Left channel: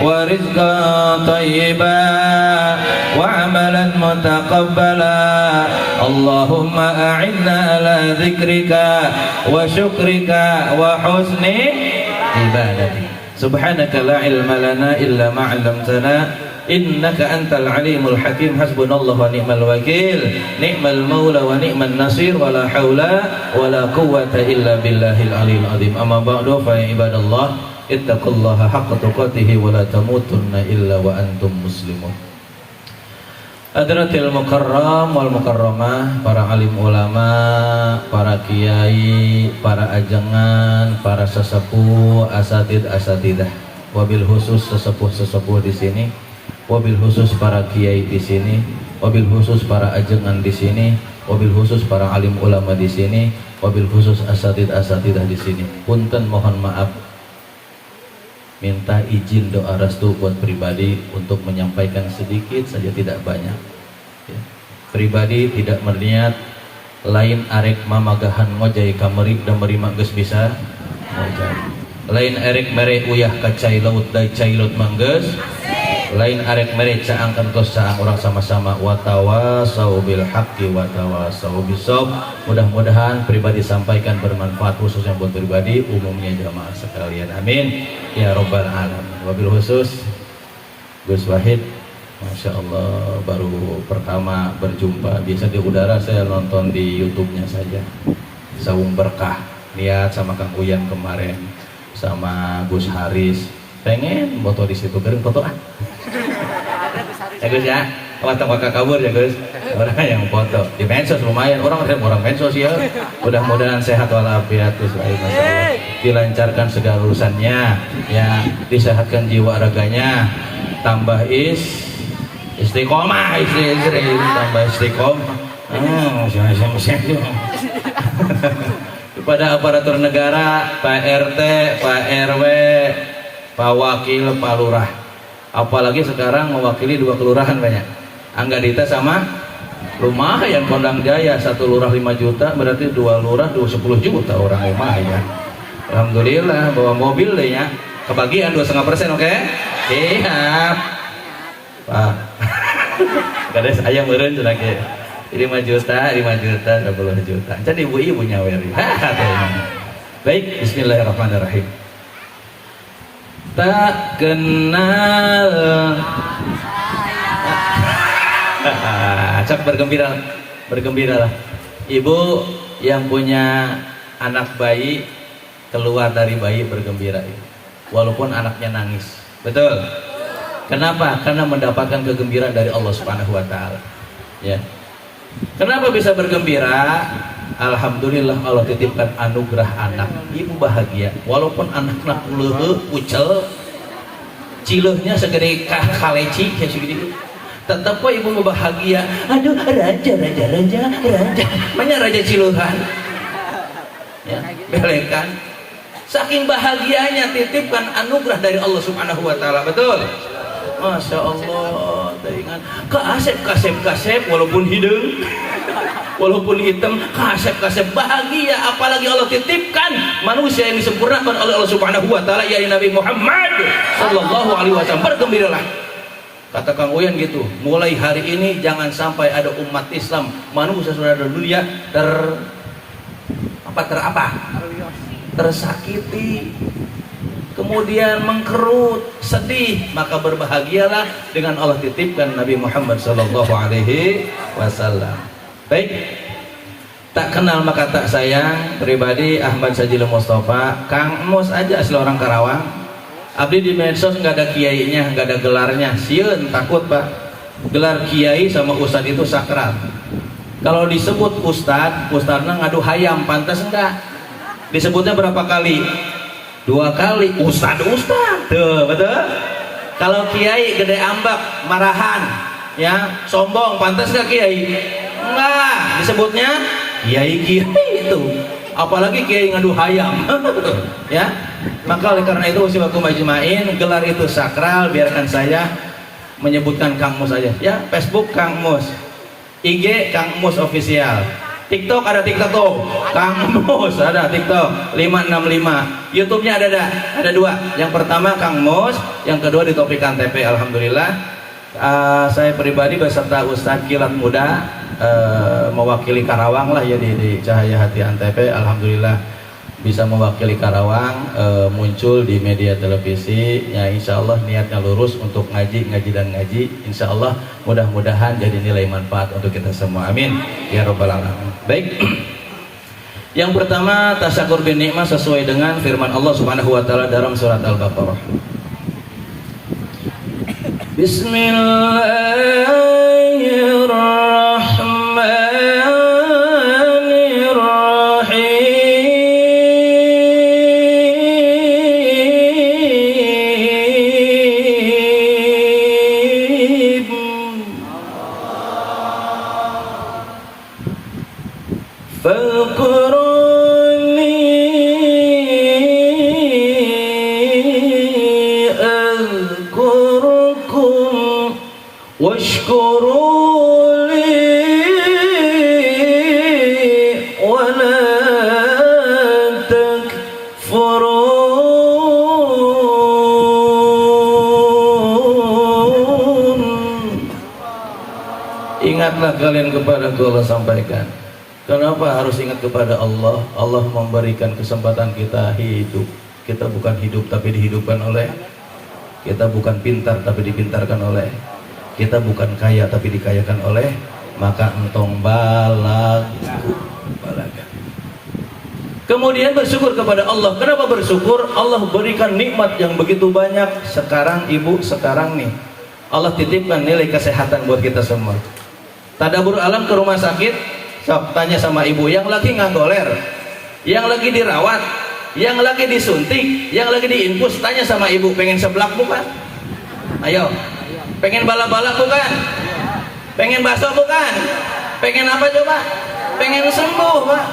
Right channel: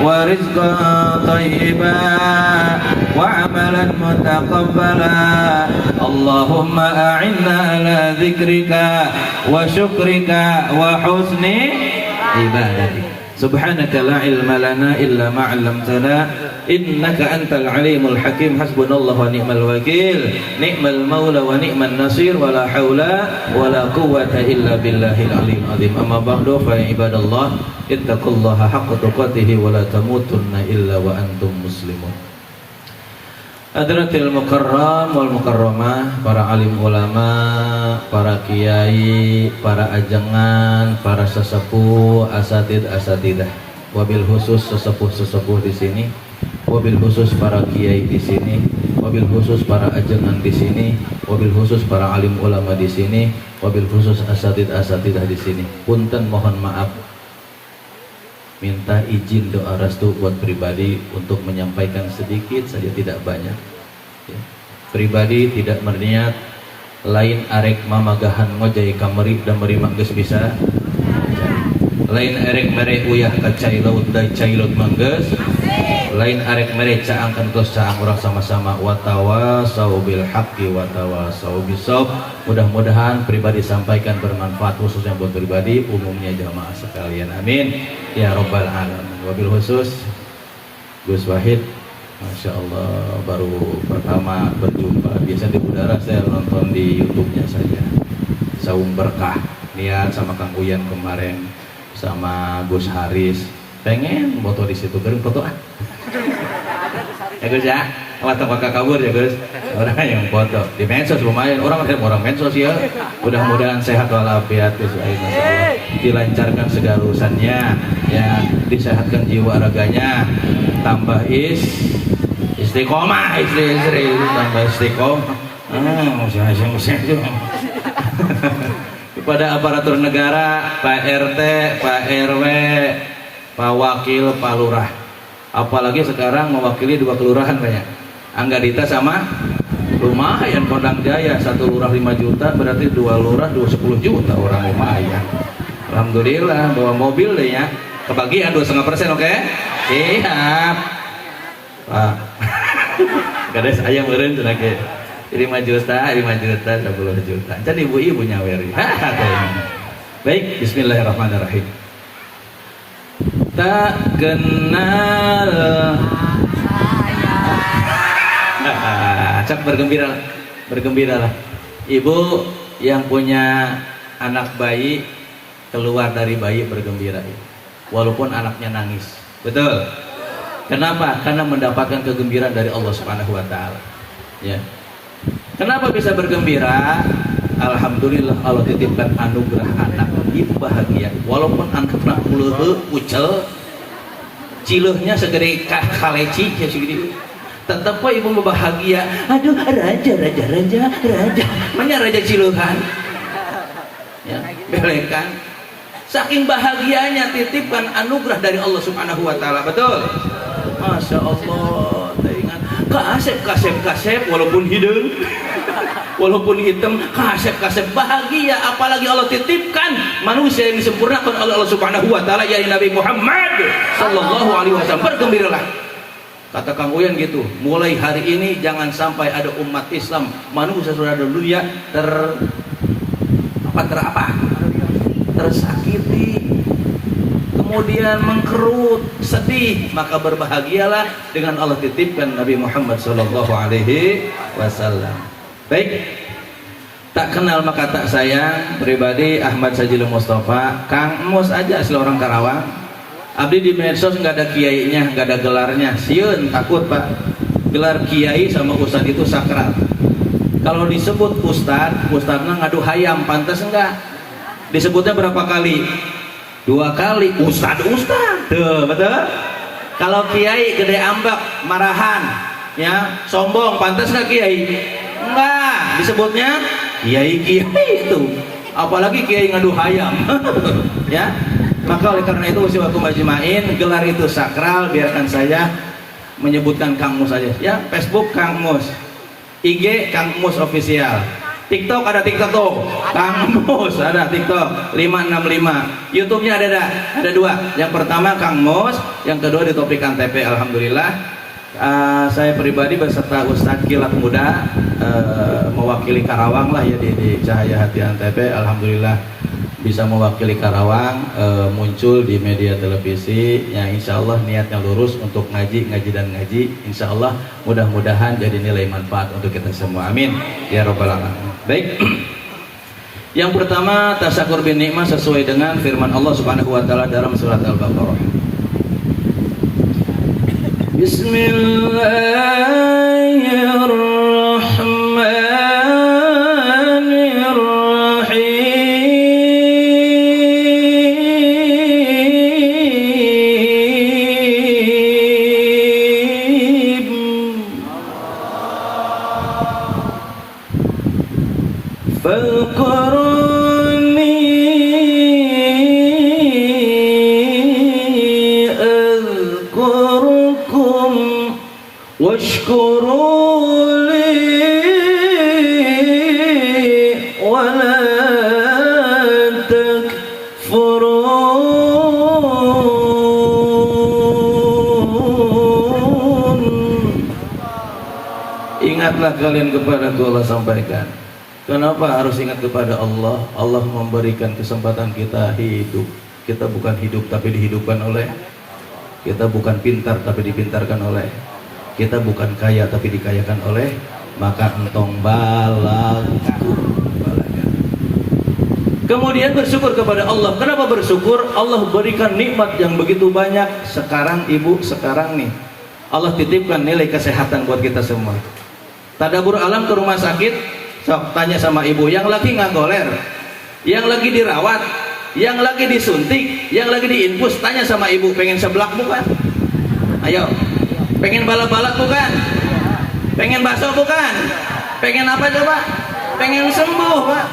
ورزقا طيبا وعملا متقبلا اللهم أعنا على ذكرك وشكرك وحسن عبادتك سبحانك لا علم لنا إلا ما علمتنا إنك أنت العليم الحكيم حسبنا الله ونعم الوكيل نعم المولى ونعم النصير ولا حول ولا قوة إلا بالله العلي العظيم أما بعد فيا عباد الله اتقوا الله حق تقاته ولا تموتن إلا وأنتم مسلمون. Hadratil mukarram wal mukarramah, para alim ulama, para kiai, para ajangan, para sesepuh, asatidah, wabil khusus sesepuh di sini, wabil khusus para kiai di sini, wabil khusus para ajangan di sini, wabil khusus para alim ulama di sini, wabil khusus asatidah di sini. Punten mohon maaf, minta izin doa restu buat pribadi untuk menyampaikan sedikit saja, tidak banyak ya. Pribadi tidak berniat lain arek mamagahan ngojai kameri dan merima geus bisa ngojai. Lain arek mere uyah ka cai laut da cai laut manggeus. Lain arek mere caangkan tos caang urang sama-sama watawasau bil haqqi watawasau bisawab. Mudah-mudahan pribadi sampaikan bermanfaat khususnya buat pribadi, umumnya jamaah sekalian. Amin ya rabbal alamin. Wabil khusus Gus Wahid, Masya Allah, baru pertama berjumpa. Biasa di udara saya nonton di YouTube-nya saja. Saung Berkah, lihat sama Kang Uyan kemarin, sama Gus Haris. Pengen foto di situ, beri foto ah. Ya Gus ya, foto kabur ya Gus. Orang yang foto di medsos lumayan, orang medsos ya. Mudah-mudahan sehat walafiat Gus. Dilancarkan segala urusannya, ya, disehatkan jiwa raganya, tambah istiqomah, istri tambah istiqomah. Itu. Kepada aparatur negara, Pak RT, Pak RW, Pak Wakil, Pak Lurah. Apalagi sekarang mewakili 2 kelurahan banyak. Anggadita sama lumayan Kodang Jaya, 1 lurah 5 juta, berarti 2 lurah 10 juta orang lumayan. Alhamdulillah bawa mobil deh ya. Kebagian 2,5%, oke? Siap. Pak. Kades ayam meureun teh lagi. 5 juta, 10 juta. Jadi ibu-ibu nyawer. Baik, bismillahirrahmanirrahim. Tak kenal. Cak bergembiralah. Ibu yang punya anak bayi keluar dari bayi bergembira, walaupun anaknya nangis. Betul? Kenapa? Karena mendapatkan kegembiraan dari Allah Subhanahu wa taala. Ya. Kenapa bisa bergembira? Alhamdulillah Allah titipkan anugerah anak. Ibu bahagia. Walaupun anaknya uleuh ucel, cileuhnya segede kaleci ya segede. Tetap ibu bahagia. Aduh, raja. Mana raja cileuhan? Ya, belekan. Saking bahagianya titipkan anugerah dari Allah Subhanahu wa taala. Betul? Masya Allah. Kasep walaupun hidung, walaupun hitam, kasep bahagia. Apalagi Allah titipkan manusia yang disempurnakan oleh Allah Subhanahu wa taala, yaitu Nabi Muhammad sallallahu alaihi wasallam. Bergembiralah. Kata Kang Uyan gitu, mulai hari ini jangan sampai ada umat Islam, manusia sudah dulu ya tersakiti, kemudian mengkerut, sedih, maka berbahagialah dengan Allah titipkan Nabi Muhammad sallallahu alaihi wasallam. Baik, tak kenal maka tak sayang. Pribadi Ahmad Sajil Mustafa, Kang Mus aja asli orang Karawang. Abdi di medsos nggak ada kiainya, nggak ada gelarnya. Sieun takut Pak. Gelar kiai sama ustad itu sakral. Kalau disebut ustadnya ngadu hayam, pantas enggak? Disebutnya berapa kali? 2 kali. Ustad. Tuh, betul? Kalau kiai gede ambak, marahan, ya, sombong, pantas nggak kiai? Enggak. Disebutnya kiai itu. Apalagi kiai ngadu hayam. Ya. Maka oleh karena itu usiwakum ajmain, gelar itu sakral. Biarkan saya menyebutkan Kang Mus aja ya. Facebook Kang Mus, IG Kang Mus official, TikTok ada TikTok tuh. Kang Mus ada TikTok 565. YouTube-nya ada dua. Yang pertama Kang Mus, yang kedua di Topik Antp. Alhamdulillah. Saya pribadi beserta Ustadz Kilat Muda mewakili Karawang lah ya di Cahaya Hati Antp. Alhamdulillah bisa mewakili Karawang, muncul di media televisi. Ya insya Allah niatnya lurus untuk ngaji dan ngaji. Insya Allah mudah-mudahan jadi nilai manfaat untuk kita semua. Amin ya robbal alamin. Baik. Yang pertama tasyakur bin nikmah sesuai dengan firman Allah Subhanahu wa taala dalam surat Al-Baqarah. Bismillahirrahmanirrahim. Faqurani azkurkum washkuru li wa la takfurun. Ingatlah kalian kepada Allah, sampaikan. Kenapa harus ingat kepada Allah? Allah memberikan kesempatan kita hidup. Kita bukan hidup tapi dihidupkan oleh. Kita bukan pintar tapi dipintarkan oleh. Kita bukan kaya tapi dikayakan oleh. Maka entong balaku. Kemudian bersyukur kepada Allah. Kenapa bersyukur? Allah berikan nikmat yang begitu banyak. Sekarang ibu, sekarang nih Allah titipkan nilai kesehatan buat kita semua. Tadabur alam ke rumah sakit. Sok tanya sama ibu yang lagi ngagoler, yang lagi dirawat, yang lagi disuntik, yang lagi diinfus, tanya sama ibu, pengen seblak bukan? Ayo, pengen balap-balap bukan? Pengen bakso bukan? Pengen apa coba? Pengen sembuh Pak.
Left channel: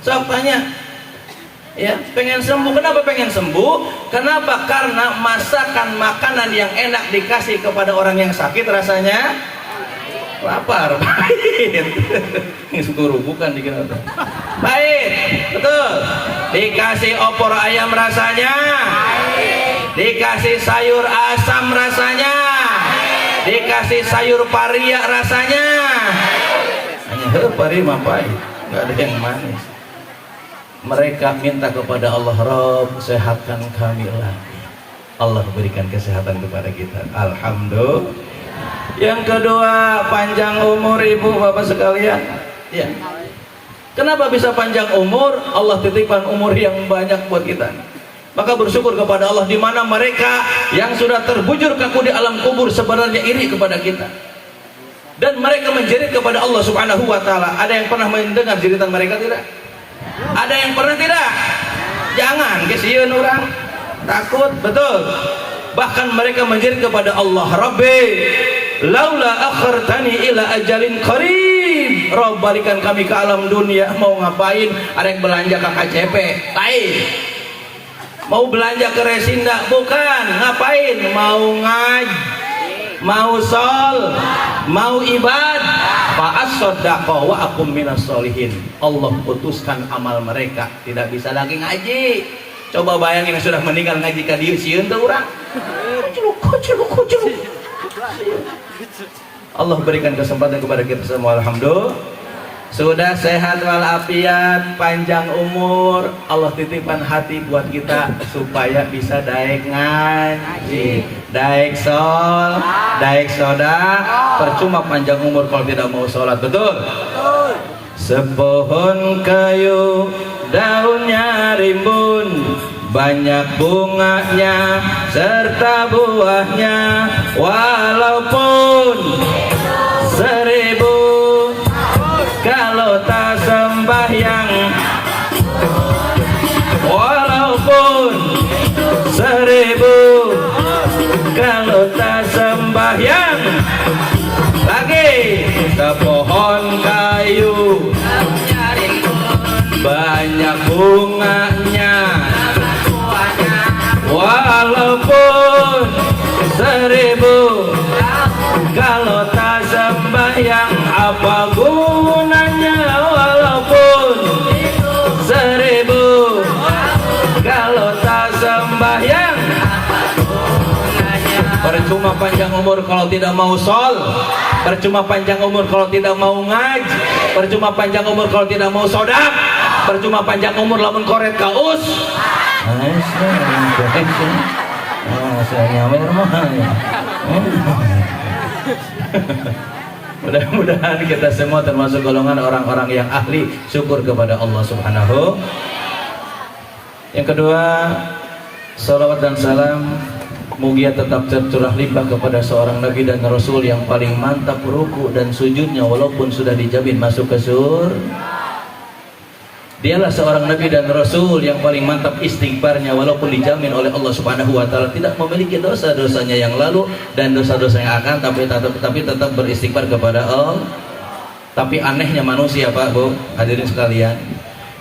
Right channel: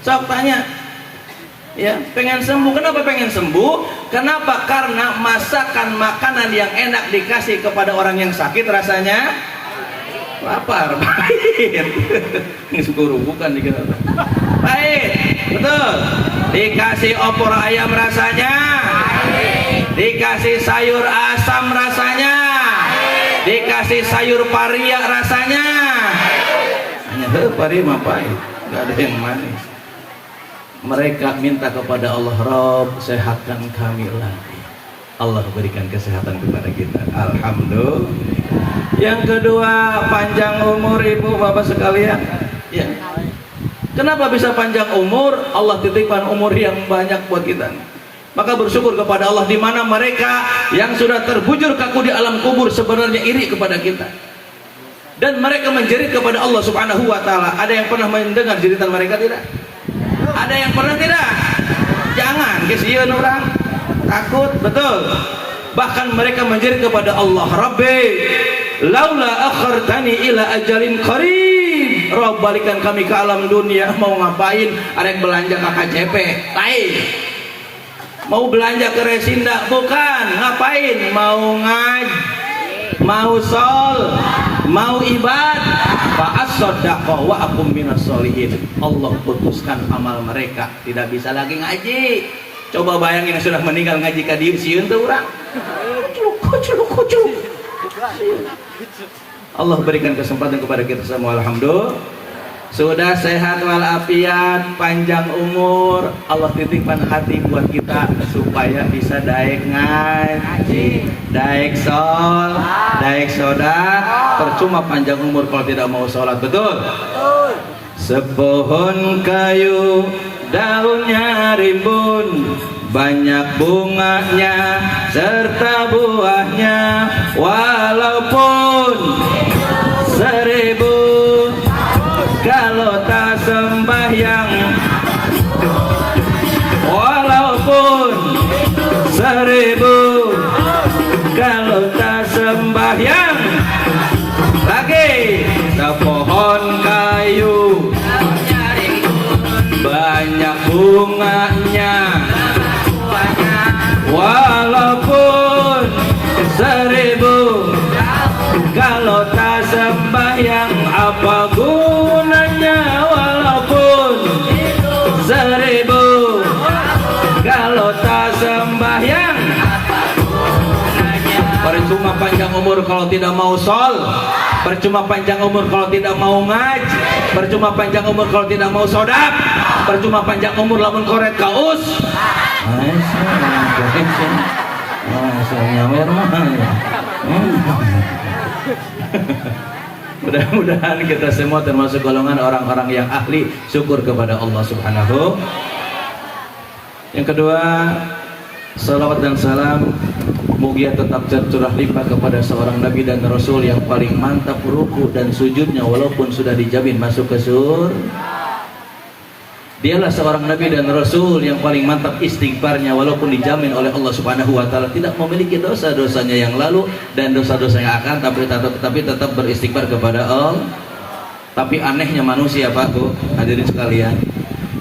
Sok tanya. Ya, pengen sembuh. Kenapa pengen sembuh? Kenapa? Karena masakan makanan yang enak dikasih kepada orang yang sakit rasanya lapar, pahit. Ini syukur bukan dikira pahit, betul. Dikasih opor ayam rasanya, dikasih sayur asam rasanya, dikasih sayur paria rasanya. Hanya paria mah pahit, nggak ada yang manis. Mereka minta kepada Allah, Rob sehatkan kami lagi. Allah berikan kesehatan kepada kita. Alhamdulillah. Yang kedua, panjang umur ibu bapak sekalian. Ya. Kenapa bisa panjang umur? Allah titipkan umur yang banyak buat kita. Maka bersyukur kepada Allah, di mana mereka yang sudah terbujur kaku di alam kubur sebenarnya iri kepada kita. Dan mereka menjerit kepada Allah Subhanahu wa taala. Ada yang pernah mendengar jeritan mereka tidak? Ada yang pernah tidak? Jangan kesian orang. Takut, betul. Bahkan mereka menjerit kepada Allah, Rabbi laula akhartani ila ajalin qarib. Rabb, balikan kami ke alam dunia. Mau ngapain? Arek belanja ke KCP lain, mau belanja ke Resinda bukan. Ngapain? Mau ngaji, mau sol, mau ibad. Fa as-sadaqah wa akum minas solihin. Allah putuskan amal mereka, tidak bisa lagi ngaji. Coba bayangin yang sudah meninggal ngaji ka dieu sieun teh urang. Kucuk. Allah berikan kesempatan kepada kita semua, alhamdulillah. Sudah sehat walafiat, panjang umur. Allah titipkan hati buat kita supaya bisa daek ngaji, daek sol, daek soda. Percuma panjang umur kalau tidak mau sholat, betul? Sepohon kayu daunnya rimbun, banyak bunganya serta buahnya, walaupun 1000 kalau tak sembahyang, walaupun 1000 kalau tak sembahyang. Lagi sepohon kayu banyak bunganya, walaupun 1000 Percuma panjang umur kalau tidak mau sol, percuma panjang umur kalau tidak mau ngaji, percuma panjang umur kalau tidak mau sodap, percuma panjang umur lamun koret kaus. Saya nyawer mah. Mudah-mudahan kita semua termasuk golongan orang-orang yang ahli syukur kepada Allah Subhanahu. Yang kedua, salawat dan salam mugia tetap tercurah limpah kepada seorang nabi dan rasul yang paling mantap ruku dan sujudnya walaupun sudah dijamin masuk ke surga. Dialah seorang nabi dan rasul yang paling mantap istighfarnya walaupun dijamin oleh Allah Subhanahu wa taala tidak memiliki dosa-dosanya yang lalu dan dosa-dosa yang akan, tapi tetap beristighfar kepada Allah. Tapi anehnya manusia, Pak, Bu, hadirin sekalian,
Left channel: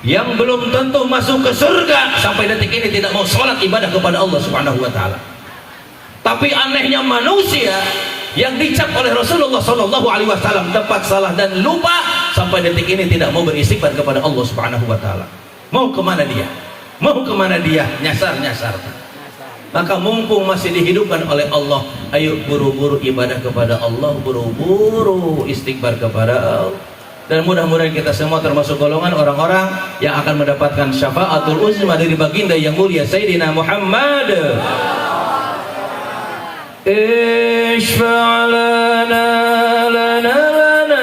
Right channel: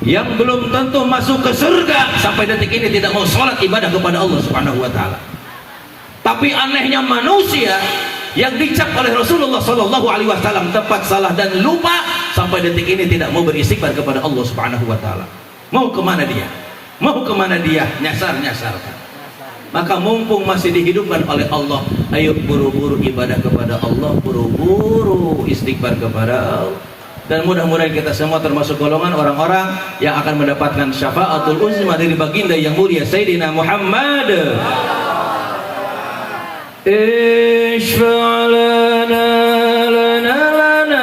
yang belum tentu masuk ke surga sampai detik ini tidak mau sholat ibadah kepada Allah Subhanahu wa taala. Tapi anehnya manusia yang dicap oleh Rasulullah Shallallahu Alaihi Wasallam tepat, salah dan lupa sampai detik ini tidak mau beristighfar kepada Allah Subhanahu Wa Taala. Mau kemana dia? Mau kemana dia? Nyasar. Maka mumpung masih dihidupkan oleh Allah, ayo buru-buru ibadah kepada Allah, buru-buru istighfar kepada Allah. Dan mudah-mudahan kita semua termasuk golongan orang-orang yang akan mendapatkan syafaatul uzma dari baginda yang mulia Sayyidina Muhammad. Ishfa' lana lana lana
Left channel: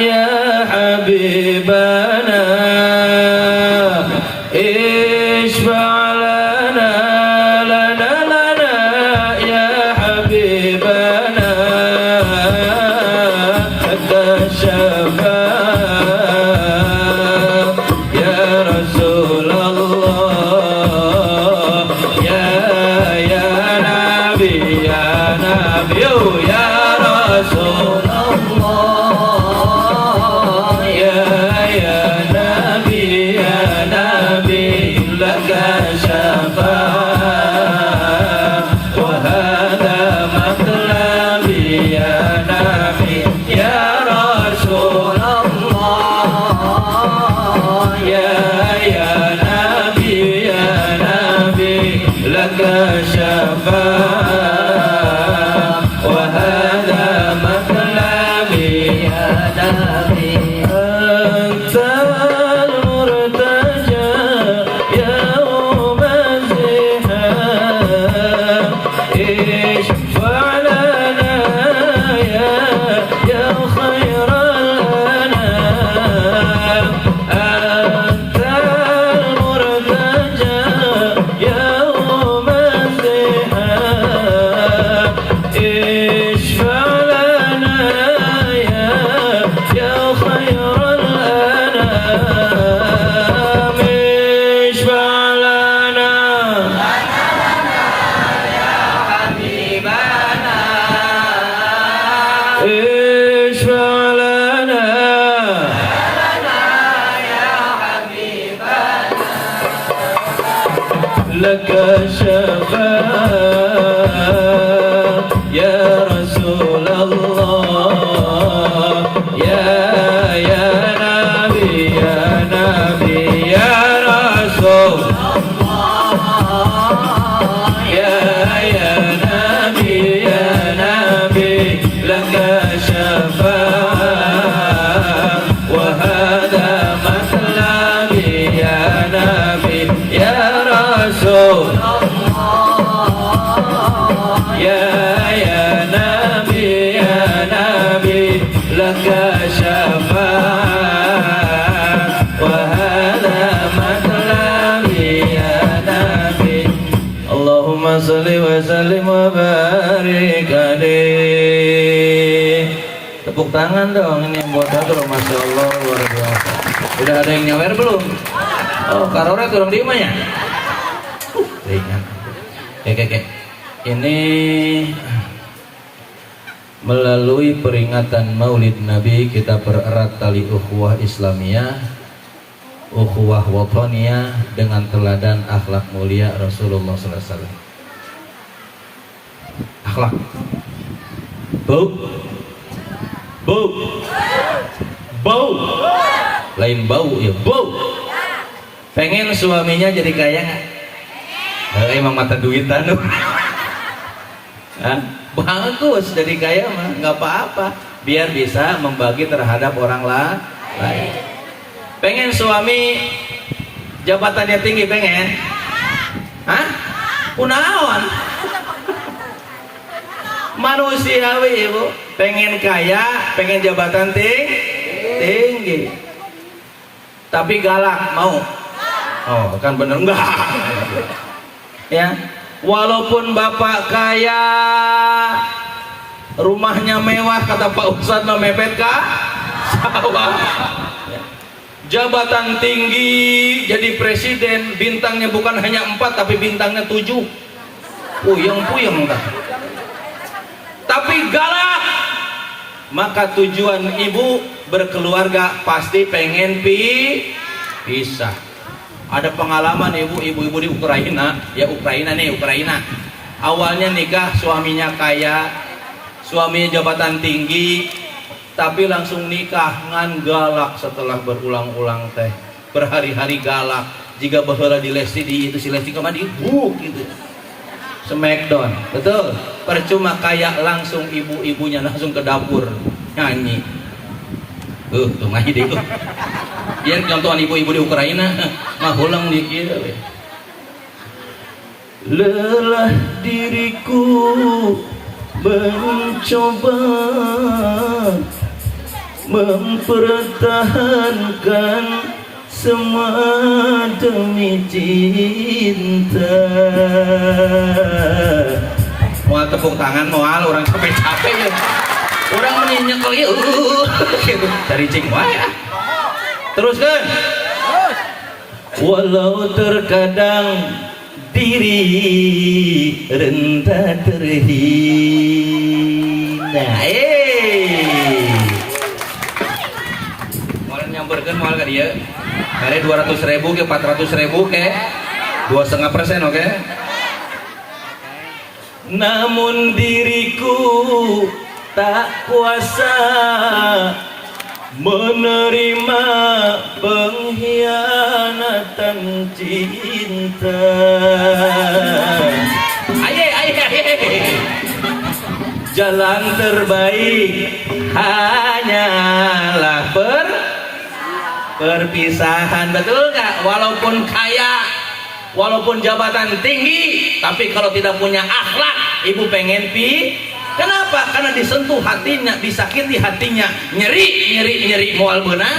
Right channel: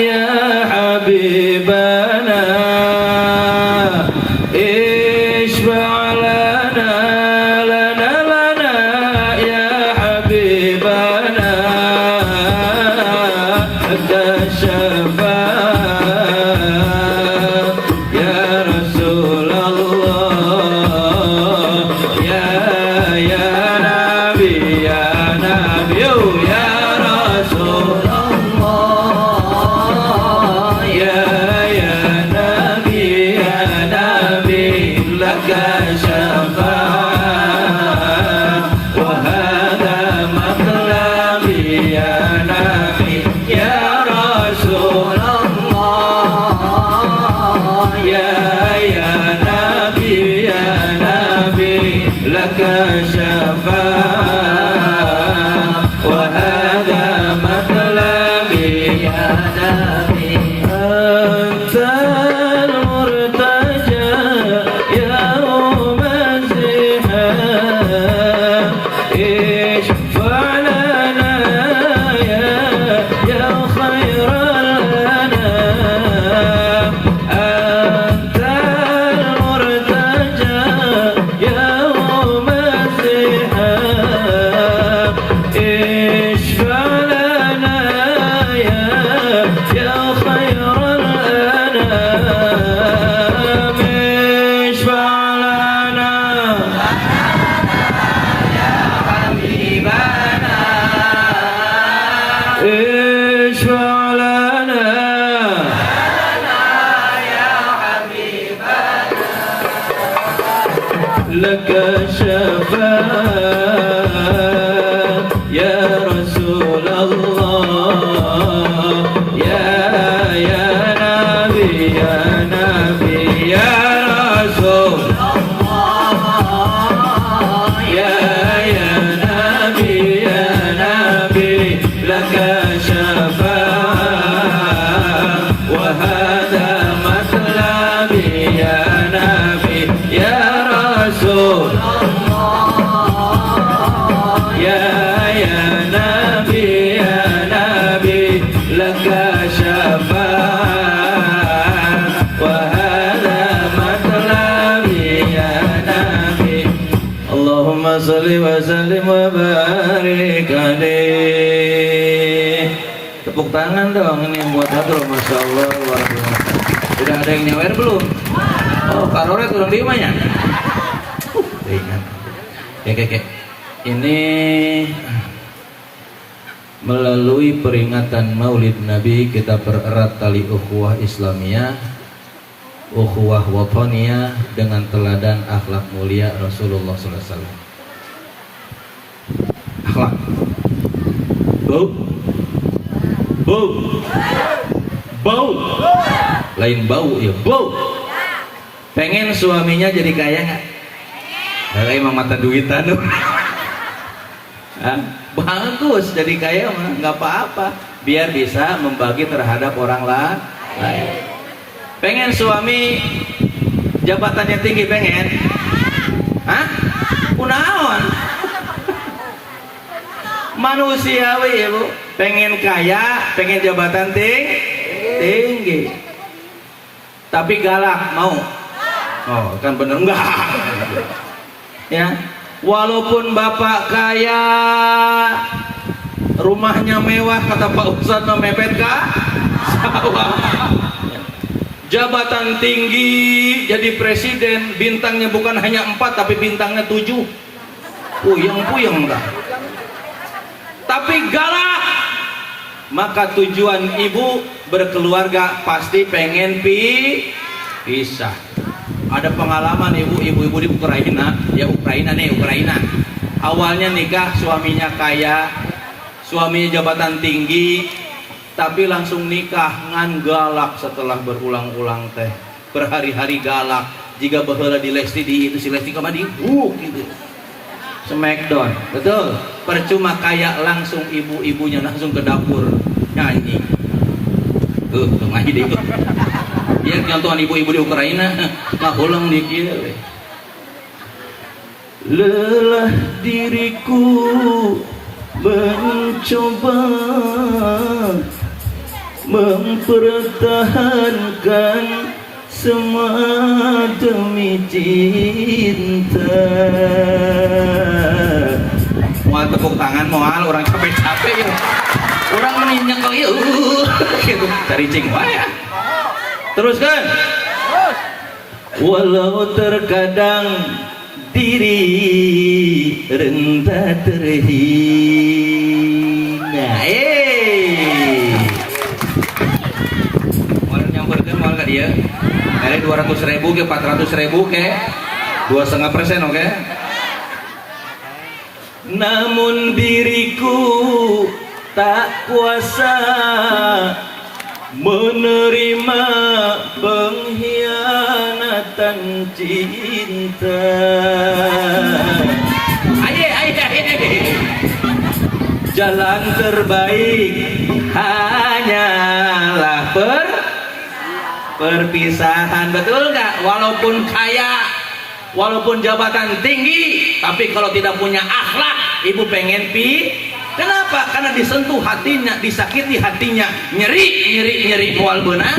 ya habibana, ishfa' lana lana lana ya habibana, anta syafa' ya Rasulullah, ya Nabi, ya Nabi, ya Rasulullah, ya Nabi, ya Nabi, laka syafa'ah wa hadha matlabi, ya Nabi, ya Rasulullah, ya Nabi, ya Nabi, laka syafa'ah wa hadha matlabi, ya Nabi, antal murtaja ya Masiha, ishfa' lana ya khairal anam, antal murtaja ya Masiha, ishfa' lana ya khairal anam, ishfa' lana ishfa' lana laka syafa'ah ya Rasulullah, ya Nabi, ya Nabi, ya Rasulullah, ya Nabi, ya Nabi, laka syafa'ah wa hadha matlabi, ya Nabi, ya Rasulullah, ya Nabi, ya Nabi, laka syafa'ah wa hadha matlabi, ya Nabi. Allahumma salli wa sallim wa barik alaih. Tepuk tangan dong ini buat Andro, Masya Allah, luar biasa. Udah ada yang nyawer belum? Oh, karore kurang di mana ya? Oke. Ini melalui peringatan Maulid Nabi kita bererat tali ukhuwah Islamiyah, ukhuwah wataniyah dengan teladan akhlak mulia Rasulullah SAW. Akhlak. Bau. Lain bau ya, bau. Pengen suaminya jadi kaya nggak? Emang mata duitan. Hah? Bagus jadi kaya mah nggak apa-apa, biar bisa membagi terhadap orang lain. Pengen suami jabatannya tinggi, pengen? Hah? Kunaon? Manusiawi ibu, pengen kaya, pengen jabatan tinggi, tapi galak mau? Oh kan bener enggak? Ya, walaupun bapak kaya, rumahnya mewah, kata Pak Ustadz mah mepet kah? Sawah. Jabatan tinggi, jadi presiden, bintangnya bukan hanya 4 tapi bintangnya 7. Puyeng-puyeng dah. Tapi galak. Maka tujuan ibu berkeluarga pasti pengen pisah. Ada pengalaman ibu-ibu di Ukraina, ya Ukraina. Awalnya nikah, suaminya kaya, suaminya jabatan tinggi, tapi langsung nikah ngan galak setelah berulang-ulang teh, berhari-hari galak. Jika baheula di Lesti di itu si Lesti kemana dibuk gitu, smackdown, betul. Percuma kaya, langsung ibu-ibunya langsung ke dapur nyanyi. Tuh ngaji deh. Dia contohan ibu-ibu di Ukraina ngahulang di kieu. Lelah diriku mencoba mempertahankan semua demi cinta. Mau tepuk tangan moal orang capek-capek ya. Orang menyinyang kali gitu. Cari cing wae. Teruskan. Walau terkadang diri rendah terhina. Mau nyamperkan mau ke dia. Kali 200.000 ke 400.000 ke 2,5%, oke? Namun diriku tak kuasa menerima pengkhianatan cinta. Aye. Jalan terbaik hanyalah perpisahan, betul nggak? Walaupun kaya, walaupun jabatan tinggi, tapi kalau tidak punya akhlak, ibu pengen Kenapa? Karena disentuh hatinya, disakiti hatinya, nyeri moal beunang.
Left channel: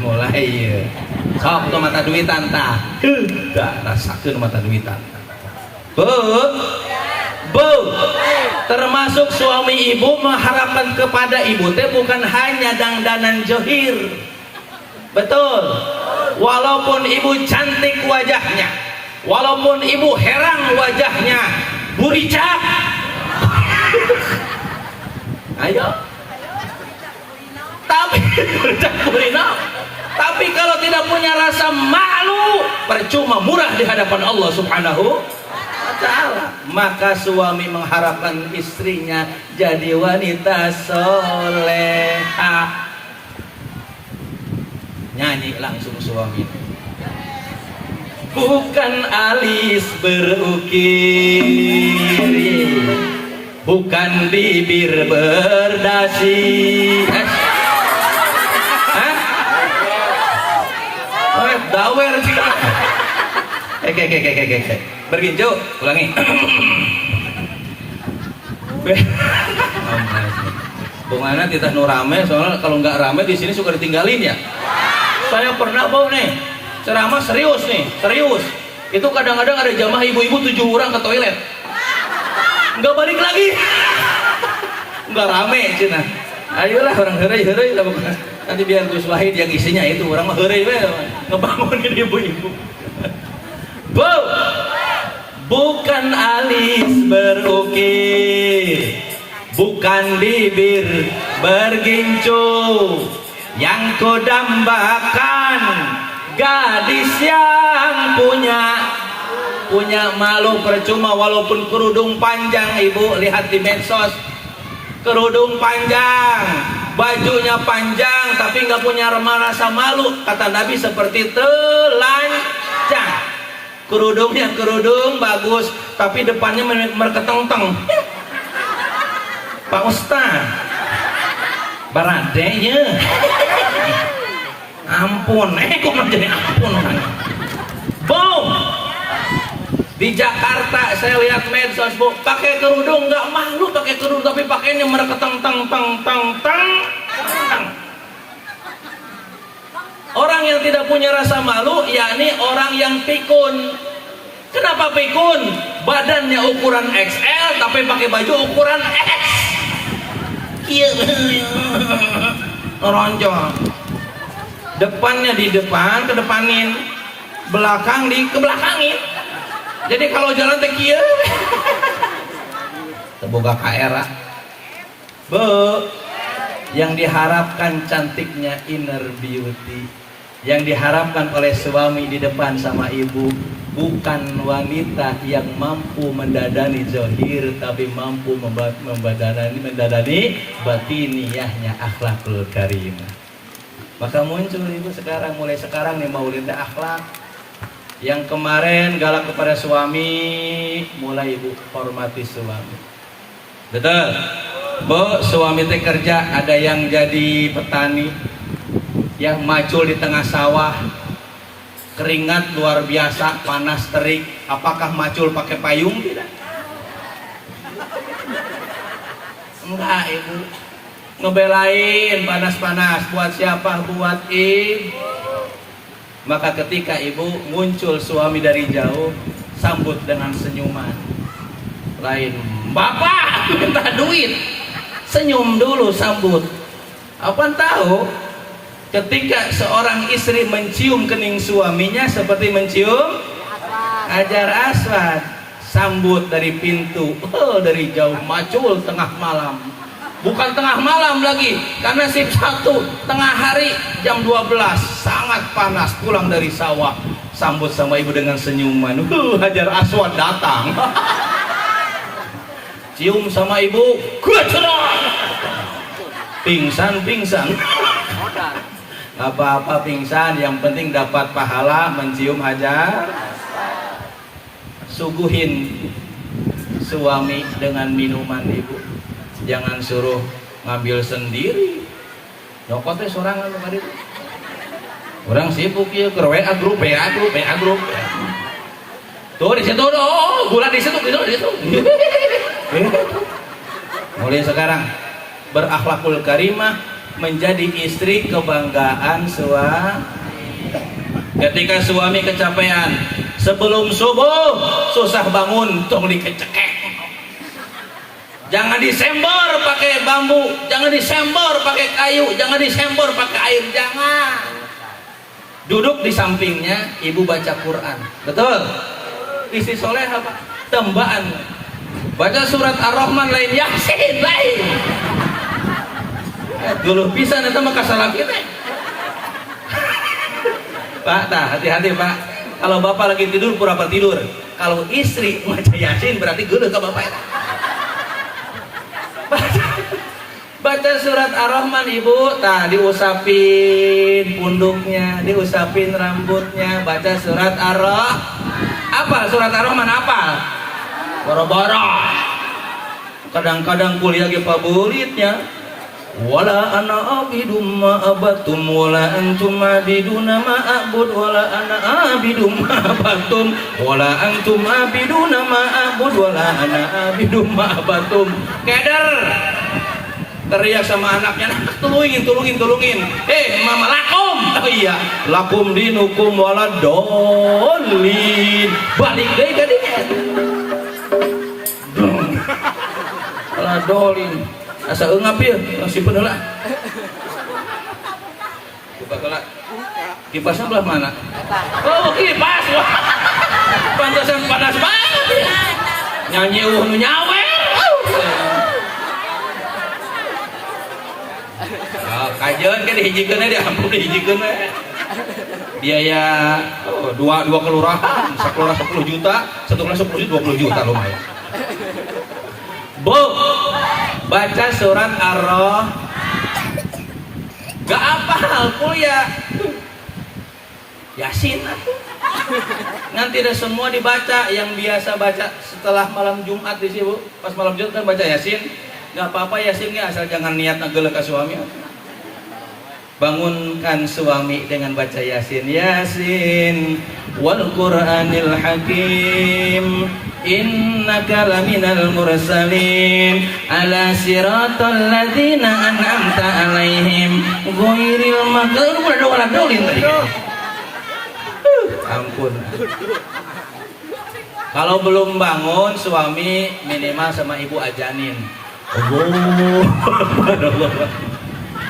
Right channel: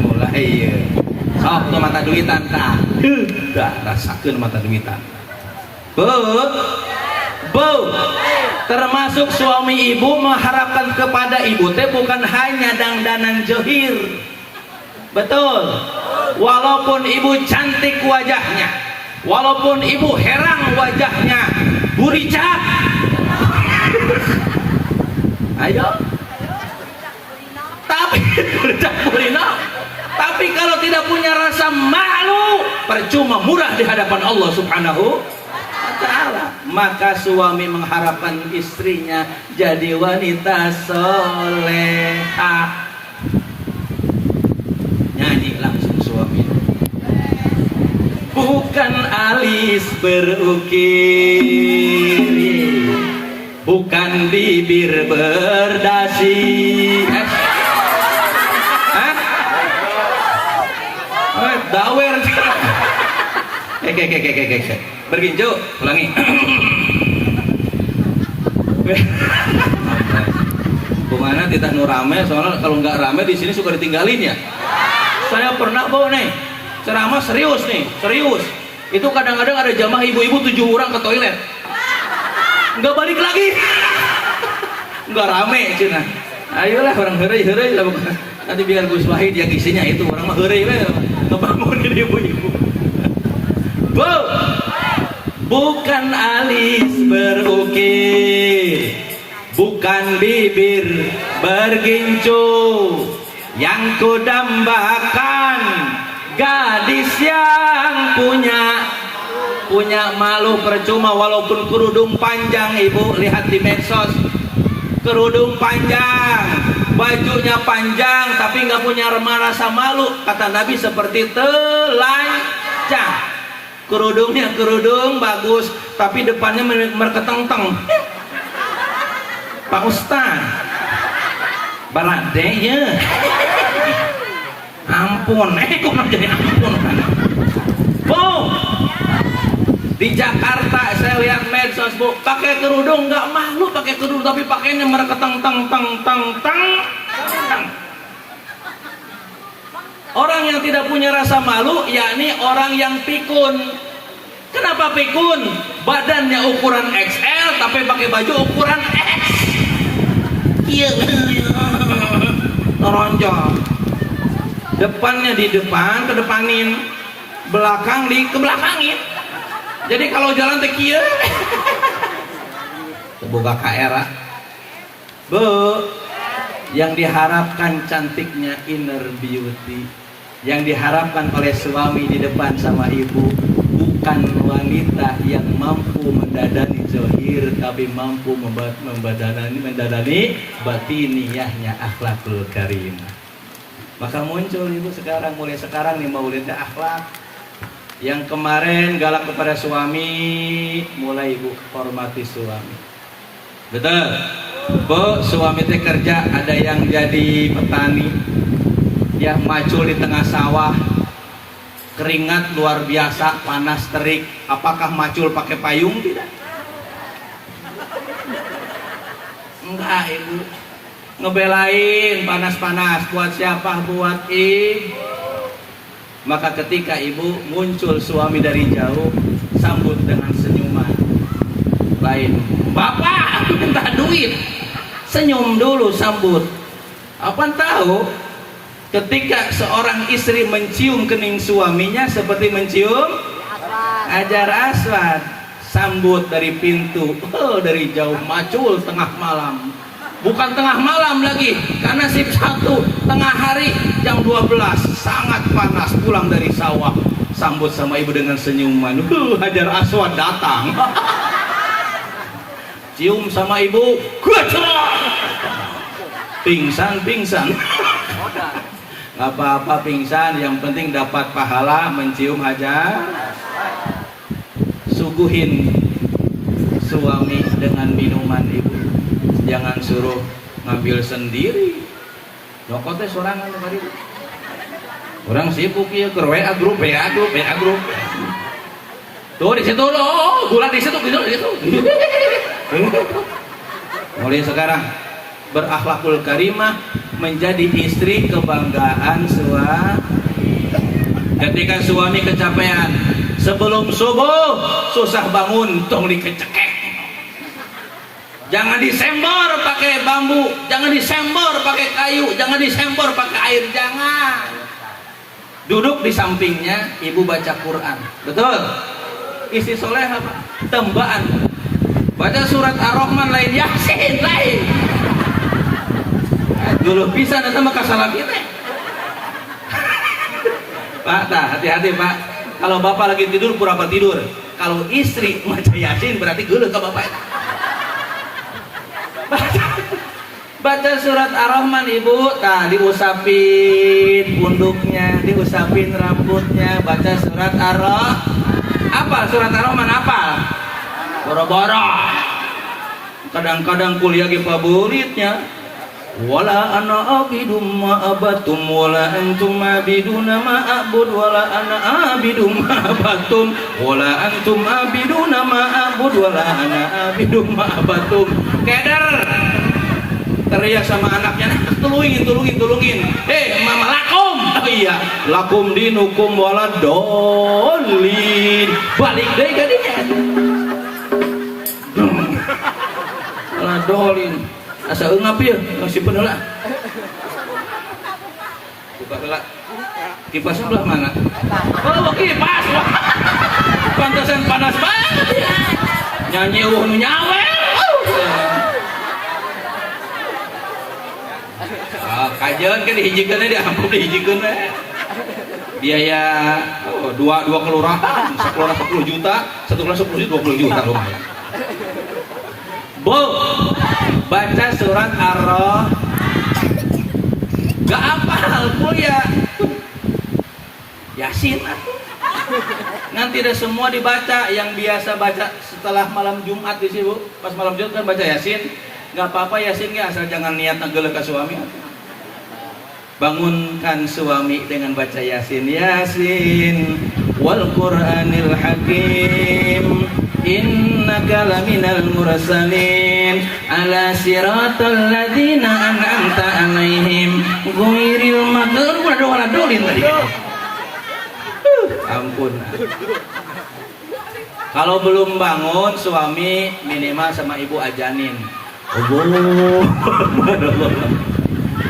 Mulai ya. Sok tuh mata duitan tah. Dah rasakeun mata duitan. Bu, termasuk suami ibu mengharapkan kepada ibu teh bukan hanya dangdanan johir. Betul. Walaupun ibu cantik wajahnya, walaupun ibu herang wajahnya, Burica. Ayo. Tapi kalau tidak punya rasa malu, percuma, murah di hadapan Allah Subhanahu wa ta'ala. Maka suami mengharapkan istrinya jadi wanita solehah. Nyanyi langsung suami. Bukan alis berukir, bukan bibir berdasi. Dawer. Berginjo, ulangi. Bagaimana tidak nu rame, soalnya kalau nggak rame di sini suka ditinggalin ya. Saya pernah bawa nih ceramah serius nih, serius. Itu kadang-kadang ada jamaah ibu-ibu 7 orang ke toilet, nggak balik lagi, nggak rame cina. Ayolah orang heureuy nanti biar Gus Wahid yang isinya itu orang mah heureuy we ngebangunin ibu-ibu. Bukan alis berukir, bukan bibir bergincu, yang kudambakan gadis yang punya malu. Percuma walaupun kerudung panjang, ibu lihat di medsos, kerudung panjang, bajunya panjang, tapi nggak punya rasa malu. Kata Nabi seperti telanjang. Kerudungnya kerudung bagus, tapi depannya merketeng-teng. Pak Ustaz, baradenya. Ampun, kok menjadi ampun kan? Bu, di Jakarta saya lihat medsos bu, pakai kerudung nggak malu pakai kerudung, tapi pakainya merketeng-teng. Orang yang tidak punya rasa malu, yakni orang yang pikun. Kenapa pikun? Badannya ukuran XL, tapi pakai baju ukuran X. Iya, teronjol. Depannya di depan, kedepanin. Belakang di kebelakangin. Jadi kalau jalan teh kieu. Teboga ka era. Bu, yang diharapkan cantiknya inner beauty, yang diharapkan oleh suami di depan sama ibu bukan wanita yang mampu mendadani zahir, tapi mampu mendadani batiniyahnya, akhlakul karimah. Maka muncul ibu sekarang, mulai sekarang nih maulidnya akhlak. Yang kemarin galak kepada suami, mulai ibu hormati suami. Betul? Bu, suami teh kerja, ada yang jadi petani, yang macul di tengah sawah, keringat luar biasa, panas terik. Apakah macul pakai payung? Tidak. Enggak ibu, ngebelain panas-panas. Buat siapa? Buat ibu. Maka ketika ibu muncul suami dari jauh, sambut dengan senyuman. Lain, bapak minta duit, senyum dulu sambut. Apa tahu? Ketika seorang istri mencium kening suaminya seperti mencium Hajar Aswad, sambut dari pintu, dari jauh, macul tengah malam. Bukan tengah malam lagi, karena shift 1 tengah hari jam 12, sangat panas, pulang dari sawah, sambut sama ibu dengan senyuman. Hajar Aswad datang. Cium sama ibu, pingsan. Apa-apa pingsan, yang penting dapat pahala mencium Hajar. Suguhin suami dengan minuman ibu, jangan suruh ngambil sendiri. Rokok teh sorangan kali. Orang sibuk ya ke WA grup. Tuh di situ gula di situ gitu. Mulai sekarang berakhlakul karimah, menjadi istri kebanggaan suami. Ketika suami kecapean, sebelum subuh susah bangun, tong dikecekek. Jangan disembor pakai bambu, jangan disembor pakai kayu, jangan disembor pakai air, jangan. Duduk di sampingnya, ibu baca Quran. Betul? Istri soleh apa? Tembaan. Baca surat Ar-Rahman lain, Yasin lain. Dulu bisa sama kasalah kita. Pak, hati-hati Pak. Kalau bapak lagi tidur pura-pura tidur. Kalau istri baca Yasin berarti geuleuh ka bapak. Baca surat Ar-Rahman ibu, diusapin punduknya, diusapin rambutnya, baca surat Ar-Rahman. Apa surat Ar-Rahman apa? Boro-boro. Kadang-kadang kuliah ge favoritnya. Wala ana abidum ma abatum wala antum abiduna ma abud wala ana abidum ma abatum wala antum abiduna ma abud wala ana abidum ma abatum. Keder teriak sama anaknya, tulungin. Mama lakum. Oh iya, lakum dinukum waladolin. Balik deh jadi. Waladolin. Asa eungap ya, masih penelah. Buka pelak. Kipasnya belah mana? Oh, kipas. Pantasan panas banget. Nyanyi nyawe. Kajian kan dihijikeun dia, ampun dihijikeun we. Biaya dua kelurahan, sekelurahan 10 juta, satu kelurahan 10 juta, 20 juta lumayan. Bu, baca surat Ar-Rahman. Gak apa kuliah. Yasin aku. Nanti ada semua dibaca. Yang biasa baca setelah malam Jumat di sini, Bu. Pas malam Jumat kan baca Yasin. Gak apa-apa Yasin ya, asal jangan niat ngegelek ke suami. Bangunkan suami dengan baca Yasin. Yasin wal Qur'anil Hakim, innaka laminal mursalin ala siratal ladzina an'amta alaihim ghairil maghdubi waladdallin. Ampun. Kalau belum bangun suami minimal sama ibu ajanin.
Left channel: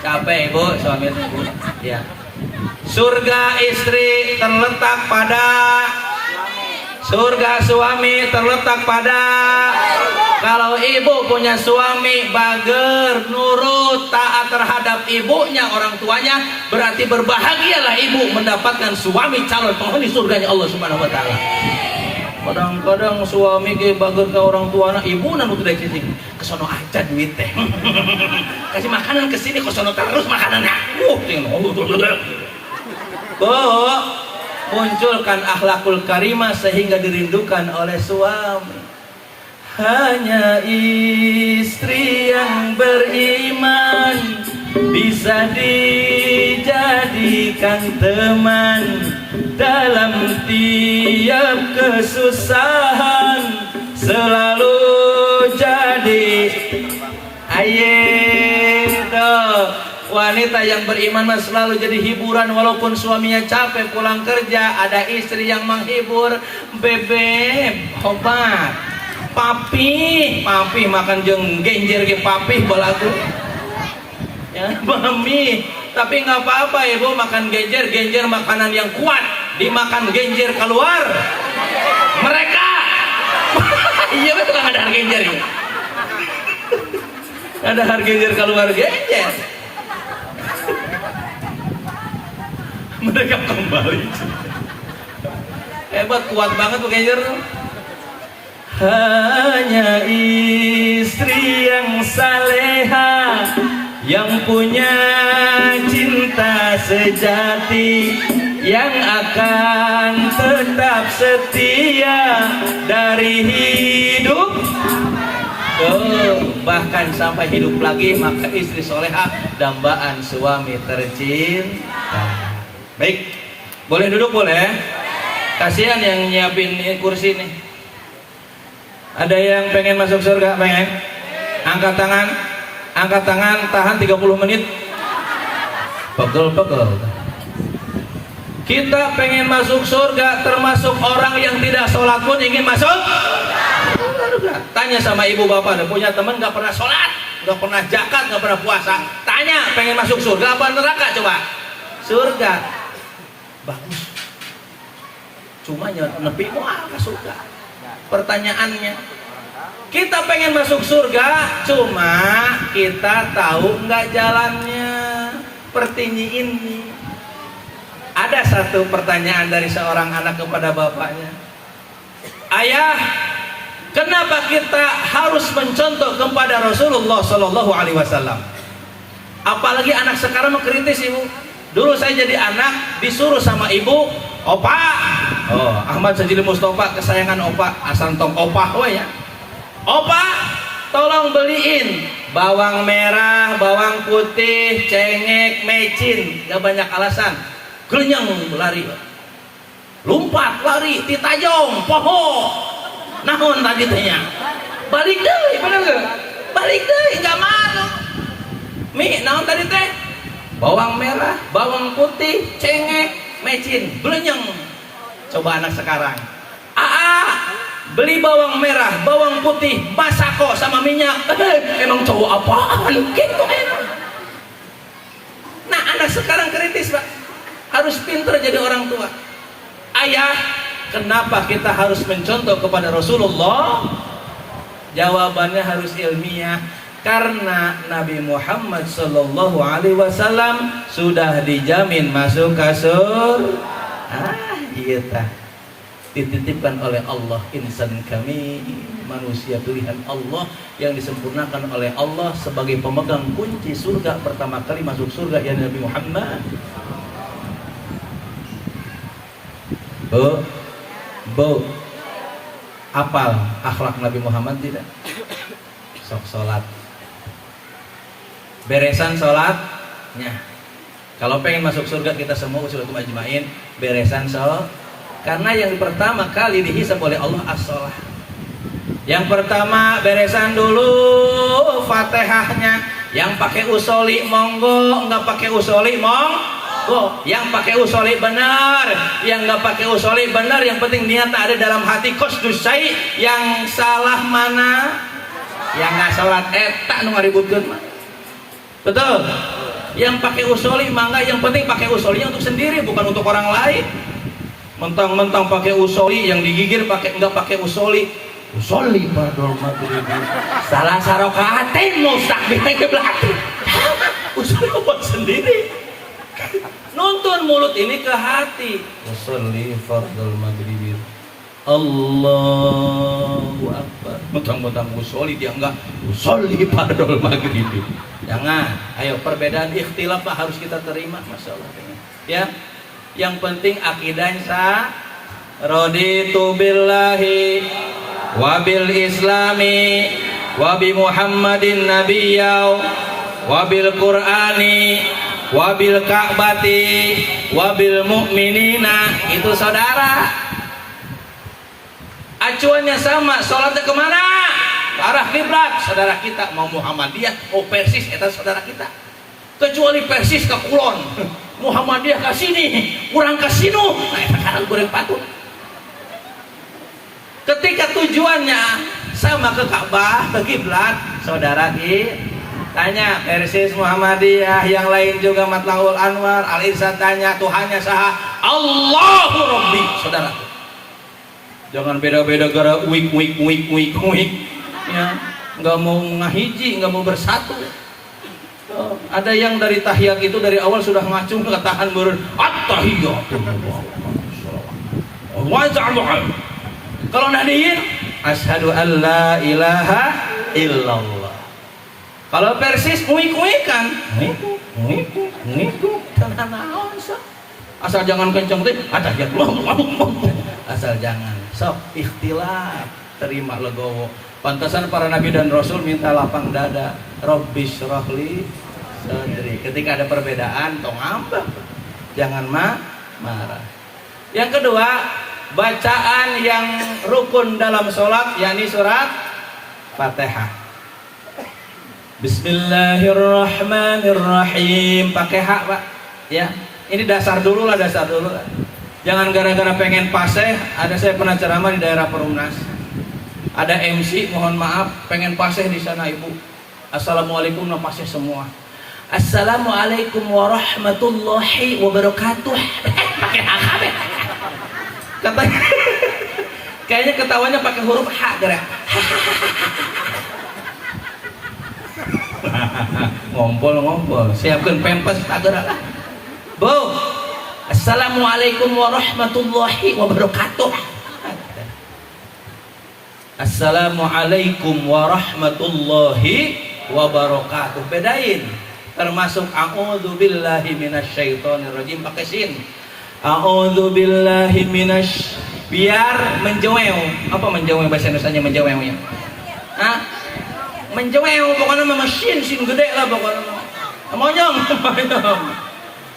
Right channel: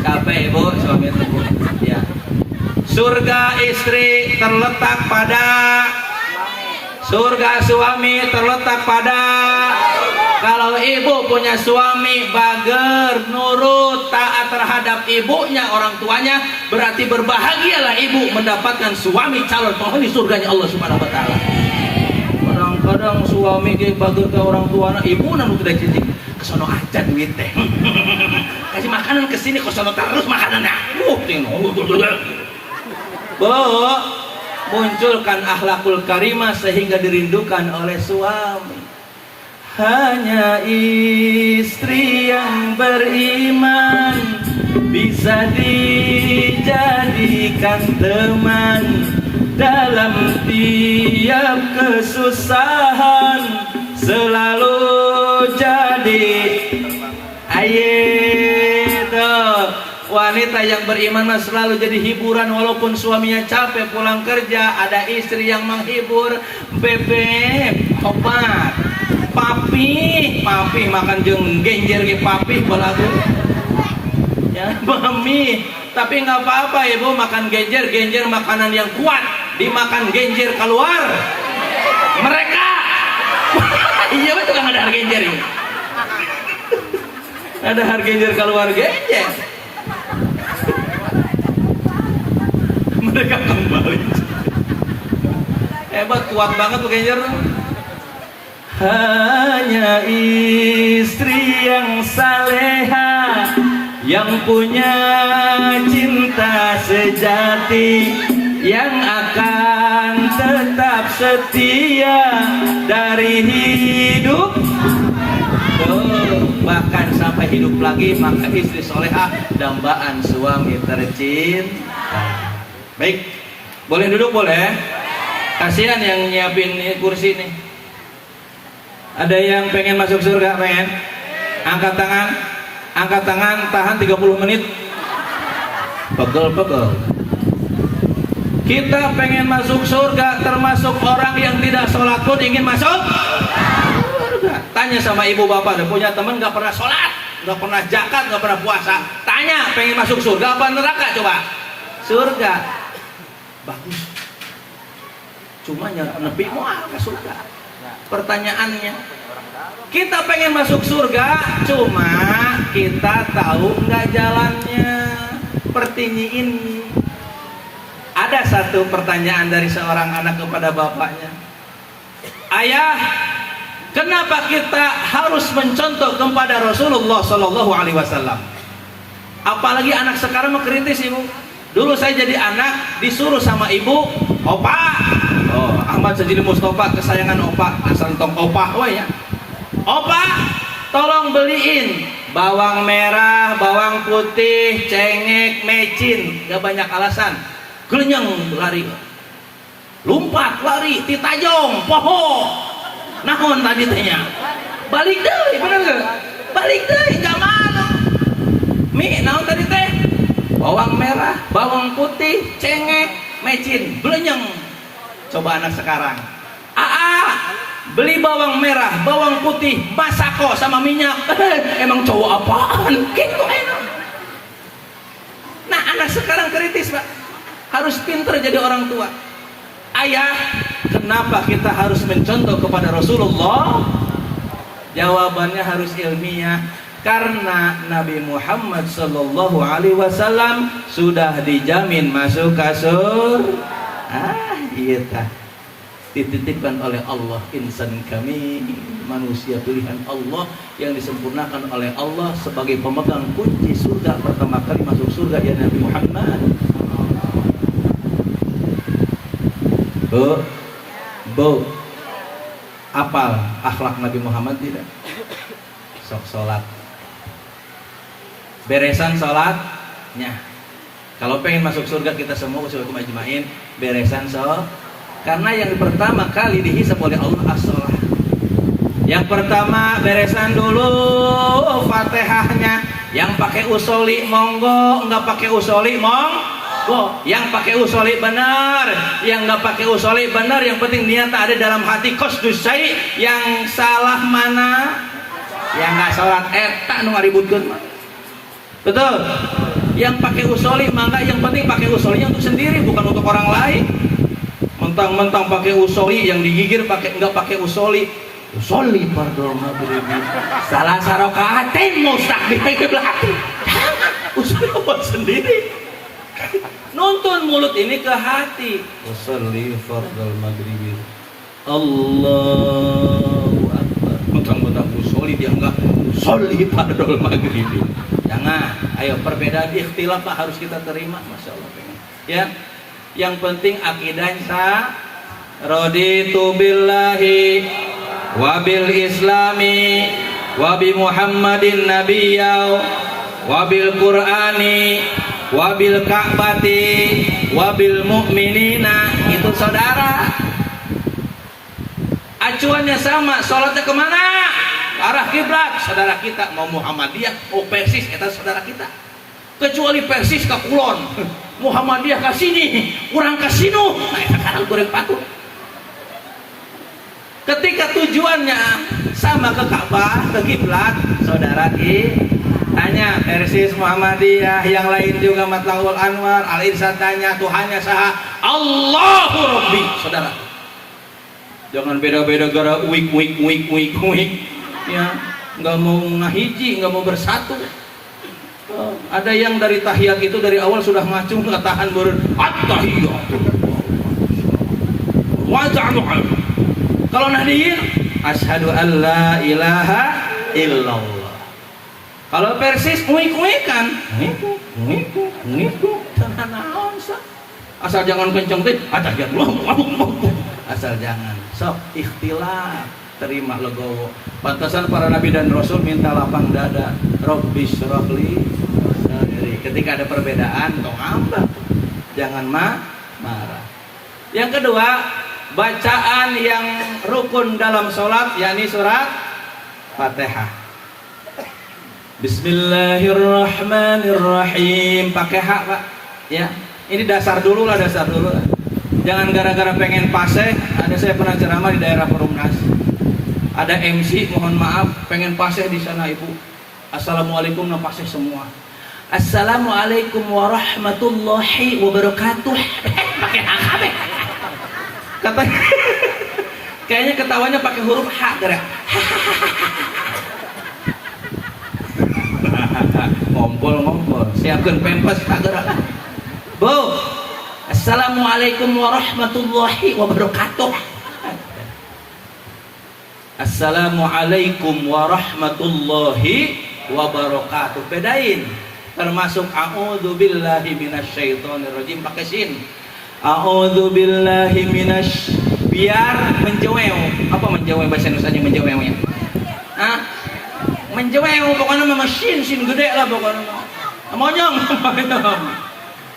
Capek ibu, suami ibu. Ya. Surga istri terletak pada, surga suami terletak pada. Kalau ibu punya suami bager, nurut, taat terhadap ibunya, orang tuanya, berarti berbahagialah ibu mendapatkan suami calon penghuni surganya Allah Subhanahu wa taala. Kadang-kadang suami ke bager ke orang tuanya, ibu nanu tidak cincin. Kesono aja duit teh. Kasih makanan ke sini, kesono terus makanannya. Munculkan akhlakul karimah sehingga dirindukan oleh suami. Hanya istri yang beriman bisa dijadikan teman dalam tiap kesusahan, selalu jadi wanita yang beriman mas selalu jadi hiburan walaupun suaminya capek pulang kerja, ada istri yang menghibur. Bebek, obat, papi makan jeung genjer ge papi balagu. Ya, mami, tapi nggak apa-apa ibu makan genjer makanan yang kuat, dimakan genjer keluar. Mereka iya betul kan ada harga genjer gitu. Ada harga genjer keluar genjer. Mereka kembali. Hebat, kuat banget tuh genjer. Hanya istri yang saleha, yang punya cinta sejati, yang akan tetap setia dari hidup bahkan sampai hidup lagi, maka istri solehah dambaan suami tercinta. Baik, boleh duduk boleh? Kasihan yang nyiapin kursi nih. Ada yang pengen masuk surga? Pengen? Angkat tangan, tahan 30 menit. Pegel. Kita pengen masuk surga, termasuk orang yang tidak sholat pun ingin masuk surga. Tanya sama ibu bapak, ada punya teman gak pernah sholat, gak pernah zakat, gak pernah puasa. Tanya, pengen masuk surga apa neraka? Coba. Surga. Bagus. Cuma nepi mau ke surga. Pertanyaannya, kita pengen masuk surga, cuma kita tahu nggak jalannya. Seperti ini. Ada satu pertanyaan dari seorang anak kepada bapaknya. Ayah, kenapa kita harus mencontoh kepada Rasulullah Shallallahu Alaihi Wasallam? Apalagi anak sekarang mengkritis ibu. Dulu saya jadi anak disuruh sama ibu, opa, Ahmad Sajili Mustafa kesayangan opa, asal tong opa ya. Opa, tolong beliin bawang merah, bawang putih, cengek, mecin. Gak banyak alasan. Gelenyang lari, lompat lari, titajong, poho, nahon tadi tehnya. Balik deh, bener gak? Balik deh, gak malu. Mi, nahon tadi teh? Bawang merah, bawang putih, cengek, mecin, belenyeng. Coba anak sekarang. Beli bawang merah, bawang putih, masako sama minyak. Emang cowok apaan? Gitu. Nah, anak sekarang kritis, Pak. Harus pintar jadi orang tua. Ayah, kenapa kita harus mencontoh kepada Rasulullah? Jawabannya harus ilmiah. Karena Nabi Muhammad Sallallahu Alaihi Wasallam sudah dijamin masuk ke surga. Iya, dititipkan oleh Allah, insan kami, manusia pilihan Allah yang disempurnakan oleh Allah sebagai pemegang kunci surga. Pertama kali masuk surga ya Nabi Muhammad. Bu, bu, apal akhlak Nabi Muhammad tidak? Sok sholat, beresan sholatnya. Kalau pengen masuk surga kita semua usul ajmain beresan sholat. Karena yang pertama kali dihisab oleh Allah as-sholat. Yang pertama beresan dulu Fatihahnya. Yang pakai usoli monggo, nggak pakai usoli monggo. Yang pakai usoli benar, yang nggak pakai usoli benar. Yang penting niat ada dalam hati. Qasdus syai'. Yang salah mana? Yang nggak sholat tak nu ngaributkeun mah. Betul. Yang pakai usoli mangga, yang penting pakai usolinya untuk sendiri, bukan untuk orang lain. Mentang-mentang pakai usoli, yang digigir pakai nggak pakai usoli. Usoli pardon maghrib. Salah sarokaatin mustakbir belakang. Usoli buat sendiri. Nuntun mulut ini ke hati. Usoli fardol maghrib. Allahu Akbar. Mentang-mentang usoli dia enggak usoli fardol maghrib. Jangan. Ayo, perbedaan ikhtilaf harus kita terima, masya Allah. Ya. Yang penting akidahnya sah. Raditu billahi wabil islami wabi muhammadin nabiyyaw wabil qur'ani wabil ka'bati wabil mu'minina. Itu saudara, acuannya sama. Sholatnya kemana? Arah kiblat. Saudara kita mau Muhammadiyah mau Persis, itu saudara kita. Kecuali Persis ke Kulon, Muhammadiyah ke sini, kurang ke sinu. Nah, itu sekarang kurang patut. Ketika tujuannya sama ke Ka'bah, ke kiblat, saudara tanya Persis Muhammadiyah, yang lain juga Matlaul Anwar, Al-Irsyad tanya Tuhannya saha? Allahu Rabbi. Saudara, jangan beda-beda gara wik. Ya, nggak mau ngahiji, nggak mau bersatu. Ada yang dari tahiyat itu dari awal sudah ngacung, nggak tahan meureun at-tahiyat. Kalau nadiin asyhadu an la ilaha illallah. Kalau Persis nguik-nguikan, asal jangan kenceng teh, ada yang asal jangan. Sok ikhtilaf, terima legowo. Pantasan para nabi dan rasul minta lapang dada. Rabbi syrahli sadri. Ketika ada perbedaan, tong ambak. Jangan marah. Yang kedua, bacaan yang rukun dalam sholat, yakni surat Fatihah. Bismillahirrahmanirrahim. Pakai hak, Pak. Ya, ini dasar dulu lah. Jangan gara-gara pengen paseh. Ada saya pernah ceramah di daerah Perumnas. Ada MC, mohon maaf, pengen paseh di sana ibu. Assalamualaikum, nah paseh semua. Assalamualaikum warahmatullahi wabarakatuh. Pakai hak. Katanya, kayaknya ketawanya pakai huruf H, gerak. Ngompol. Siapkan pempes tak gerak. Bu, assalamualaikum warahmatullahi wabarakatuh. Assalamualaikum warahmatullahi wabarakatuh. Bedain. Termasuk a'udzubillahi minasyaitonirrajim pakai sin. A'udzubillahi biar menjewel. Apa menjewel bahasa Indonesianya menjewel? Hah? Menjewel pokoknya mah sin gede lah pokoknya. Monyong.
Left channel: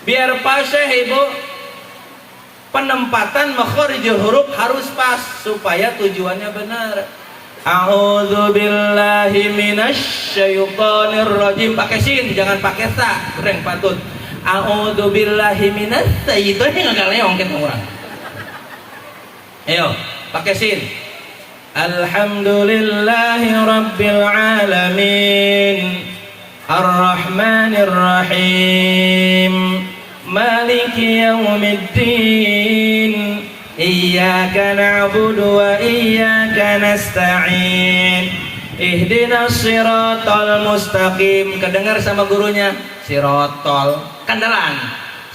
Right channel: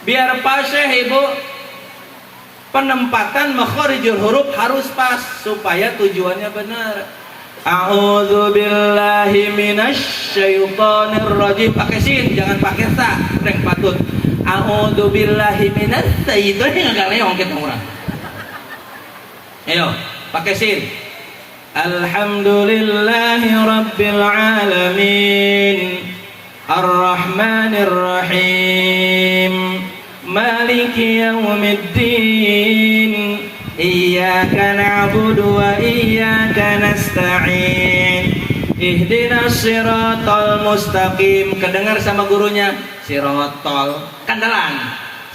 Biar pas ibu. Penempatan makharijul huruf harus pas supaya tujuannya benar. A'udzubillahi minasyaitonirrajim pakai sin, jangan pakai ta. Reng patut. A'udzubillahi minasyaitonir enggak leong kita orang. Ayo, pakai sin. Alhamdulillahi rabbil alamin. Ar-Rahmanir Rahim. Maliki yaumiddin. Iyyaka na'budu wa iyyaka nasta'in. Ihdinas siratal mustaqim. Kedengar sama gurunya. Sirotol kandelan.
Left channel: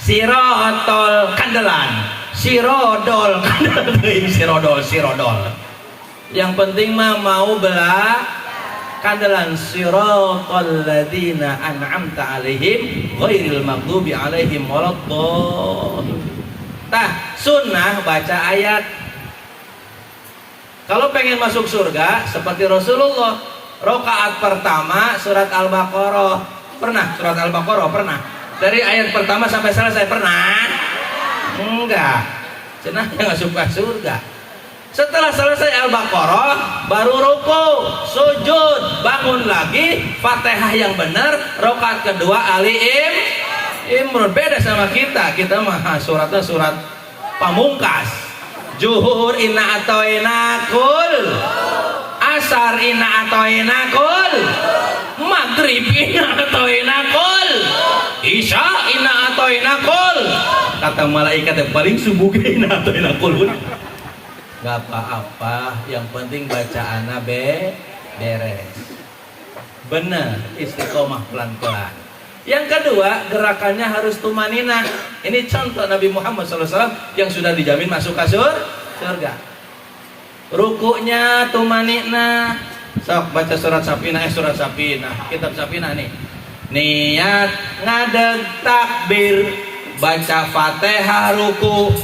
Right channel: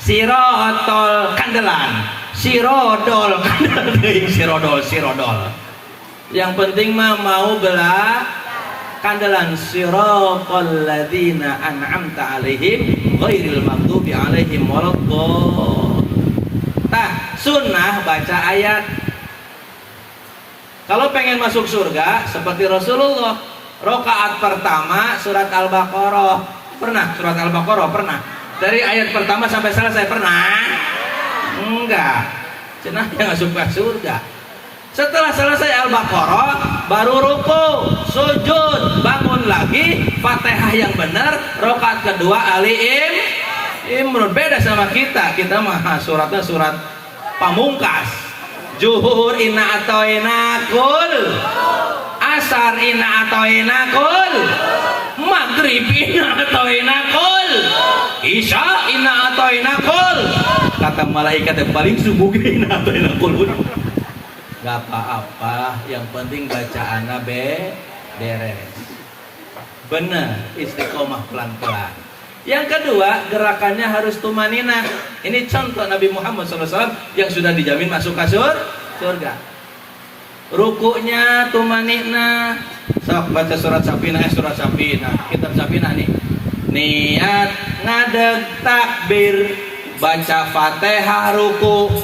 Sirotol kandelan. Sirodol kandelan. Sirodol. Yang penting mah mau bela kandelan. Siratal ladzina an'amta alaihim ghairil maghdubi alaihim waladdallin. Tah, sunnah baca ayat. Kalau pengen masuk surga seperti Rasulullah, rakaat pertama surat Al-Baqarah. Pernah surat Al-Baqarah? Pernah. Dari ayat pertama sampai selesai pernah? Enggak. Cenah yang suka surga. Setelah selesai Al-Baqarah baru ruku, sujud, bangun lagi, Fatihah yang benar, rakaat kedua Ali Imran. Beda sama kita mah suratnya surat pamungkas. Zuhur inna atoina kul, asar inna atoina kul, maghrib inna atoina kul, isya inna atoina kul. Kata malaikat yang paling subuh inna atoina kul. Gak apa-apa, yang penting bacaannya beres. Bener, istiqomah pelan-pelan. Yang kedua, gerakannya harus tumaninah. Ini contoh Nabi Muhammad SAW yang sudah dijamin masuk ke surga. Rukunya tumaninah. Sok baca surat Safinah, kitab Safinah nih. Niat ngadeg takbir, baca Fatihah ruku.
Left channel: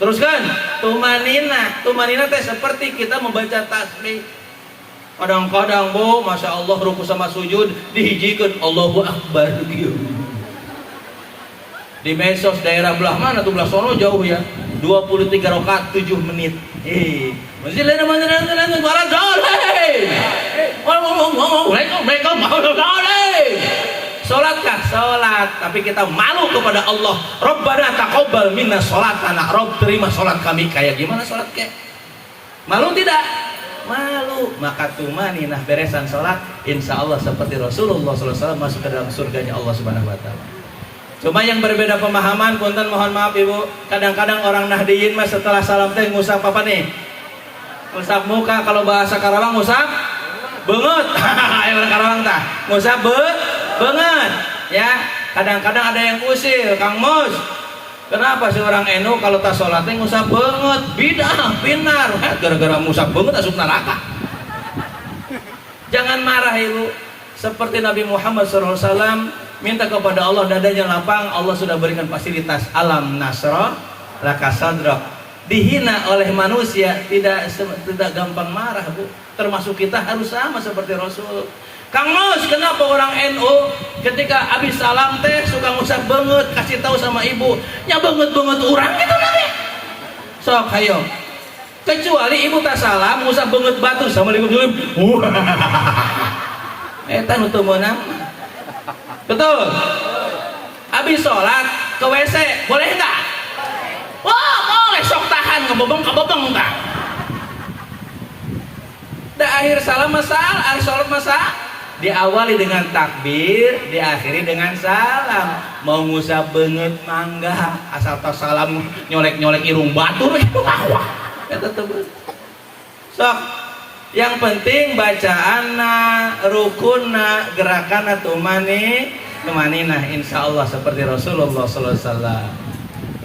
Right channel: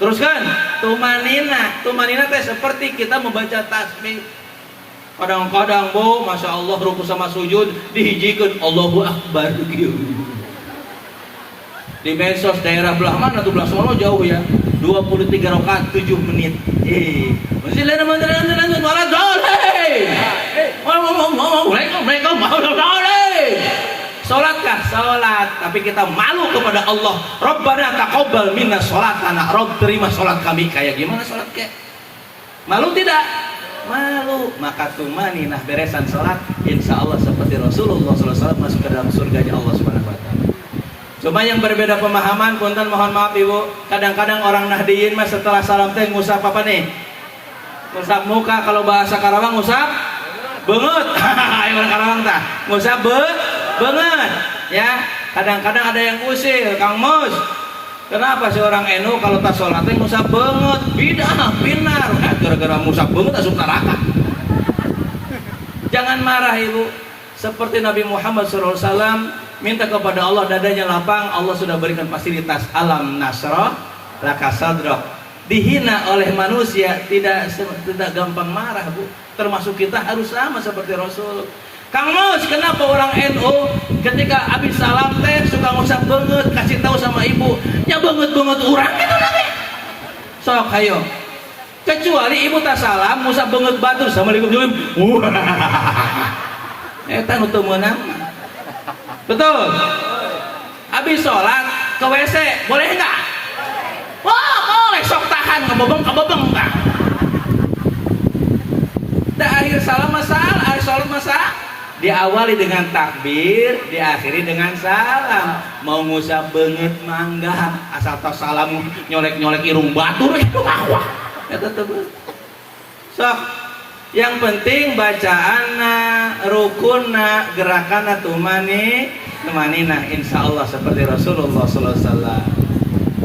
Teruskan tumaninah. Tumaninah teh seperti kita membaca tasbih. Kadang-kadang bu, masya Allah ruku sama sujud dihijikan Allahu Akbar. Di medsos daerah belah mana tuh, belah sono jauh ya, 23 rakaat 7 menit. Sholatkah? Sholat, tapi kita malu kepada Allah. Rabbana taqabbal minna sholatana. Rabb, terima sholat kami. Kayak gimana sholat kayak? Malu tidak? Malu. Maka tumaninah beresan sholat, insya Allah seperti Rasulullah SAW masuk ke dalam surganya Allah Subhanahu Wa Taala. Cuma yang berbeda pemahaman, punten mohon maaf ibu. Kadang-kadang orang Nahdiyin mas setelah salam teh ngusap apa nih? Ngusap muka. Kalau bahasa Karawang ngusap benget. Ayo orang Karawang tah ngusap benget. Ya. Kadang-kadang ada yang usil, Kang Mus. Kenapa sih orang NU kalau tak sholatnya ngusap banget, bidah, pinar, gara-gara ngusap banget asup neraka. Jangan marah ibu. Seperti Nabi Muhammad SAW minta kepada Allah dadanya lapang, Allah sudah berikan fasilitas alam nasrah, laka sadra. Dihina oleh manusia tidak gampang marah bu. Termasuk kita harus sama seperti Rasul. Kang Mus, kenapa orang NU ketika habis salam teh suka ngusap banget, kasih tahu sama ibu, nya banget orang gitu nanti. Sok hayo. Kecuali ibu tak salam ngusap banget batu sama ibu. Eta nu teu meunang. Betul. Habis sholat ke WC, boleh enggak? Wah, boleh, sok tahan kabobong enggak. Akhir salam masalah, akhir sholat masalah. Diawali dengan takbir, diakhiri dengan salam. Mau ngusap banget mangga, asal tas salam nyolek-nyolek irung batu. Eta teu. Sok, yang penting bacaanna, rukunna, gerakanna tumaninah insyaallah seperti Rasulullah sallallahu alaihi wasallam.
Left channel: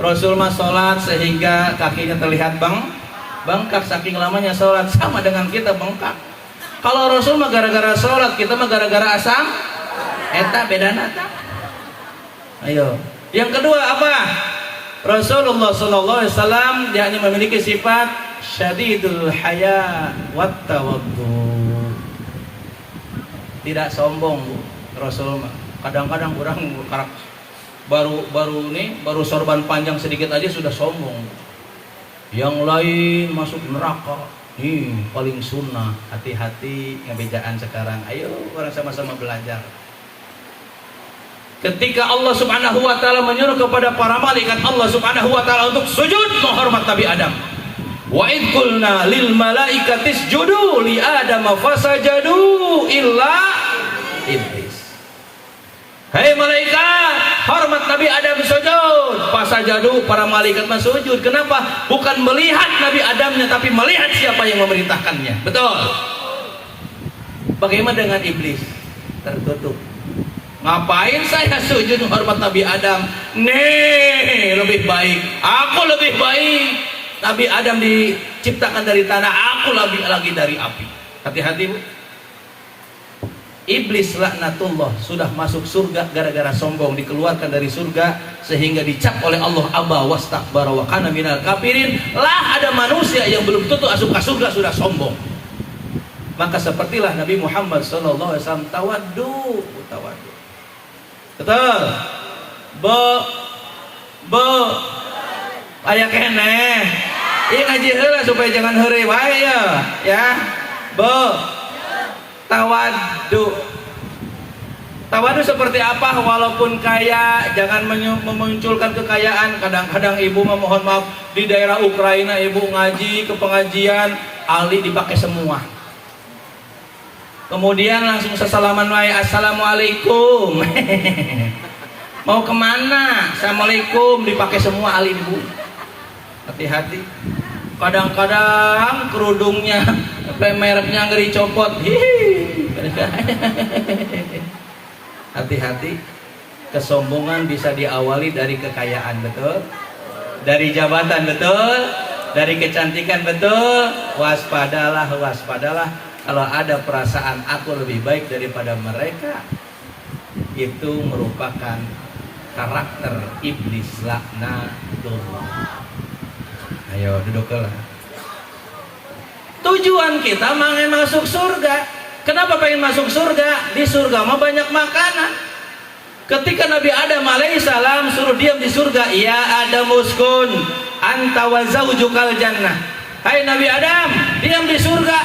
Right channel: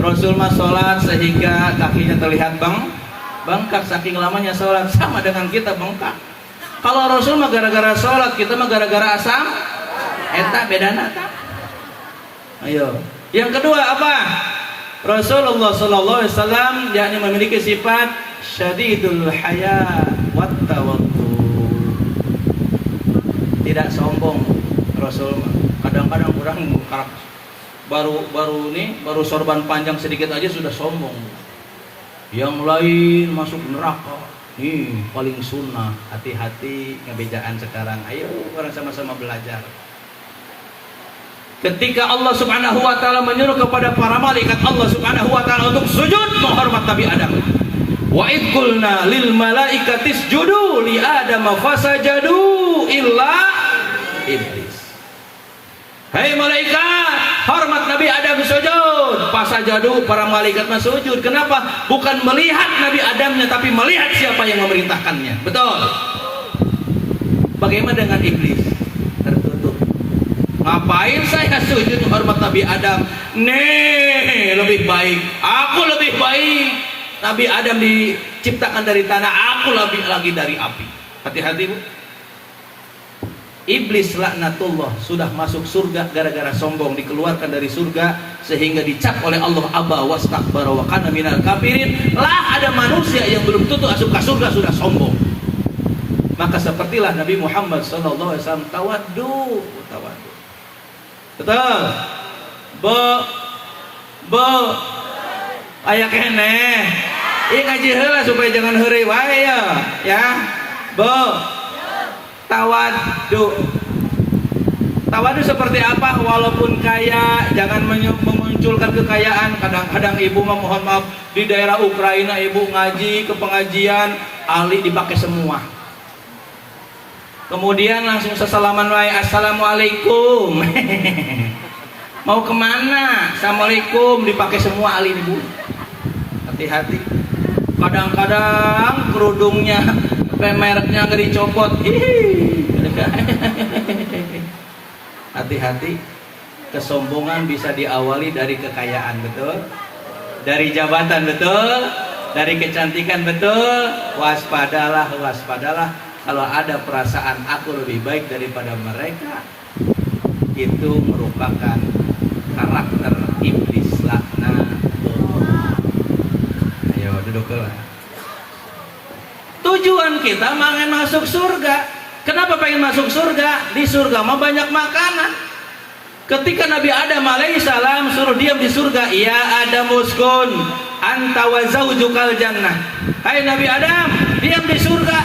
Rasul mah salat sehingga kakinya terlihat bengkak saking lamanya salat, sama dengan kita bengkak. Kalau Rasul mah gara-gara sholat, kita mah gara-gara asam. Eta bedana ta. Ayo. Yang kedua apa? Rasulullah sallallahu alaihi wasallam yakni memiliki sifat syadidul haya wat tawaddu. Tidak sombong Rasul mah. Kadang-kadang orang baru sorban panjang sedikit aja sudah sombong. Yang lain masuk neraka. Nih paling sunnah, hati-hati ngebejaan sekarang. Ayo orang sama-sama belajar. Ketika Allah Subhanahu wa taala menyuruh kepada para malaikat Allah Subhanahu wa taala untuk sujud menghormat Nabi Adam. Wa id qulna lil malaikati isjudu li Adam fasajadu illa iblis. Hei malaikat, hormat Nabi Adam sujud. Fasajadu, para malaikat sujud. Kenapa? Bukan melihat Nabi Adamnya, tapi melihat siapa yang memerintahkannya. Betul. Bagaimana dengan iblis? Tertutup. Ngapain saya sujud menghormat Nabi Adam? Nih, lebih baik. Aku lebih baik. Nabi Adam diciptakan dari tanah, aku lebih lagi dari api. Hati-hati bu. Iblis laknatullah sudah masuk surga gara-gara sombong, dikeluarkan dari surga sehingga dicap oleh Allah aba wastakbara wa kana minal kafirin. Lah ada manusia yang belum tentu masuk ke surga sudah sombong. Maka sepertilah Nabi Muhammad sallallahu alaihi wasallam tawaddu. Betul. Bo aya keneh. Ieu ngaji heula supaya jangan heureuy wae ya. Tawaddu seperti apa? Walaupun kaya, jangan memunculkan kekayaan. Kadang-kadang ibu mohon maaf di daerah Ukraina ibu ngaji ke pengajian, ahli dipakai semua. Kemudian langsung sesalaman wae, assalamualaikum. Mau kemana? Assalamualaikum, dipakai semua ahli ibu. Hati-hati. Kadang-kadang kerudungnya mereknya ngeri copot. Hati-hati, kesombongan bisa diawali dari kekayaan, betul? Dari jabatan, betul? Dari kecantikan, betul? Waspadalah kalau ada perasaan aku lebih baik daripada mereka. Itu merupakan karakter iblis laknat. Ayo duduklah. Tujuan kita pengen masuk surga. Kenapa pengen masuk surga? Di surga mah banyak makanan. Ketika Nabi Adam alaihissalam suruh diam di surga, ya Adam uskun anta wa zaujukal jannah. Hai Nabi Adam, diam di surga.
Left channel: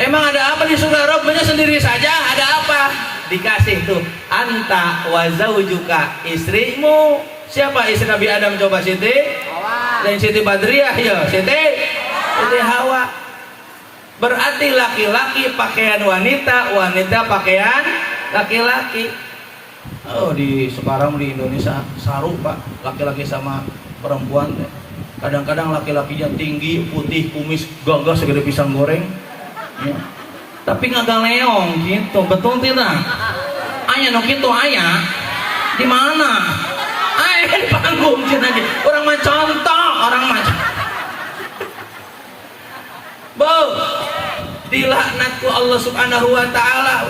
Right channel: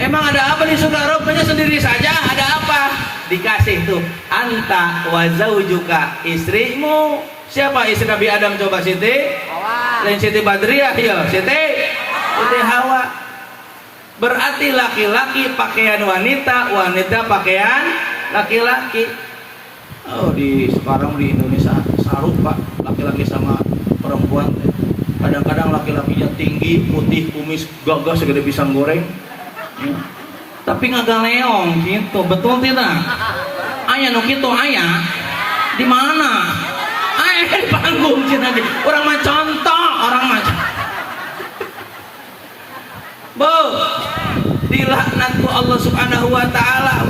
Emang ada apa di surga? Rabbnya sendiri saja. Ada apa? Dikasih tuh anta wa zaujuka, istrimu. Siapa istri Nabi Adam coba Siti? Lain Siti Badriah ya, Siti Hawa. Berarti laki-laki pakaian wanita, wanita pakaian laki-laki. Oh, sekarang di Indonesia sarup Pak, laki-laki sama perempuan. Kadang-kadang laki-lakinya tinggi, putih, kumis gagah segede pisang goreng. Ya. Tapi ngagaleong gitu, betul tidak? Aya nu kitu aya. Di mana? Di panggung cina di. Orang mah contoh, orang mah. Dilaknatku Allah Subhanahu wa taala.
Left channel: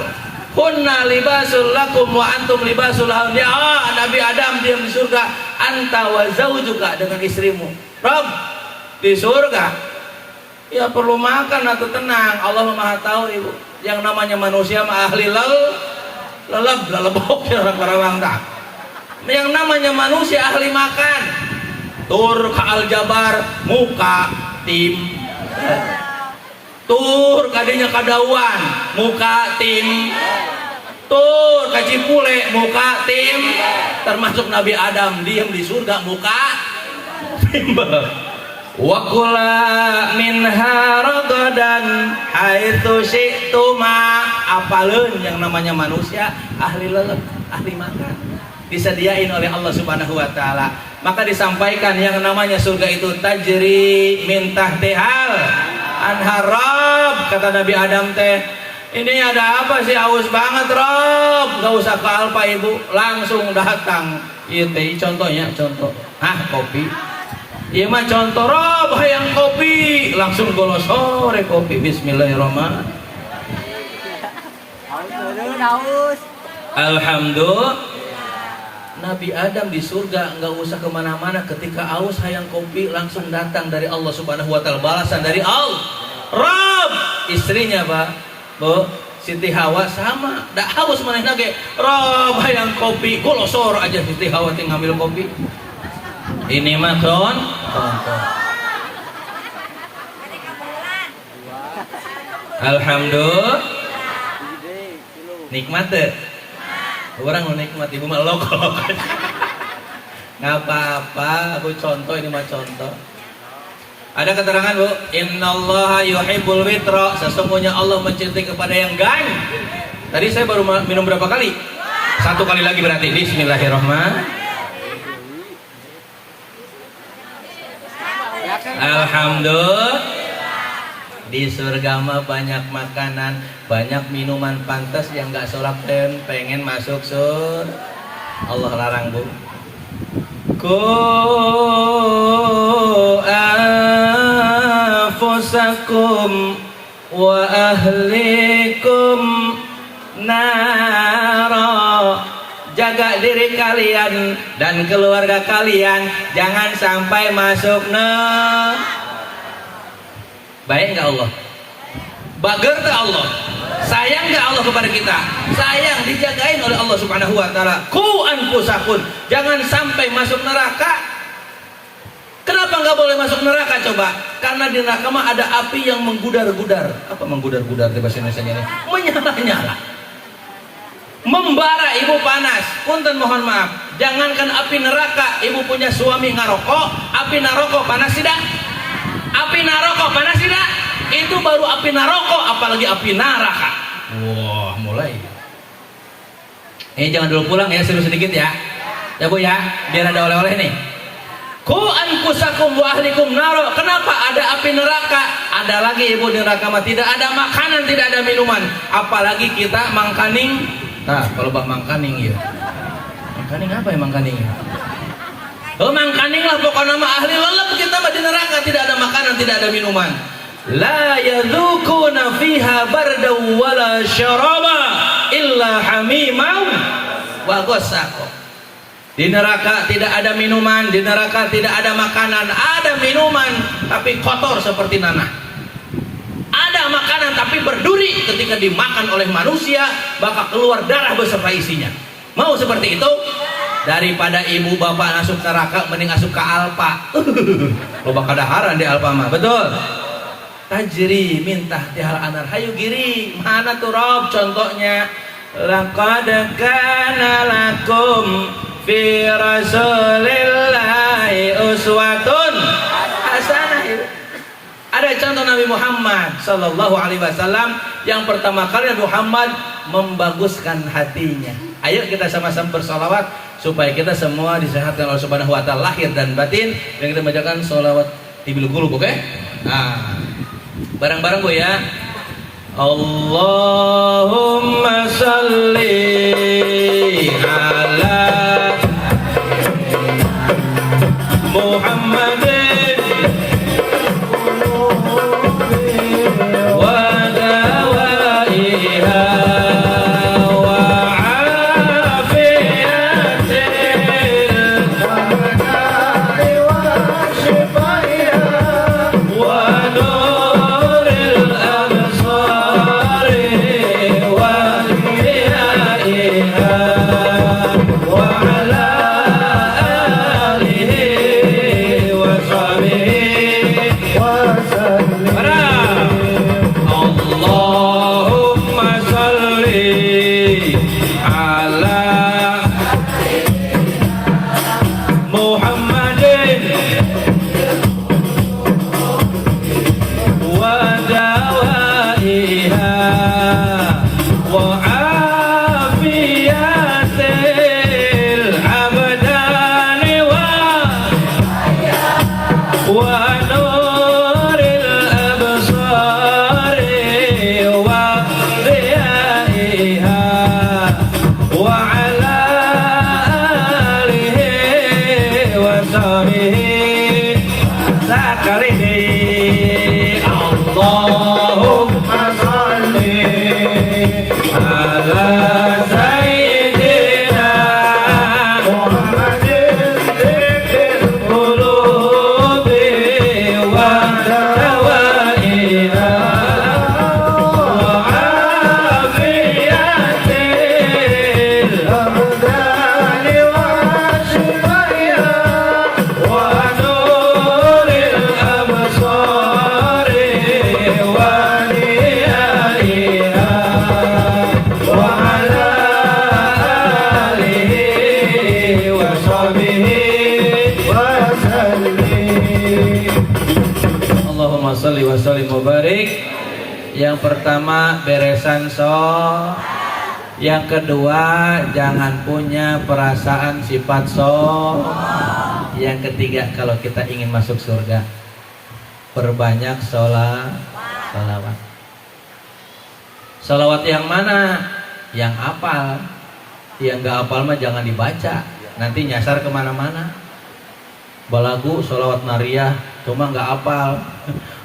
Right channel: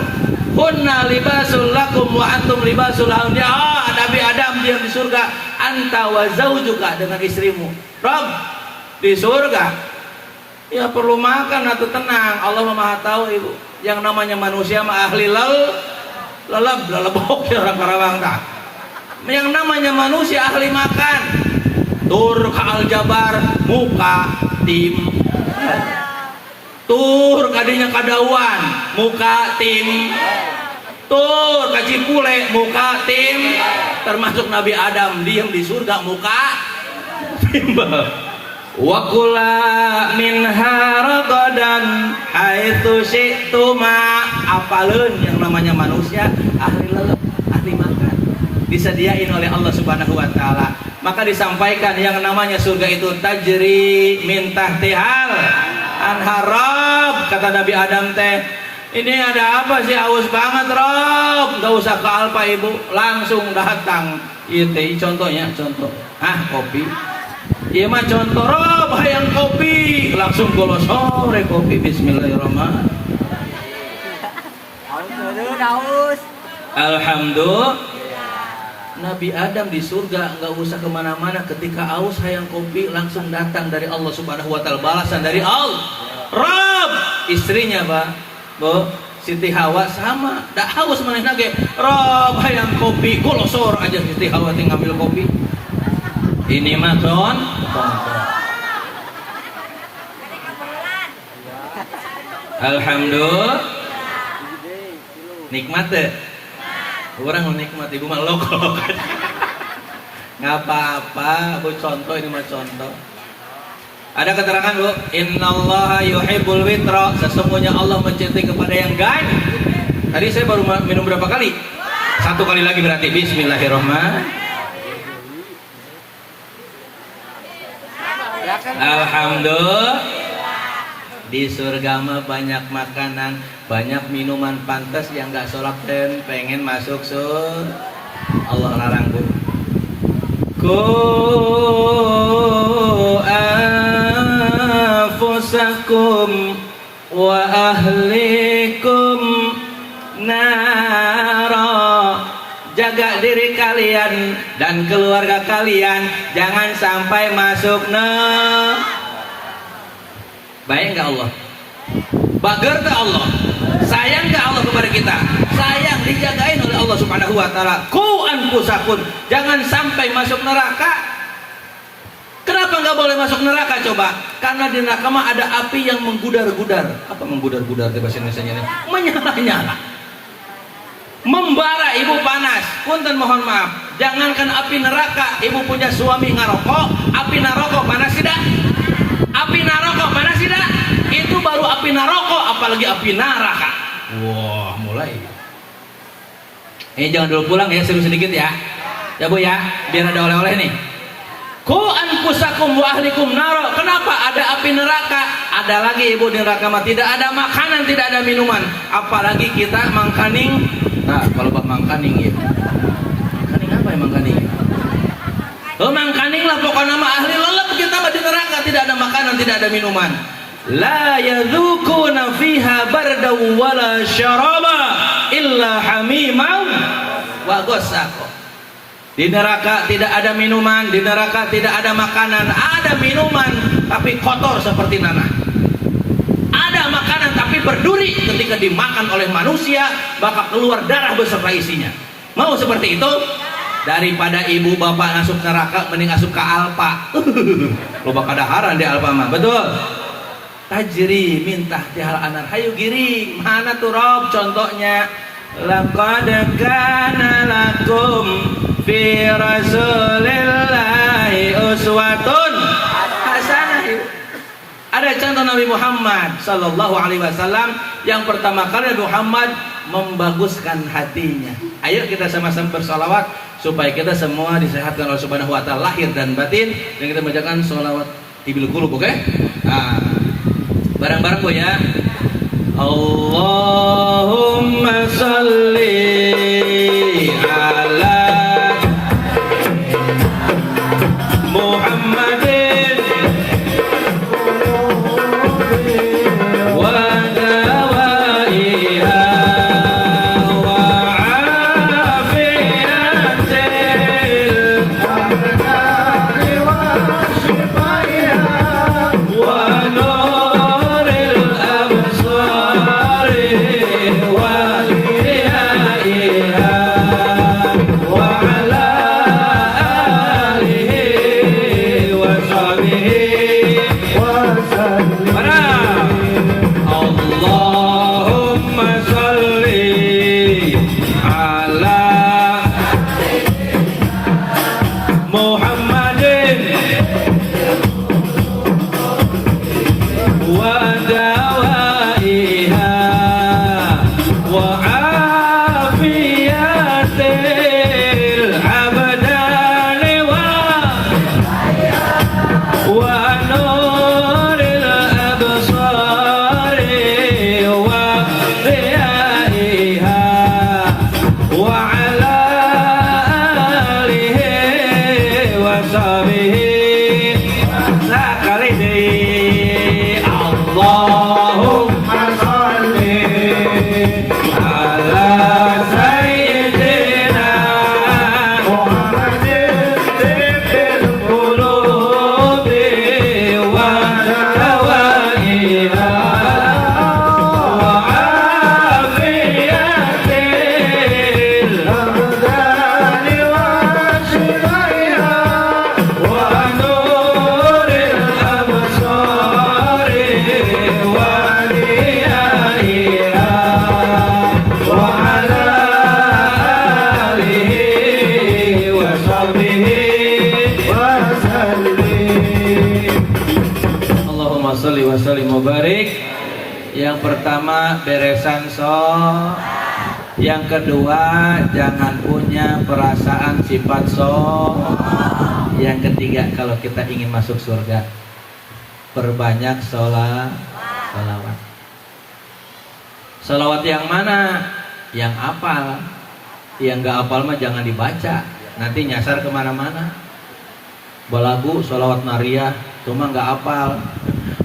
Hunna libasul lakum wa antum libasul lahum. Nabi Adam diam di surga, anta wa zaujuka dengan istrimu. Rob di surga. Ya perlu makan atau tenang. Allah Maha tahu ibu. Yang namanya manusia mah ahli lelebok orang Karawang tak. Yang namanya manusia ahli makan. Tur ka Aljabar muka tim. Tur kadinya kadauan muka tim. Tur ka Cipule muka tim. Termasuk Nabi Adam diam di surga muka tim. Wa kula minha ragadan haitsu syi'tuma. Apaleun yang namanya manusia ahli lelep, ahli makan. Disediain oleh Allah Subhanahu wa taala. Maka disampaikan yang namanya surga itu tajri min tahtihal anharab. Kata Nabi Adam teh, ini ada apa sih, haus banget Rob? Gak usah ke Alfa ibu, langsung datang. Iya teh contohnya, contoh. Kopi. Iya mah contoh Rob hayang kopi, langsung golos sore kopi. Bismillahirrahmanirrahim. Alhamdulillah. Nabi Adam di surga nggak usah kemana-mana, ketika aus hayang kopi langsung datang dari Allah Subhanahu wa taala, balasan dari Allah. Rob istrinya Pak, Bu Siti Hawa sama, dak haus maneh nage. Rob hayang kopi, golosor aja Siti Hawa tinggal ngambil kopi. Ini mah contoh. Alhamdulillah. Nikmat deh. Orang nikmat, ibu mah lokal. Nggak apa-apa, Bu contoh, ini mah contoh. Ada keterangan Bu, innallaha yuhibbul witra, sesungguhnya Allah mencintai kepada yang gany. Tadi saya baru minum berapa kali? Satu kali lagi berarti. Bismillahirrahmanirrahim. Alhamdulillah. Di surga mah banyak makanan, banyak minuman, pantas yang nggak sholat dan pengen masuk surga. Allah larang Bu. Ku anfusakum wa ahlikum jaga diri kalian dan keluarga kalian jangan sampai masuk baik nggak Allah? Bager tak Allah? Sayang nggak Allah kepada kita? Sayang, dijagain oleh Allah Subhanahu wa taala. Ku anfusakum, jangan sampai masuk neraka. Kenapa nggak boleh masuk neraka coba? Karena di neraka mah ada api yang menggudar-gudar. Apa menggudar-gudar bahasa Indonesianya? Menyala-nyala. Membara ibu panas. Punten mohon maaf. Jangankan api neraka, ibu punya suami ngarokok, api naroko panas tidak? Api naroko panas tidak? Itu baru api naroko, apalagi api neraka. Wah, mulai. Jangan dulu pulang ya, seru sedikit ya. Ya Bu ya, biar ada oleh-oleh nih. Ku anfusakum wa ahlikum naro. Kenapa ada api neraka? Ada lagi ibu di neraka mah tidak ada makanan, tidak ada minuman. Apalagi kita mangkaning. Nah, kalau bak mangkaning ya. Mangkaning apa ya mangkaning? Mangkaning lah pokoknya mah ahli lelep kita mah di neraka, tidak ada makanan, tidak ada minuman. La yadzuquna fiha bardaw wala syaraba illa hamimau wa ghassaqa. Di neraka tidak ada minuman, di neraka tidak ada makanan, ada minuman tapi kotor seperti nanah. Ada makanan tapi berduri, ketika dimakan oleh manusia bakal keluar darah beserta isinya. Mau seperti itu? Daripada ibu bapak masuk neraka mending masuk ke Alpa. Loba kadaharan di Alpa mah, betul. Tajri minta tihal anar hayu giri. Mana tuh Rob contohnya? Laqad kana lakum fi rasulillahi uswatun hasanah. Ada contoh Nabi Muhammad sallallahu alaihi wasallam yang pertama kali Muhammad membaguskan hatinya. Ayo kita sama-sama bersalawat supaya kita semua disehatkan oleh Subhanahu wa taala lahir dan batin, dan kita bacakan sholawat tibil qulub, oke? Nah, bareng-bareng Bu ya. Allahumma salli ala Muhammadin wa dawaiha wa afiyatil wa shifaiha wa nuril absari wa liyaiha wa ala alihi wa sahbihi wa sallim. Allahumma salli ala Muhammadin wa dawaiha wa afiyatil abdani wa nuril absari wa dhiyaiha wa ala alihi wa sahbihi sekali deh. Allahumma salli ala sayyidina Muhammadin bil qulubi wa dawaiha wa afiyatil abdani wa shifaiha wa nuril absari wa liyaiha wa ala alihi wa sahbihi wa sallim. Allahumma salli wa sallim wa barik. Yang pertama beresan yang kedua jangan punya perasaan sifat yang ketiga kalau kita ingin masuk surga perbanyak sholawat. Sholawat yang mana? Yang apal. Yang gak apal mah jangan dibaca, nanti nyasar kemana-mana. Balagu sholawat nariyah cuma gak apal.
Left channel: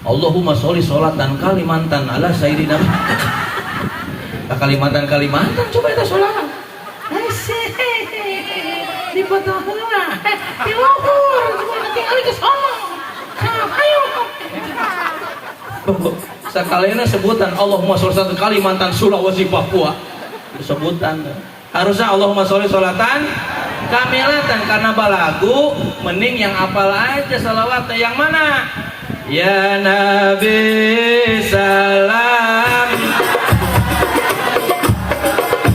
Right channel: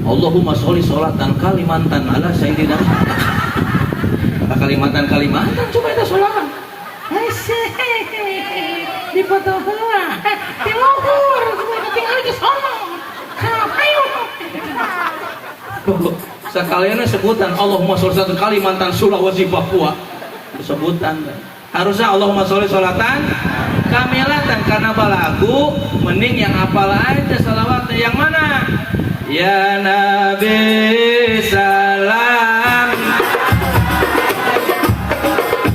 Allahumma sholli sholatan kalimatan ala sayyidina. Kalimatan coba kita sholawat. foto heula. Di luhur, tinggal ke sono. Ayo. Sekalian sebutan Allahumma sholli salatan Kalimantan, Sulawesi, Papua. Sebutan. Harusnya Allahumma sholli salatan kamilatan, karena balagu mending yang apal aja salawatnya. Yang mana? Ya Nabi salam,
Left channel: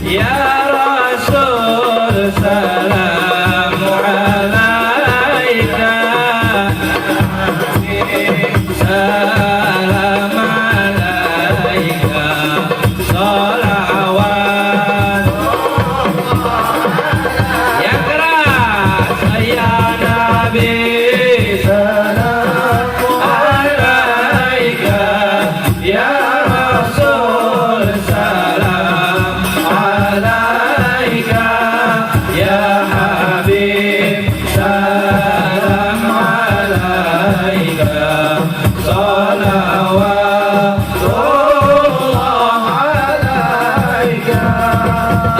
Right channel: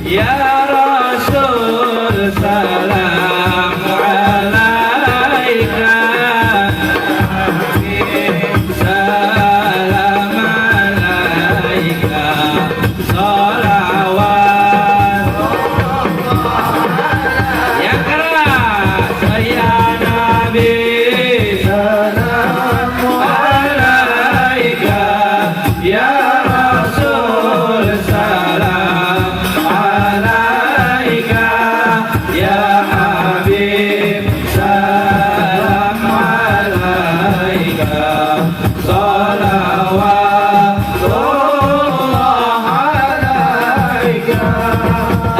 ya Rasul salam alaika, salam alaika, salawat. Yang keras, ya Nabi salam alaika, ya Rasul salam alaika, ya Habib salam alaika, salawatullah alaika.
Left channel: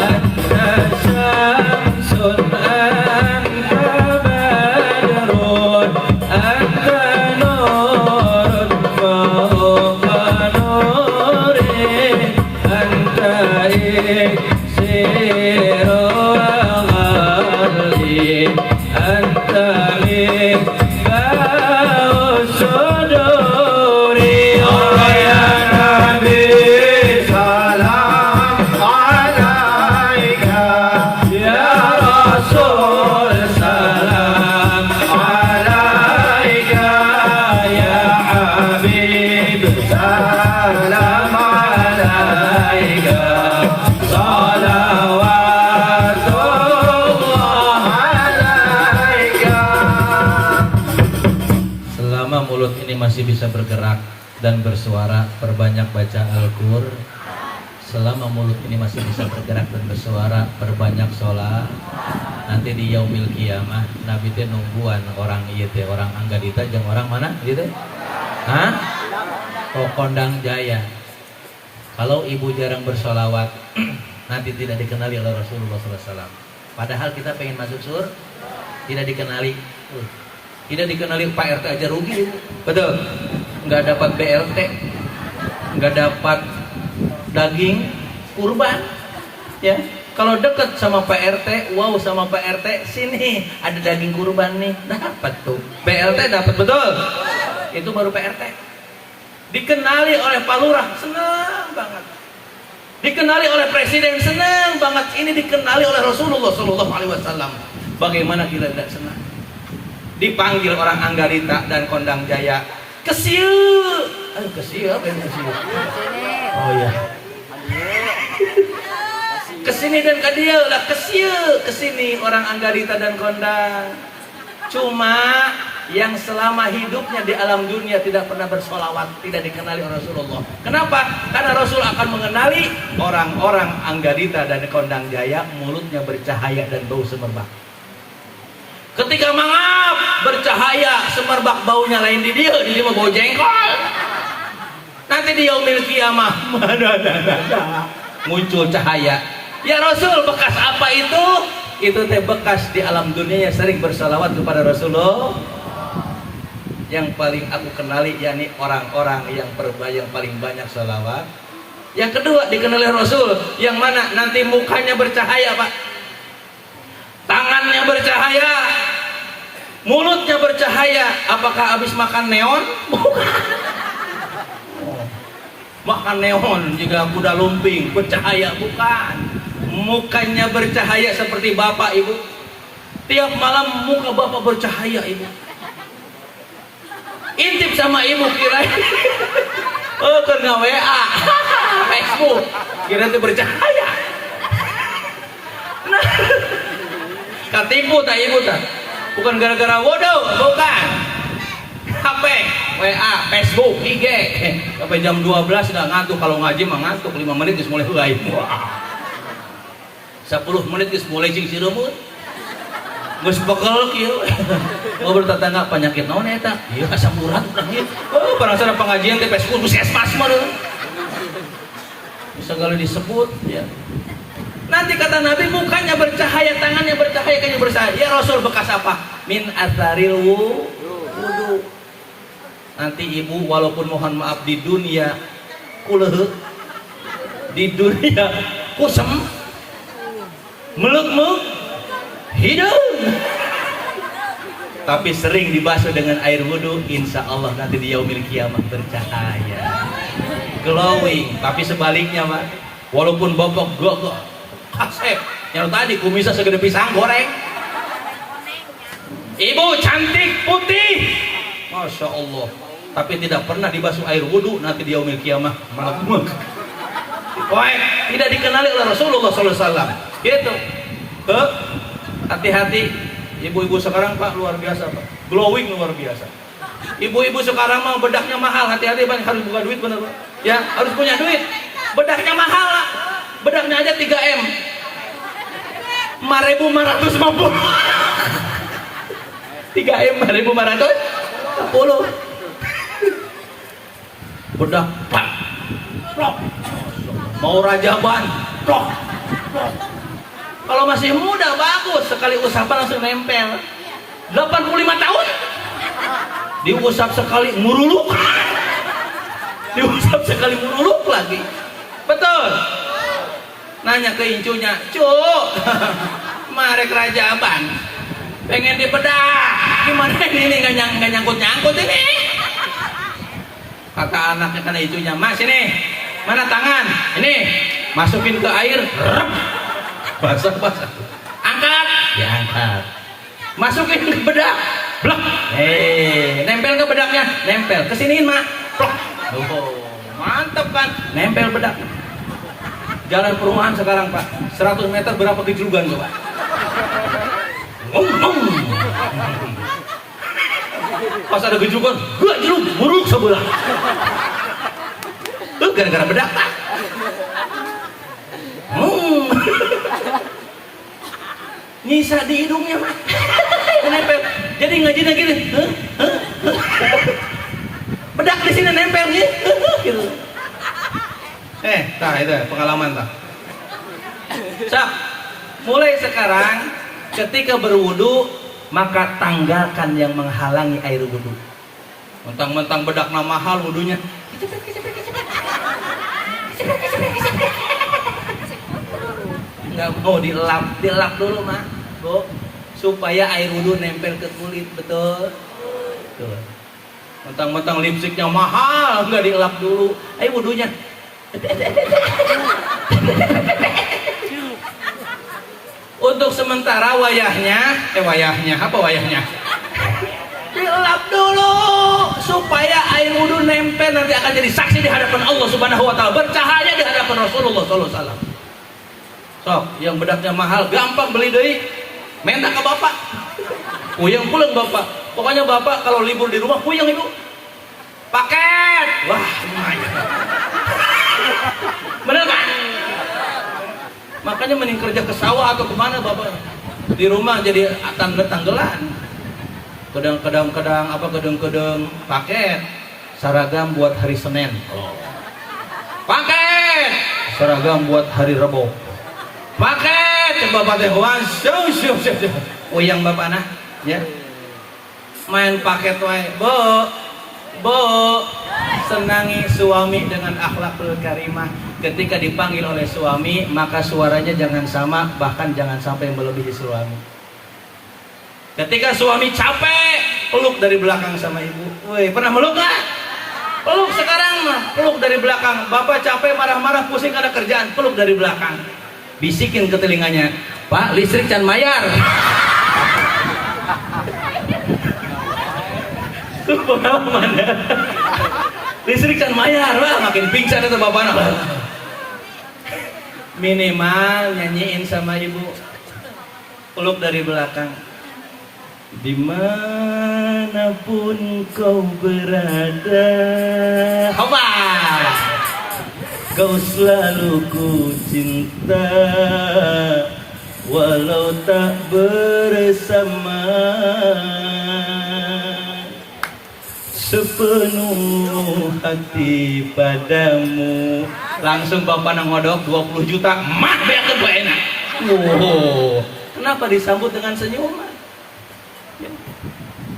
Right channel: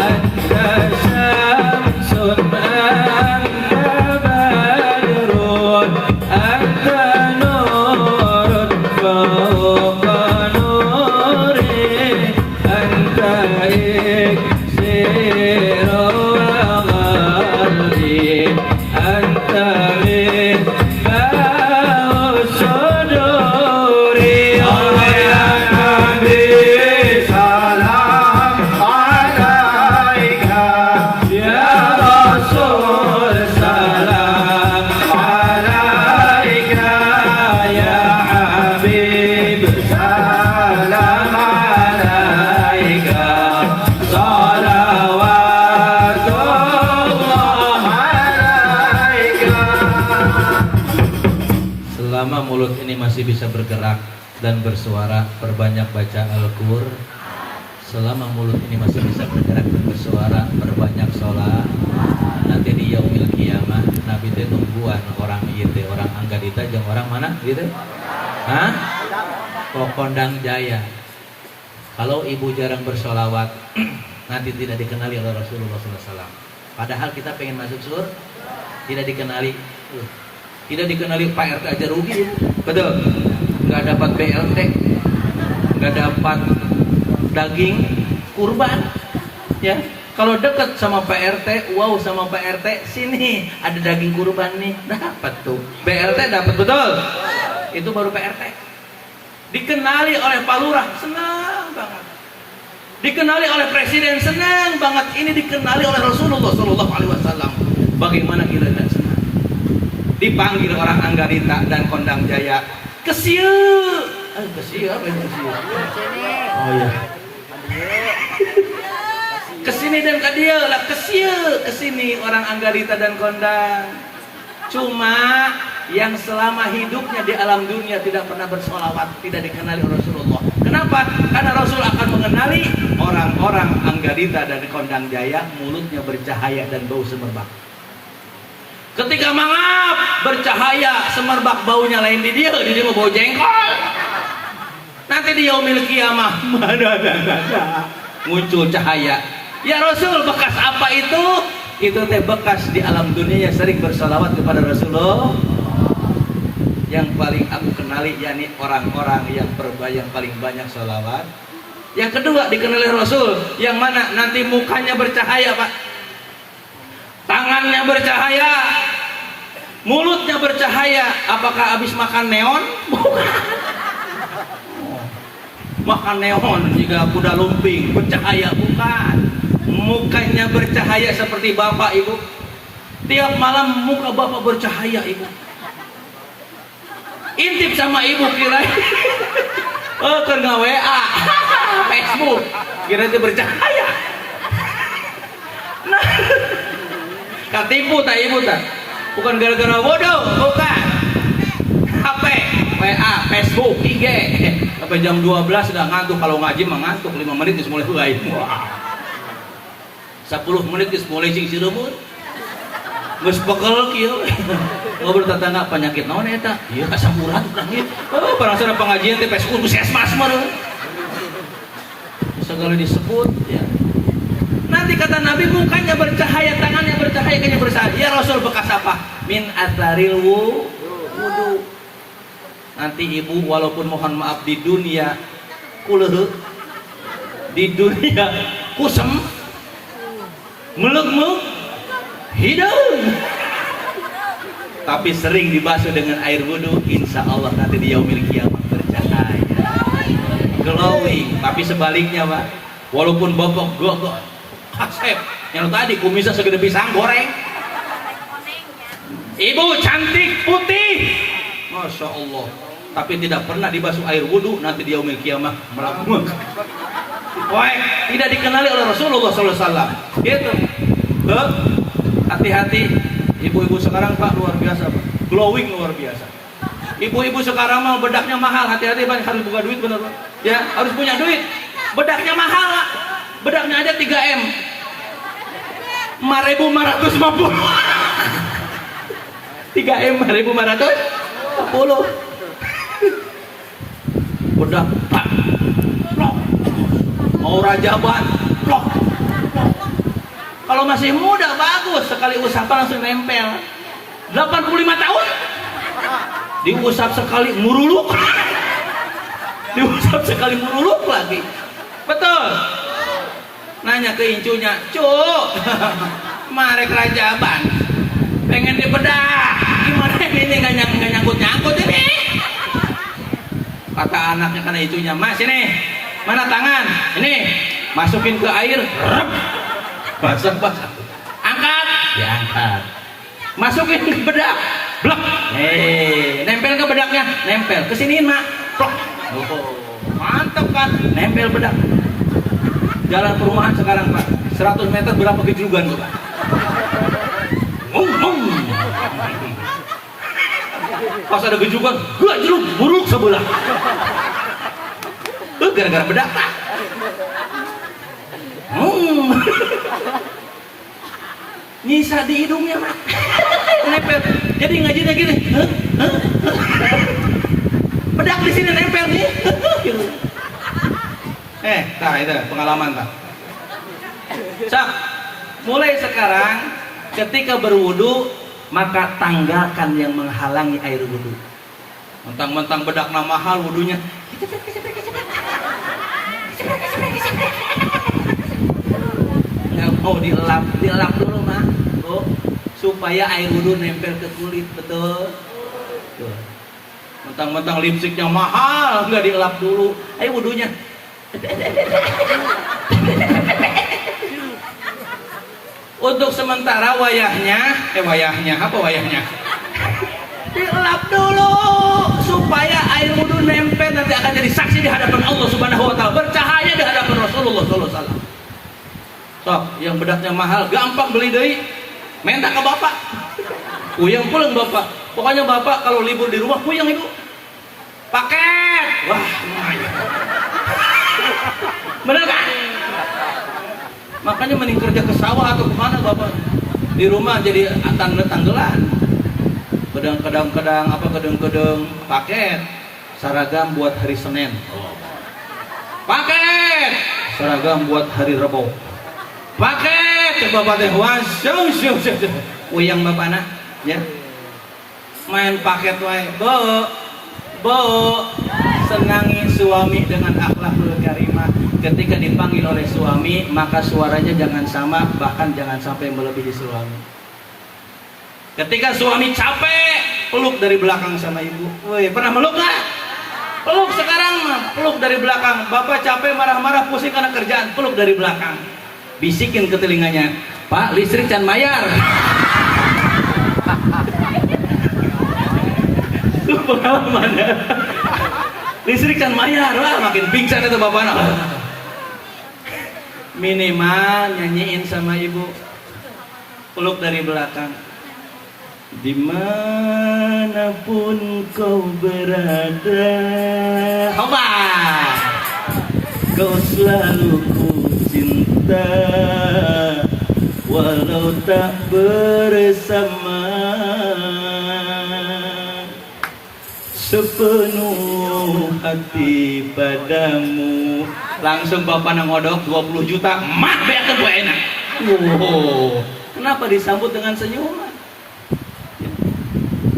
Anta syamsun anta badrun anta nurun fawqa nuri, anta iksiru wa gharli, anta limba'u suduri. Ya Nabi salam alaika, ya Rasul salam alaika, ya Habib salam alaika, salawatullah alaika. Selama mulut ini masih bisa bergerak dan bersuara, perbanyak baca Al-Qur'an. Selama mulut ini masih bisa bergerak dan bersuara, perbanyak sholat. Nanti di yaumil kiamah Nabi teh nungguan orang ieu teh, orang Anggadita jeung orang mana ieu teh? Hah? Kondang Jaya. Kalau ibu jarang bersolawat, nanti tidak dikenali oleh Rasulullah SAW. Padahal kita pengen masuk surga, tidak dikenali. Tidak dikenali Pak RT aja rugi, ibu. Betul. Nggak dapat BLT, nggak dapat daging kurban, ya. Kalau dekat sama Pak RT, wow sama Pak RT, sini ada daging kurban nih, dapat tuh. BLT dapat, betul. Itu baru Pak RT. Dikenali oleh Pak Lurah, senang banget. Dikenali oleh Presiden, senang banget. Ini dikenali oleh Rasulullah SAW. Bagaimana kita tidak senang? Dipanggil orang Anggadita dan Kondang Jaya, kesiu. Kesiu apa ini kesiu? Oh ya. Kesini dan ke dia lah, kesiu. Kesini orang Anggadita dan Kondang. Cuma yang selama hidupnya di alam dunia tidak pernah bersolawat, tidak dikenali oleh Rasulullah. Kenapa? Karena Rasul akan mengenali orang-orang Anggadita dan Kondang Jaya, mulutnya bercahaya dan bau semerbak. Ketika mangap bercahaya semerbak, baunya lain di dia mah bau jengkol. Nanti di yaumil kiamah muncul cahaya. Ya Rasul, bekas apa itu? Itu teh bekas di alam dunia yang sering bersalawat kepada Rasulullah. Yang paling aku kenali yakni orang-orang yang paling banyak salawat. Yang kedua dikenali Rasul, yang mana nanti mukanya bercahaya, Pak. Tangannya bercahaya, mulutnya bercahaya. Apakah habis makan neon? Makan neon juga kuda lumping bercahaya, bukan. Mukanya bercahaya seperti bapak ibu. Tiap malam muka bapak bercahaya ibu. Intip sama ibu kira kena WA Facebook kira itu bercahaya. Nah, katipu tak ibu tak? Bukan gara-gara bodoh, bukan. HP, WA, Facebook, IG. Sampai jam 12 sudah ngantuk. Kalau ngaji mah ngantuk 5 menit terus mulai huai. 10 menit terus mulai sing sirumut. Geus pegel kieu. Ngobrol tetangga penyakit naon eta? Ieu asamuran urang ieu. Oh, penasaran pengajian teh Facebook puskesmas mah. Segala disebut ya. Nanti kata Nabi mukanya bercahaya, tangannya bercahaya, kakinya bercahaya. Ya Rasul bekas apa? Min atharil wudu. Nanti ibu walaupun mohon maaf di dunia kuleuh, di dunia kusem, meluk hidung, tapi sering dibasuh dengan air wudhu, insya Allah nanti di yaumil kiamah bercahaya, glowing. Tapi sebaliknya Pak, walaupun bobok gogok kasep yang tadi kumisnya segede pisang goreng, ibu cantik putih, masya Allah, tapi tidak pernah dibasuh air wudhu, nanti di yaumil kiamah melekmuk. Wah, tidak dikenali oleh Rasulullah SAW. Gitu. Hati-hati. Ibu-ibu sekarang Pak luar biasa Pak, glowing luar biasa. Ibu-ibu sekarang mau bedaknya mahal, hati-hati Pak, harus buka duit bener Pak. Ya harus punya duit. Bedaknya mahal Pak. Bedaknya aja 3M. 4.550. 3M 4.510. Bedak Pak. Mau rajaban, kalau masih muda bagus, sekali usap langsung nempel. 85 tahun diusap sekali muruluk, diusap sekali muruluk lagi. Betul. Nanya ke incunya, cuk, marek rajaban, pengen dibedah, gimana ini nggak nyangkut ini? Kata anaknya karena incunya, mas ini mana tangan? Ini masukin ke air, basah, angkat, diangkat, masukin ke bedak, blok, nempel ke bedaknya, nempel, kesiniin mak, blok, mantap kan, nempel bedak. Jalan perumahan sekarang Pak, 100 meter berapa gejrugan tuh Pak? Pas ada gejrugan, gak jeruk, buruk sebelah. Gara-gara bedak Pak. Nyisa di hidungnya Pak. Nempel. Jadi ngajinya gini. Bedak di sini nempel nih. Gitu. Tah itu pengalaman tah. Sak, mulai sekarang ketika berwudu maka tanggalkan yang menghalangi air wudu. Mentang-mentang bedakna mahal wudunya. Nggak mau dilap dulu Mak, Bu, supaya air wudhu nempel ke kulit, betul. Tuh. Mentang-mentang lipstiknya mahal, nggak dilap dulu, air wudhunya. Untuk sementara wayahnya dilap dulu supaya air wudhu nempel, nanti akan jadi saksi di hadapan Allah Subhanahu wa taala, bercahaya di hadapan Rasulullah sallallahu alaihi wasallam. Sok, yang bedaknya mahal gampang beli deui, minta ke bapak. Puyeng pulang bapak. Pokoknya bapak kalau libur di rumah puyeng itu. Paket. Wah, lumayan. Bener kan? Makanya mending kerja ke sawah atau kemana bapaknya. Di rumah jadi tanggelan. Kedang paket seragam buat hari Senin. Paket seragam buat hari Rabu. Paket coba pakai yang bapak nak ya main paket wae bo senangi suami dengan akhlakul karimah. Ketika dipanggil oleh suami maka suaranya jangan sama, bahkan jangan sampai melebihi suami. Ketika suami capek peluk dari belakang sama ibu. Woi, pernah meluk nggak? Peluk sekarang mah peluk dari belakang. Bapak capek marah-marah pusing karena kerjaan, peluk dari belakang. Bisikin ke telinganya, Pak, listrik can mayar. Itu pengalaman ya. Listrik can mayar, wah makin pingsan itu bapaknya. Minimal nyanyiin sama ibu, peluk dari belakang. Dimanapun kau berada, coba. Kau selalu ku cinta, walau tak bersama. Sepenuh hati padamu, Langsung bapak ngodok 20 juta, mak beak ke gue enak. Wow, kenapa disambut dengan senyuman?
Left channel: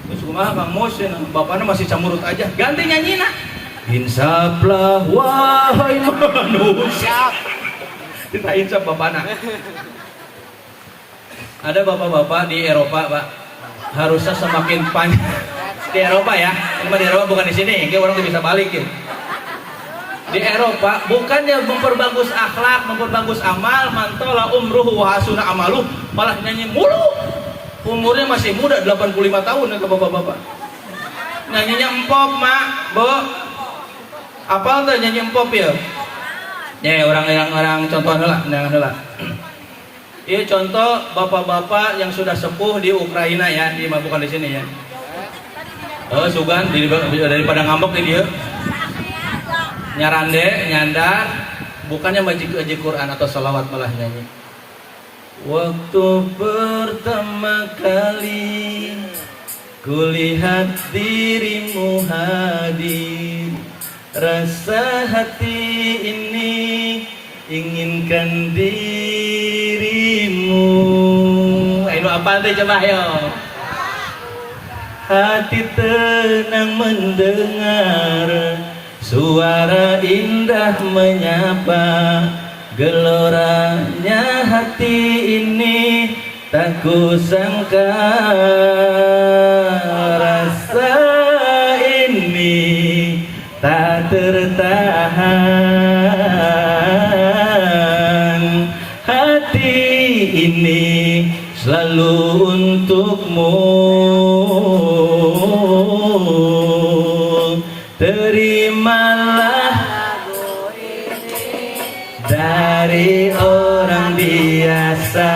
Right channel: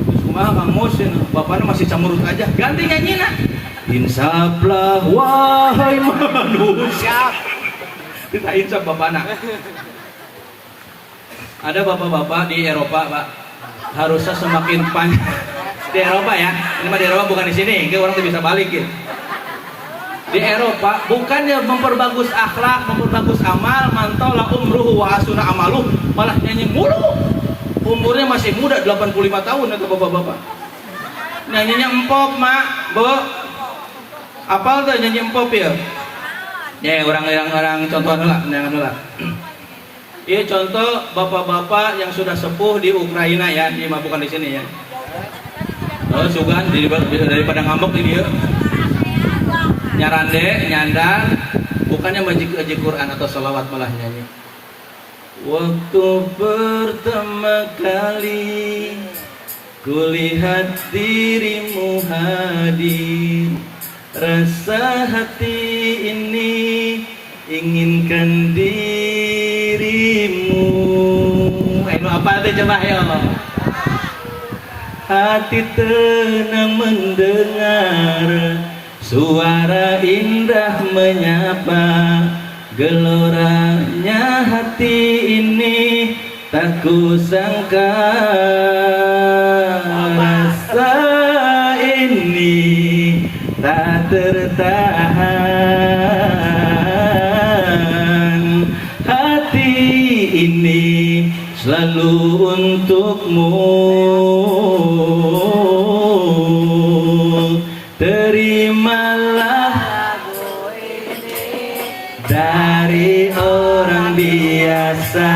Terus kumaha Kang Mus, bapaknya masih camurut aja, ganti nyanyi nak. Insaplah wahai manusia. Kita insap bapaknya. Ada bapak-bapak di Eropa pak, harusnya semakin panjang di Eropa ya. Ini mah di Eropa bukan di sini, kayak orang tuh bisa balik gitu. Di Eropa bukannya memperbagus akhlak, memperbagus amal, mantola umruhu wa hasuna amaluh, malah nyanyi mulu. Umurnya masih muda 85 tahun ya ke bapak-bapak. Nyanyinya empop mak, bo. Apal tuh nyanyi empop ya? Ya orang contoh heula, heula. Iya contoh bapak-bapak yang sudah sepuh di Ukraina ya, ini mah bukan di sini ya. Oh sugan daripada ngambek ini ya. Nyarande, nyandar, bukannya majik Quran atau salawat malah nyanyi. Waktu pertama kali kulihat dirimu hadir, rasa hati ini inginkan dirimu. Ayo apa teh coba ya? Hati tenang mendengar suara indah menyapa, geloranya hati ini tak kusangka. Rasa ini tak tertahan, hati ini selalu untukmu. Terimalah dari orang biasa,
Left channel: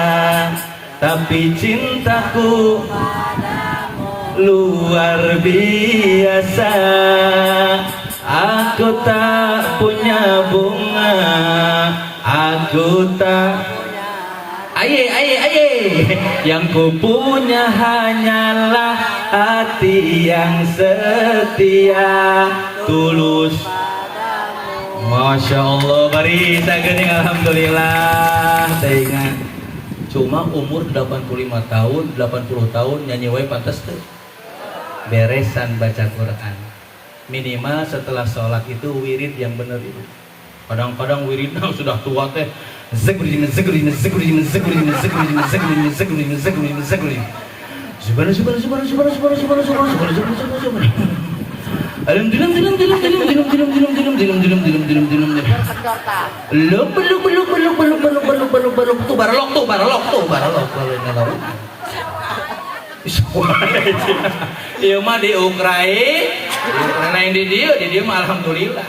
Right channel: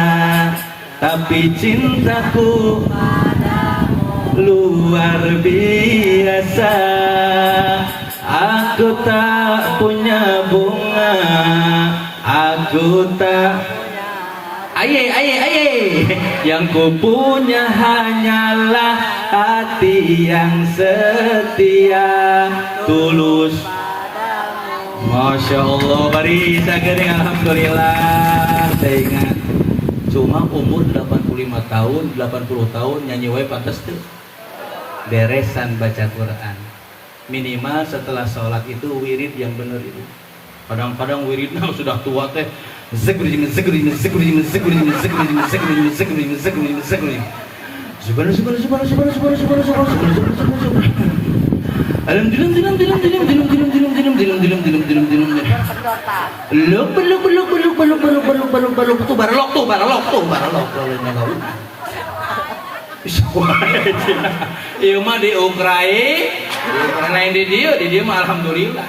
tapi cintaku luar biasa. Aku tak punya bunga, aku tak aye, yang ku punya hanyalah hati yang setia, tulus. Masya Allah, mari kita gering alhamdulillah. Saya ingat, cuma umur 85 tahun, 80 tahun nyanyi wae pantes tuh. Beresan baca Quran. Minimal setelah sholat itu wirid yang benar itu. Kadang-kadang wiridnya sudah tua teh. Zikrin. Ieu mah di Ukraina yang di dia mah alhamdulillah.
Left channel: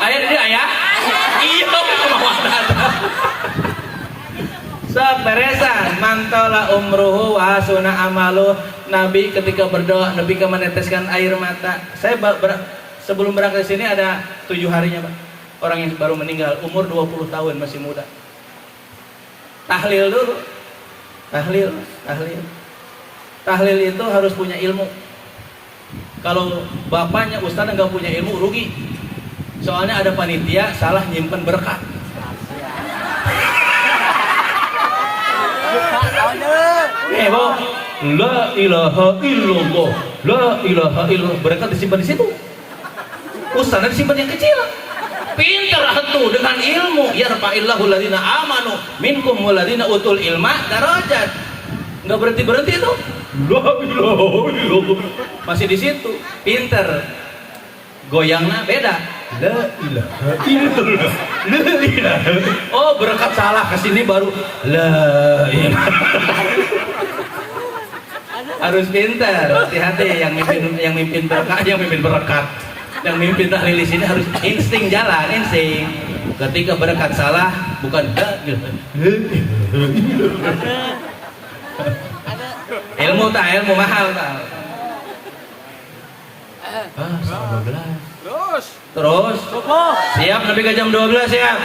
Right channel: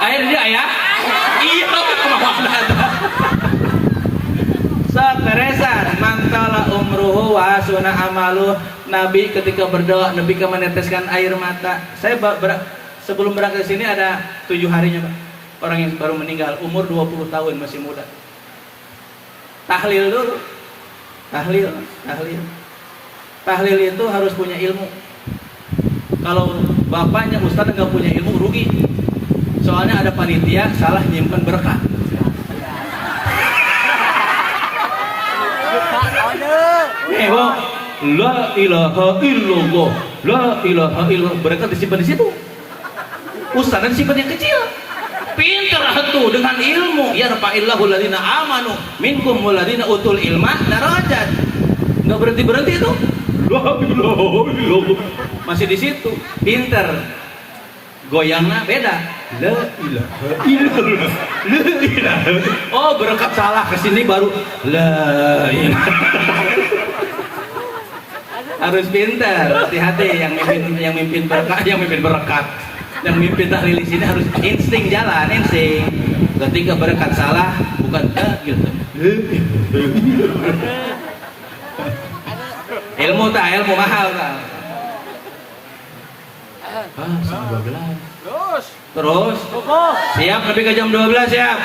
Aya di dia aya? Iya, saperesan mantola umruhu wa hasuna amalu. Nabi ketika berdoa, Nabi meneteskan air mata. Saya sebelum berangkat ke sini ada 7 harinya, Pak. Orang yang baru meninggal, umur 20 tahun, masih muda. Tahlil dulu. Tahlil itu harus punya ilmu. Kalau bapaknya ustadz nggak punya ilmu, rugi. Soalnya ada panitia salah nyimpen berkah. Bu, la ilaha illallah, la ilaha illallah, berkah disimpan di situ. Ustadz disimpan yang kecil. Pinter tuh dengan ilmu. Yarfa'illahu alladziina amanu minkum walladziina utul ilma darajat. Nggak berhenti itu. La ilaha illallah. Masih di situ. Pinter. Goyangnya beda. La ilaha illallah. La ilaha. Oh, berangkat salah ke sini baru la ilaha. Harus pintar, hati-hati yang mimpin berkat, yang mimpin berkat. Yang mimpin tahlil di sini harus insting jalan, insting. Ketika berkat salah bukan gitu. Ilmu mahal tak? Setengah 12. Terus. Siap sampai ke jam 12 siap.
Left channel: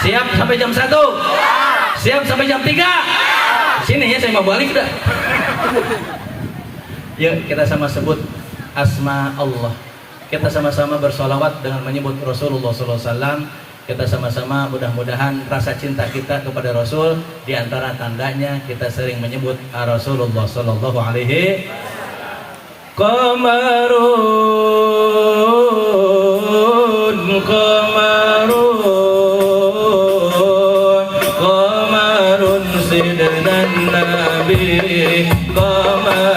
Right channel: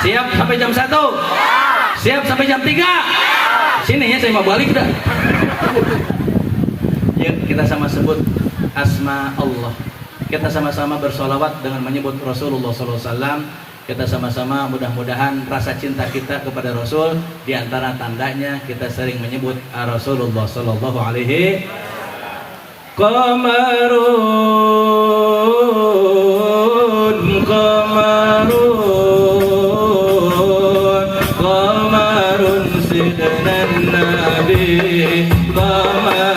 Siap sampai jam 1. Siap sampai jam 3. Sini ya saya mau balik dah. Yuk kita sama sebut asma Allah. Kita sama-sama bersolawat dengan menyebut Rasulullah SAW. Kita sama-sama mudah-mudahan rasa cinta kita kepada Rasul, di antara tandanya kita sering menyebut Rasulullah sallallahu alaihi qamarun qamarun sidnan nabi qamarun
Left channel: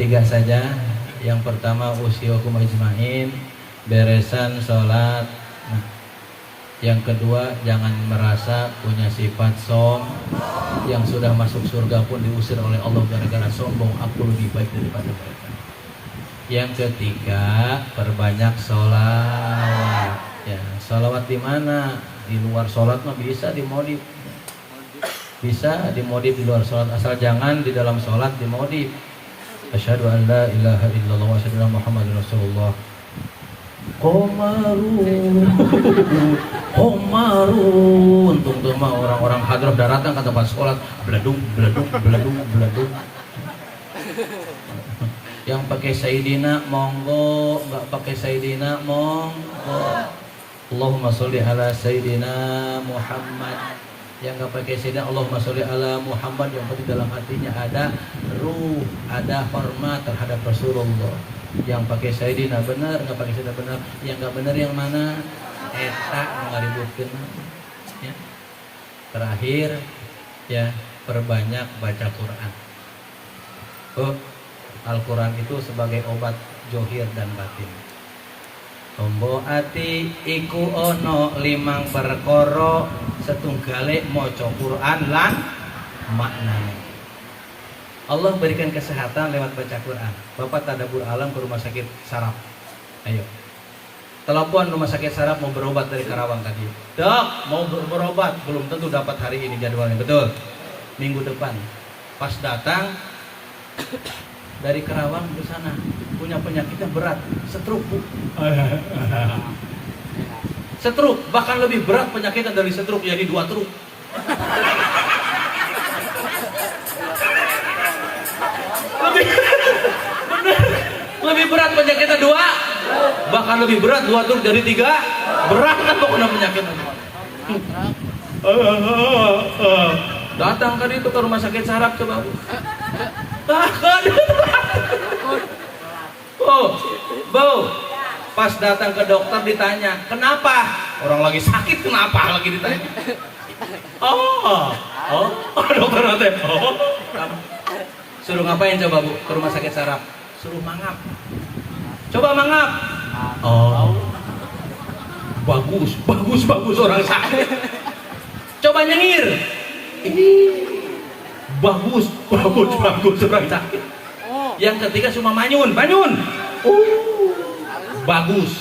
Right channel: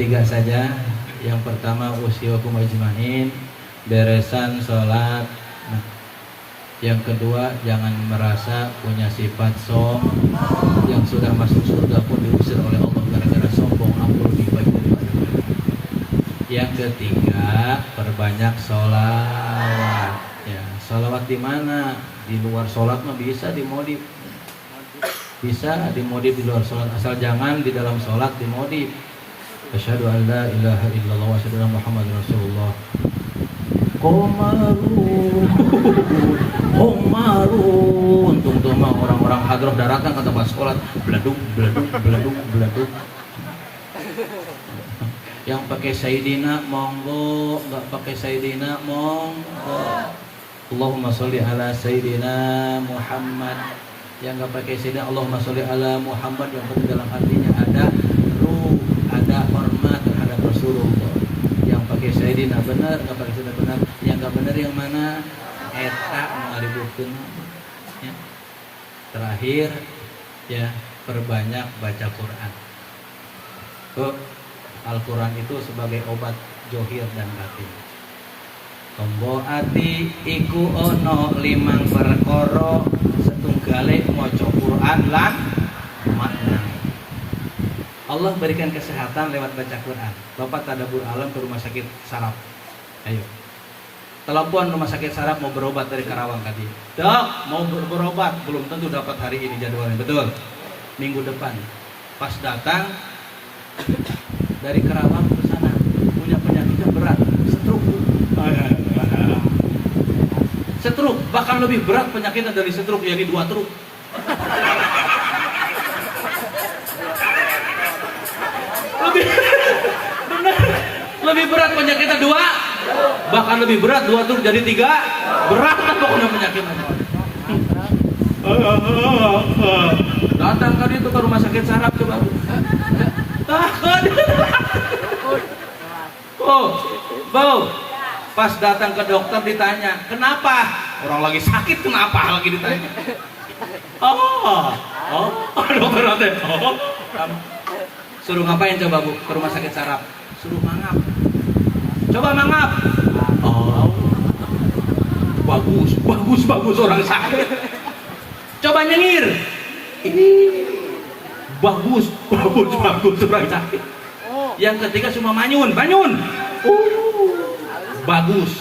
Tiga saja. Yang pertama usyukum ajmain, beresan sholat. Nah, yang kedua jangan merasa punya sifat som. Yang sudah masuk surga pun diusir oleh Allah gara-gara sombong. Aku lebih baik daripada mereka. Yang ketiga perbanyak sholat. Ya, sholawat di mana? Di luar sholat mah bisa dimodif. Bisa dimodif di luar sholat, asal jangan di dalam sholat dimodif. Asyhadu an la ilaha illallah wa asyhadu anna Muhammadar Rasulullah. Qamarun Homarun. Untung mah orang-orang hadrah daratan ke tempat sekolah beladuk beladuk beladuk beladuk. Yang pakai Sayyidina monggo, nggak pakai Sayyidina monggo. Allahumma sholli ala Sayyidina Muhammad. Yang nggak pakai Sayyidina Allahumma sholli ala Muhammad, yang penting dalam hatinya ada ruh, ada hormat terhadap Rasulullah. Yang pakai Sayyidina benar, nggak pakai Sayyidina benar. Yang nggak benar yang mana? Eta ngaributkeun. Ya. Terakhir ya, perbanyak baca Quran. Oh, Al-Quran itu sebagai obat johir dan batin. Tombo ati iku ono 5 perkara setunggale maca Quran lan makna. Allah berikan kesehatan lewat baca Quran. Bapak tadabur alam ke rumah sakit saraf. Ayo. Telepon rumah sakit saraf mau berobat dari Karawang tadi. Dok, mau berobat, belum tentu dapat hari ini jadwalnya. Betul. Minggu depan. Pas datang dari Karawang ke sana punya penyakitnya berat, stroke. Stroke, bahkan lebih berat penyakitnya dari stroke, yakni 2 truk. Lebih berat penyakitnya 2, bahkan lebih berat 2 truk jadi 3. Berat kan pokoknya penyakitnya. Datang tadi itu ke rumah sakit saraf coba. Bau. Pas datang ke dokter ditanya, kenapa? Orang lagi sakit kenapa? Lagi ditanya. Dokter nanti. Suruh ngapain coba Bu? Ke rumah sakit saraf. Suruh mangap. Coba mangap. Bagus orang sakit. Coba nyengir. Bagus orang sakit. Yang ketiga cuma manyun. Bagus.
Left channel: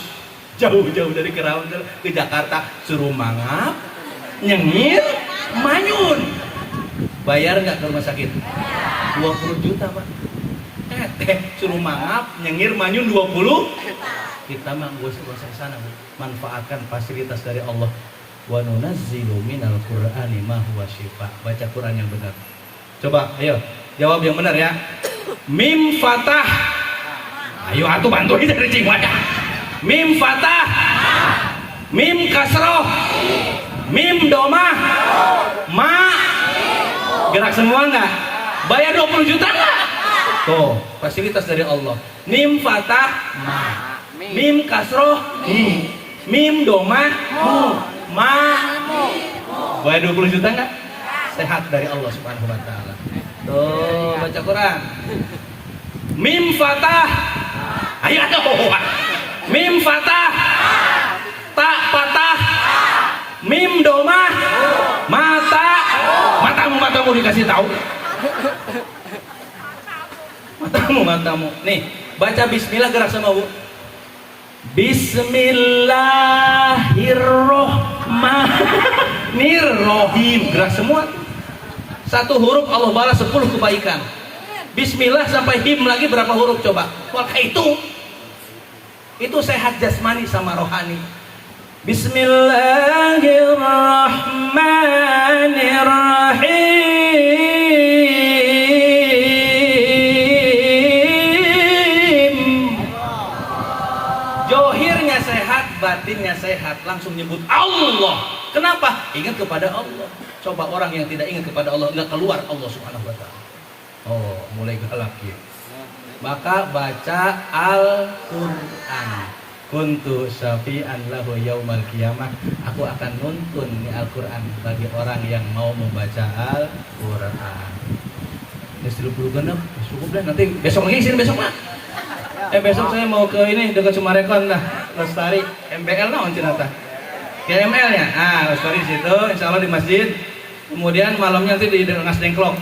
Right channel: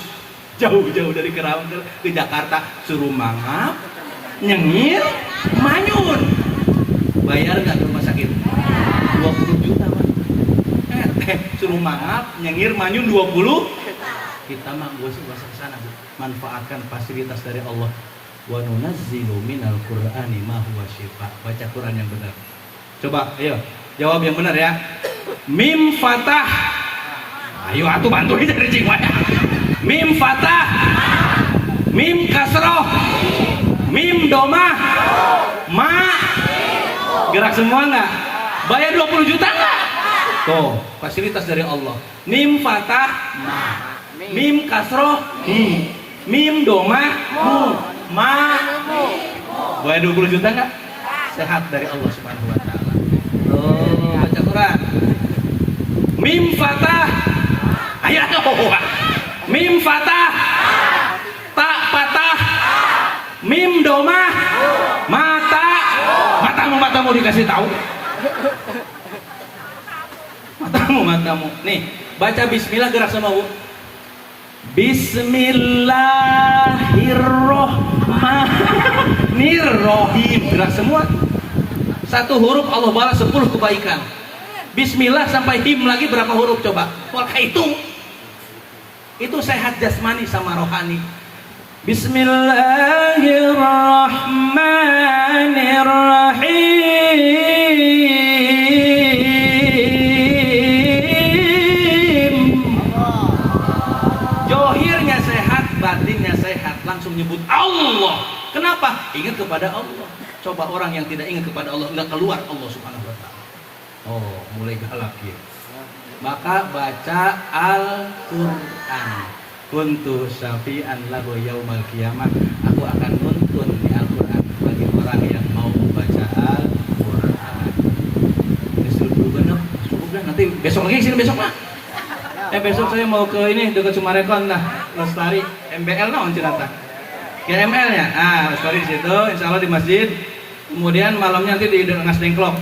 Jauh dari Karawang ke Jakarta, suruh mangap, nyengir, manyun. Bayar nggak ke rumah sakit? 20 juta Pak. Suruh mangap, nyengir, manyun 20. Kita mah gak usah ke sana Bu. Manfaatkan fasilitas dari Allah. Wa nunazzilu minal Qur'ani ma huwa syifaa. Baca Quran yang benar. Coba, ayo, jawab yang benar ya. Mim fatah. Ayo atuh bantu dari cingwanya. Mim fatah. Mim kasroh. Mim domah. Ma. Gerak semua enggak? Bayar 20 juta enggak? Tuh, fasilitas dari Allah. Mim fatah. Ma. Mim kasroh. Mim domah. Ma. Bayar 20 juta enggak? Sehat dari Allah Subhanahu wa taala. Tuh, baca Quran. Mim fatah. Ayo Mim fatah. Ta patah. Mim domah. Mata. Matamu dikasih tahu. Matamu. Nih, baca bismillah gerak sama Bu. Bismillahirrohmanirrohim. Gerak semua. 1 huruf Allah balas 10 kebaikan. Bismillah sampai him lagi berapa huruf coba? Maka itu sehat jasmani sama rohani. Bismillahirrahmanirrahim. Johirnya sehat, batinnya sehat. Langsung nyebut Allah. Kenapa? Ingat kepada Allah. Coba orang yang tidak ingat kepada Allah, nggak keluar Allah Subhanahu wa ta'ala. Oh, mulai galak ya. Maka baca Al-Quran. Kuntu syafi'an lahu yaumal qiyamah. Aku akan nuntun di Al-Quran bagi orang yang mau membaca Al-Quran. Ini suruh dulu genep, cukup dah. Nanti besok lagi sini besok mah. Besok saya mau ke ini dekat Sumarekon lah, Lestari, MBL naon cenah. GML ya. Lestari situ, insya Allah di masjid. Kemudian malamnya nanti di Nasdengklok.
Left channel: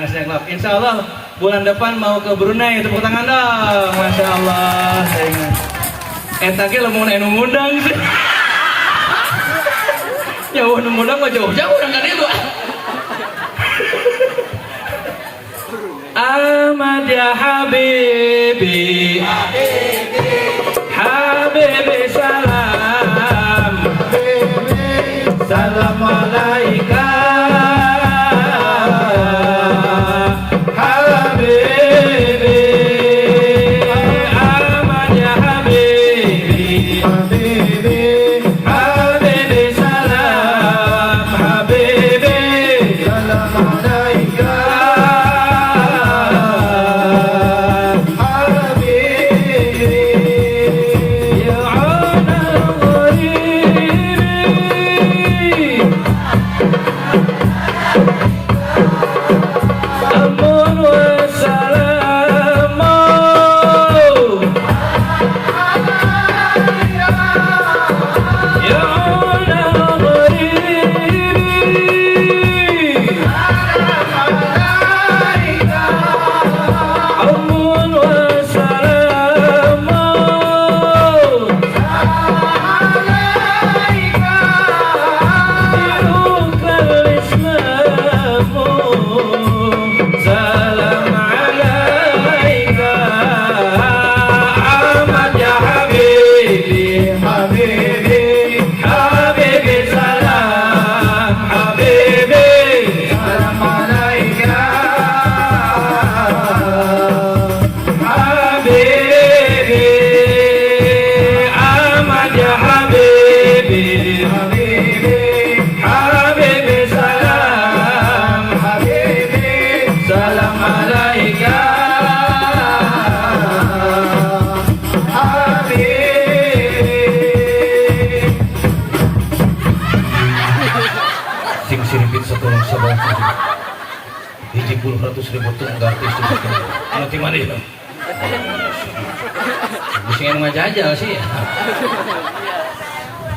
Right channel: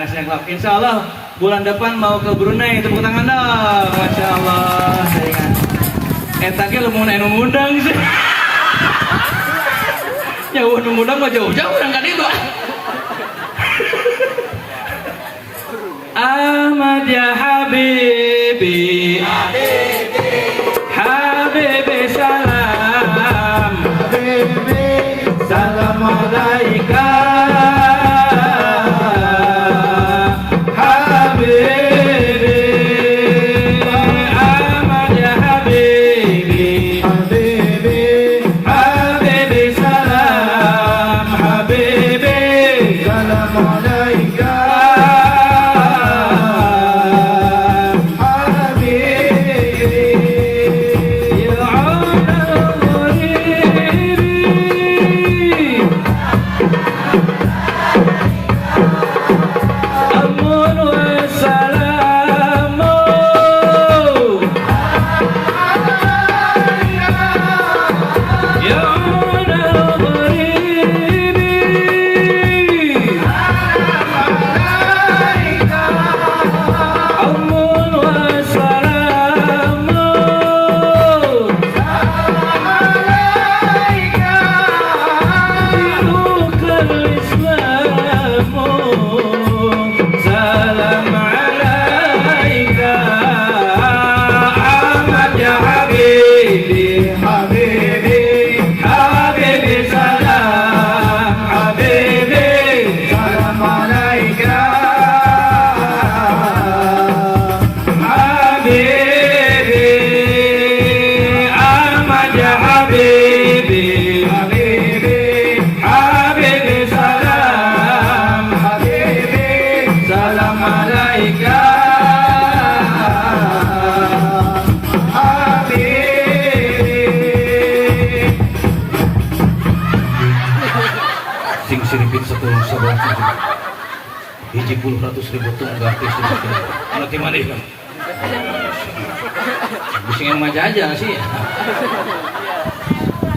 Nasdengklok. Insya Allah bulan depan mau ke Brunei. Tepuk tangan dong. Masya Allah. Saya ingat. Etake lo mau ngundang sih. Jauh ngundang mah jauh orang kan itu. Ahmad ya Habibi, Habibi salam. salam alaika habibi Ahmad ya habibi habibi habibi salam habibi salam alaika hiji 100.000 tunggal anak di mana itu? Bisa yang ngajajal sih.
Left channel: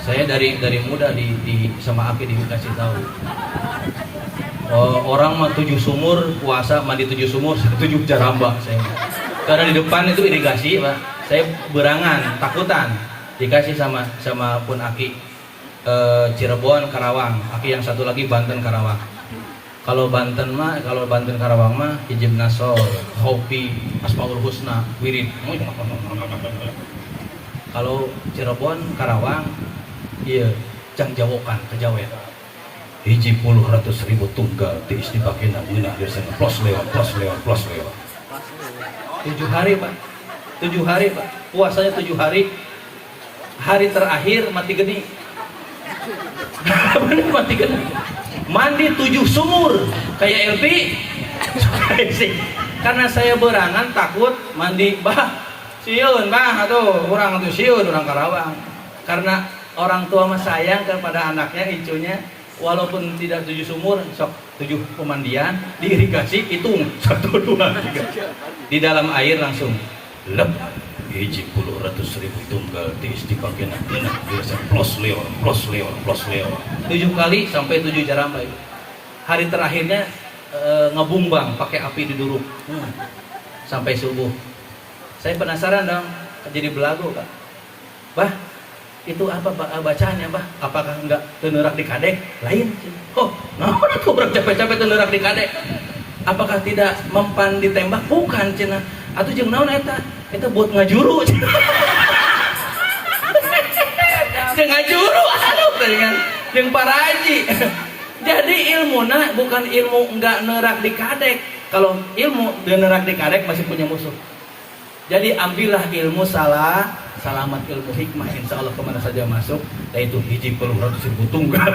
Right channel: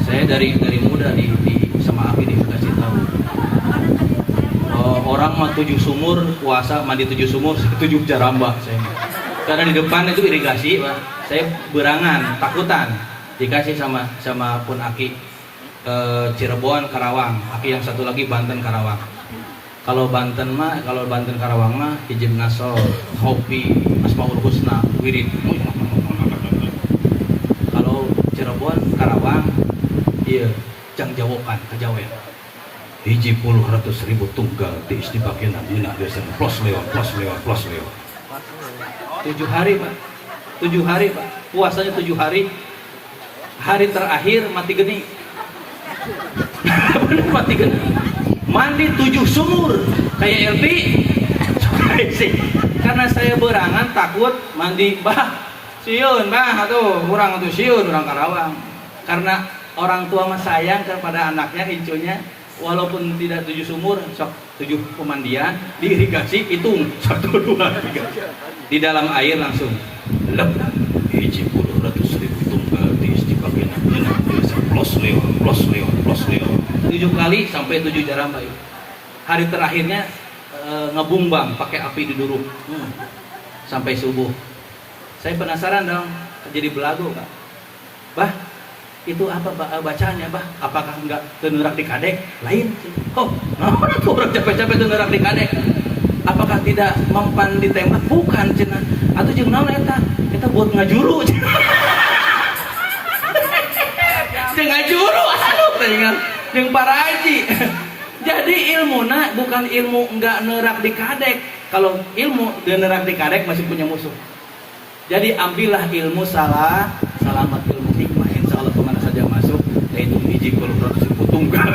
Saya dari muda di sama Api dikasih tahu. Orang mah 7 sumur puasa mandi 7 sumur 7 jaramba saya. Karena di depan itu irigasi, Pak. Saya berangan, takutan dikasih sama Pun Aki Cirebon Karawang, Aki yang satu lagi Banten Karawang. Kalau Banten Karawang mah hijab nasol, hopi, asmaul husna, wirid. Kalau Cirebon Karawang, iya jang jawokan kejawen. Hiji 100.000 tunggal di istipakenan ini biasanya plus lewat. 7 hari Pak, 7 hari Pak, puasanya 7 hari. Hari terakhir mati geni. Mati geni. Mandi 7 sumur kayak LP. Karena saya berangan takut mandi siun atuh orang tuh siun orang Karawang. Karena orang tua mah sayang kepada anaknya incunya, walaupun tidak 7 sumur sok 7 pemandian diirigasi hitung 1 2 3 di dalam air langsung lep hiji 100.000 tunggal di istipakenan ini biasa plus lewat 7 kali sampai 7 jaramba itu. Hari terakhirnya ngebumbang pakai api diduruk sampai subuh. Saya penasaran dong, jadi belagu Pak. Bah, itu apa bacaannya Bah? Apakah enggak tenerak di kadek? Lain. Nah tuh orang capek-capek tenerak di kadek. Apakah tidak mempan ditembak? Bukan cenah. Atau jeung naon eta? Eta buat ngajuru. Ngajuru aduh dengan jeung para haji. Jadi ilmuna bukan ilmu enggak nerak di kadek. Kalau ilmu nerak di kadek masih punya musuh. Jadi ambillah ilmu selamat ilmu hikmah, insya Allah kemana saja masuk, yaitu hiji 100.000 tunggal.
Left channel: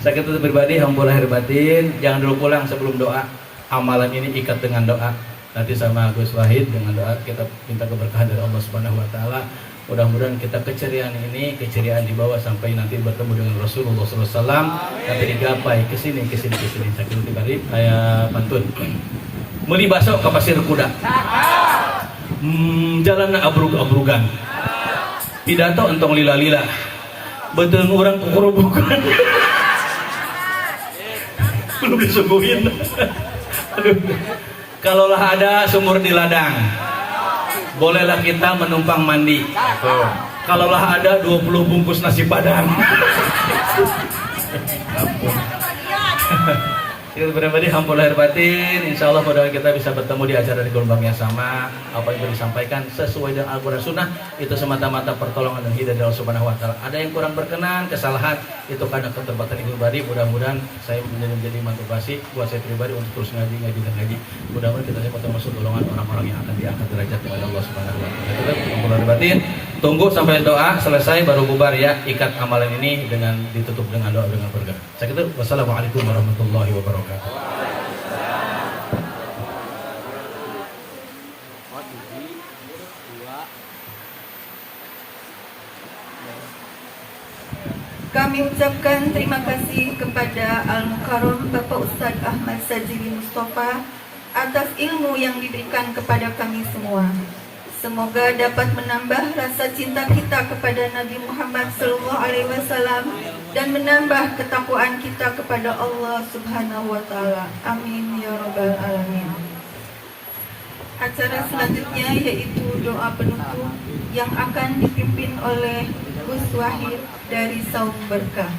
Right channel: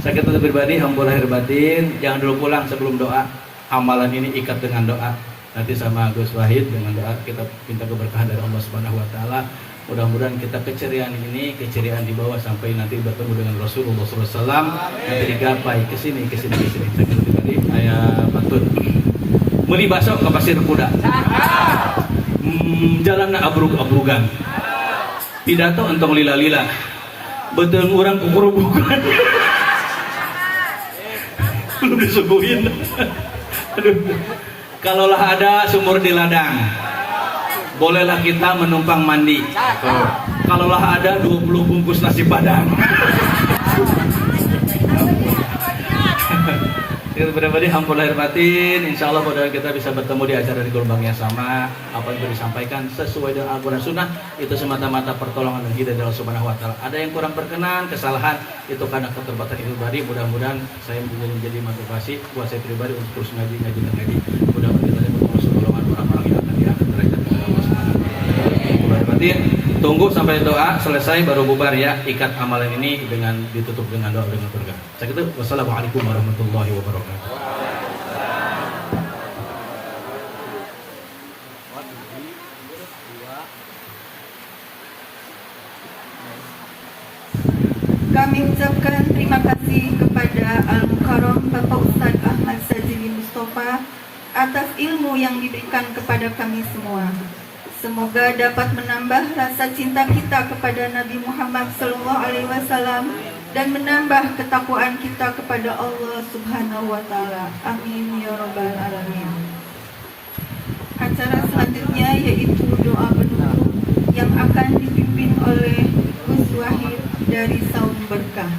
Saya kata pribadi, hamba lahir batin, jangan dulu pulang sebelum doa. Amalan ini ikat dengan doa. Nanti sama Gus Wahid dengan doa kita minta keberkahan dari Allah Subhanahu Wa Taala. Mudah-mudahan kita keceriaan ini, keceriaan dibawa sampai nanti bertemu dengan Rasulullah SAW. Nanti digapai kesini. Saya kata tadi, ayat pantun. Beli bakso ke pasir kuda. Jalan abrug-abrugan. Pidato entong lila-lila. Betul orang kukurubukan. Belum disuguhin. Kalaulah ada sumur di ladang, bolehlah kita menumpang mandi. Kalaulah ada 20 bungkus nasi padang. Kita pribadi hampir lahir batin, insya Allah mudah kita bisa bertemu di acara di gelombang yang sama. Apa yang disampaikan sesuai dengan Al-Quran Sunnah itu semata-mata pertolongan dan hidayah dari Allah Subhanahu Wa Taala. Ada yang kurang berkenan, kesalahan itu karena keterbatasan pribadi. Mudah-mudahan saya menjadi motivasi buat saya pribadi untuk terus ngaji. Mudah-mudahan kita semua termasuk golongan orang-orang yang akan diangkat derajat kepada Allah Subhanahu Wa Taala. Hampir lahir batin. Tunggu sampai doa selesai baru bubar ya. Ikat amalan ini dengan ditutup dengan doa dengan berkah. Saya kira wassalamualaikum warahmatullahi wabarakatuh. Kami ucapkan terima kasih kepada Al-Mukarram Bapak Ustadz Ahmad Sajili Mustafa atas ilmu yang diberikan kepada kami semua. Semoga dapat menambah rasa cinta kita kepada Nabi Muhammad SAW dan menambah ketakwaan kita kepada Allah Subhanahu Wa Taala. Amin ya Rabbal Alamin. Acara selanjutnya yaitu doa penutup yang akan dipimpin oleh Gus Wahid dari Saum Berkah.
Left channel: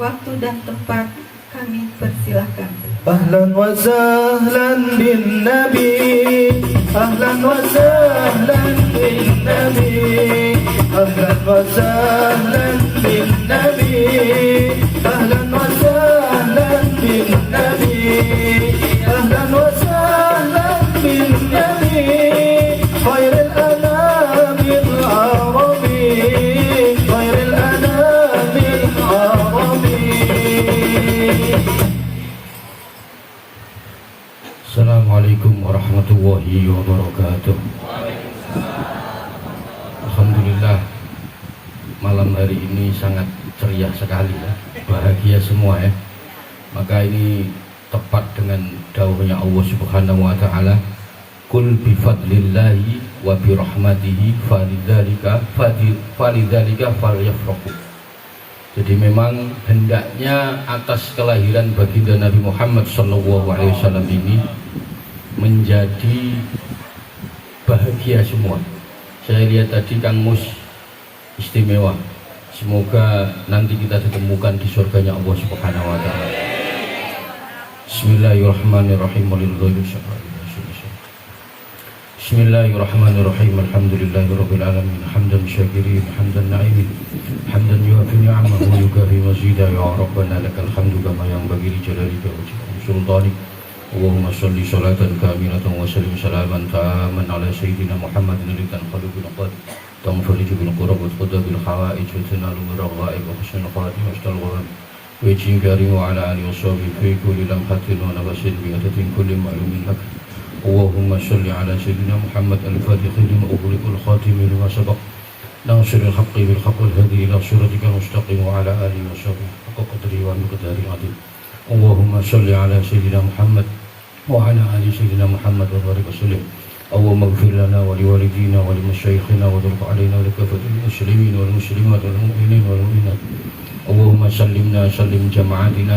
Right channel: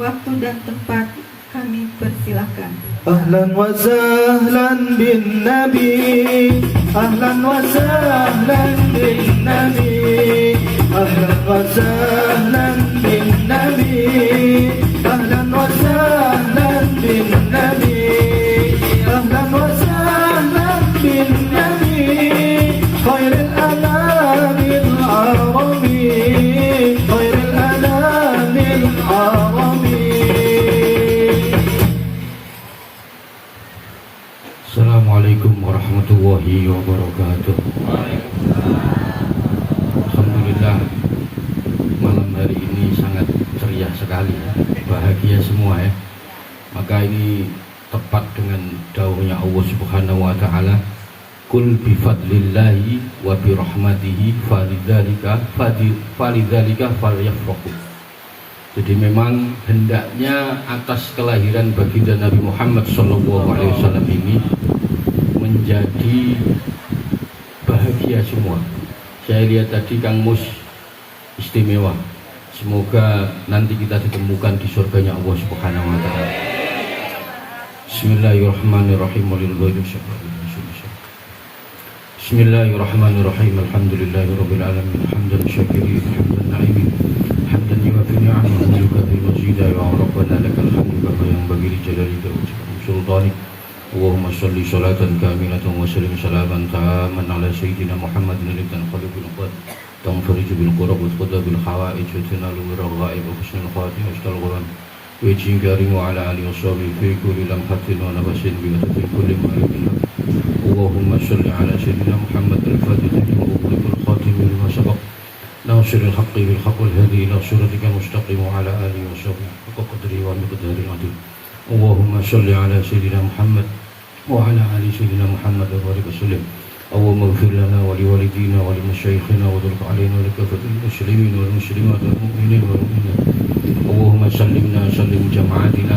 Waktu dan tempat kami persilahkan. Ahlan wa sahlan bin Nabi, ahlan wa sahlan bin Nabi, ahlan wa sahlan bin Nabi, ahlan wa sahlan bin Nabi, ahlan wa sahlan bin Nabi, khairul anamil arabi, khairul anamil arabi. Assalamualaikum warahmatullahi wabarakatuh. Alhamdulillah malam hari ini sangat ceria sekali ya. Bahagia semua ya. Maka ini tepat dengan dawuhnya Allah Subhanahu wa taala, "Qul bi fadlillahi wa bi rahmatihi falidzalika falyafrahu." Jadi memang hendaknya atas kelahiran baginda Nabi Muhammad SAW ini menjadi bahagia semua. Saya lihat tadi Kang Mus istimewa. Semoga nanti kita ditemukan di surganya Allah Subhanahu Wa Taala. Bismillahirrahmanirrahim. Bismillahirrahmanirrahim. Alhamdulillahirabbil alamin. Hamdan syakirin, hamdan na'imin. حمدا يوفي نعمه ويكافئ مزيدا يا ربنا لك الحمد كما ينبغي لجلالك وسلطانك اللهم صل صلاة كاملة وسلم سلاما تاما على سيدنا محمد الذي تنقلب بالقلب تنفرج بالقرب وتقضى بالحوائج وتنال بالرغائب وحسن الخواتيم واشكال الغرام ويجزي كريم وعلى آله وصحبه في كل لمحة ونفس بمدة كل معلوم لك اللهم صل على سيدنا محمد الفاتح لما أغلق الخاتم لما سبق ناصر الحق بالحق الهدي إلى صراطك المستقيم وعلى آله وصحبه حق قدره ومقداره العظيم اللهم صل على سيدنا محمد وعلى آل سيدنا محمد وبارك وسلم اللهم اغفر لنا ولوالدينا ولمشايخنا وترضى علينا ولكافة المسلمين والمسلمات والمؤمنين والمؤمنات اللهم سلم جماعتنا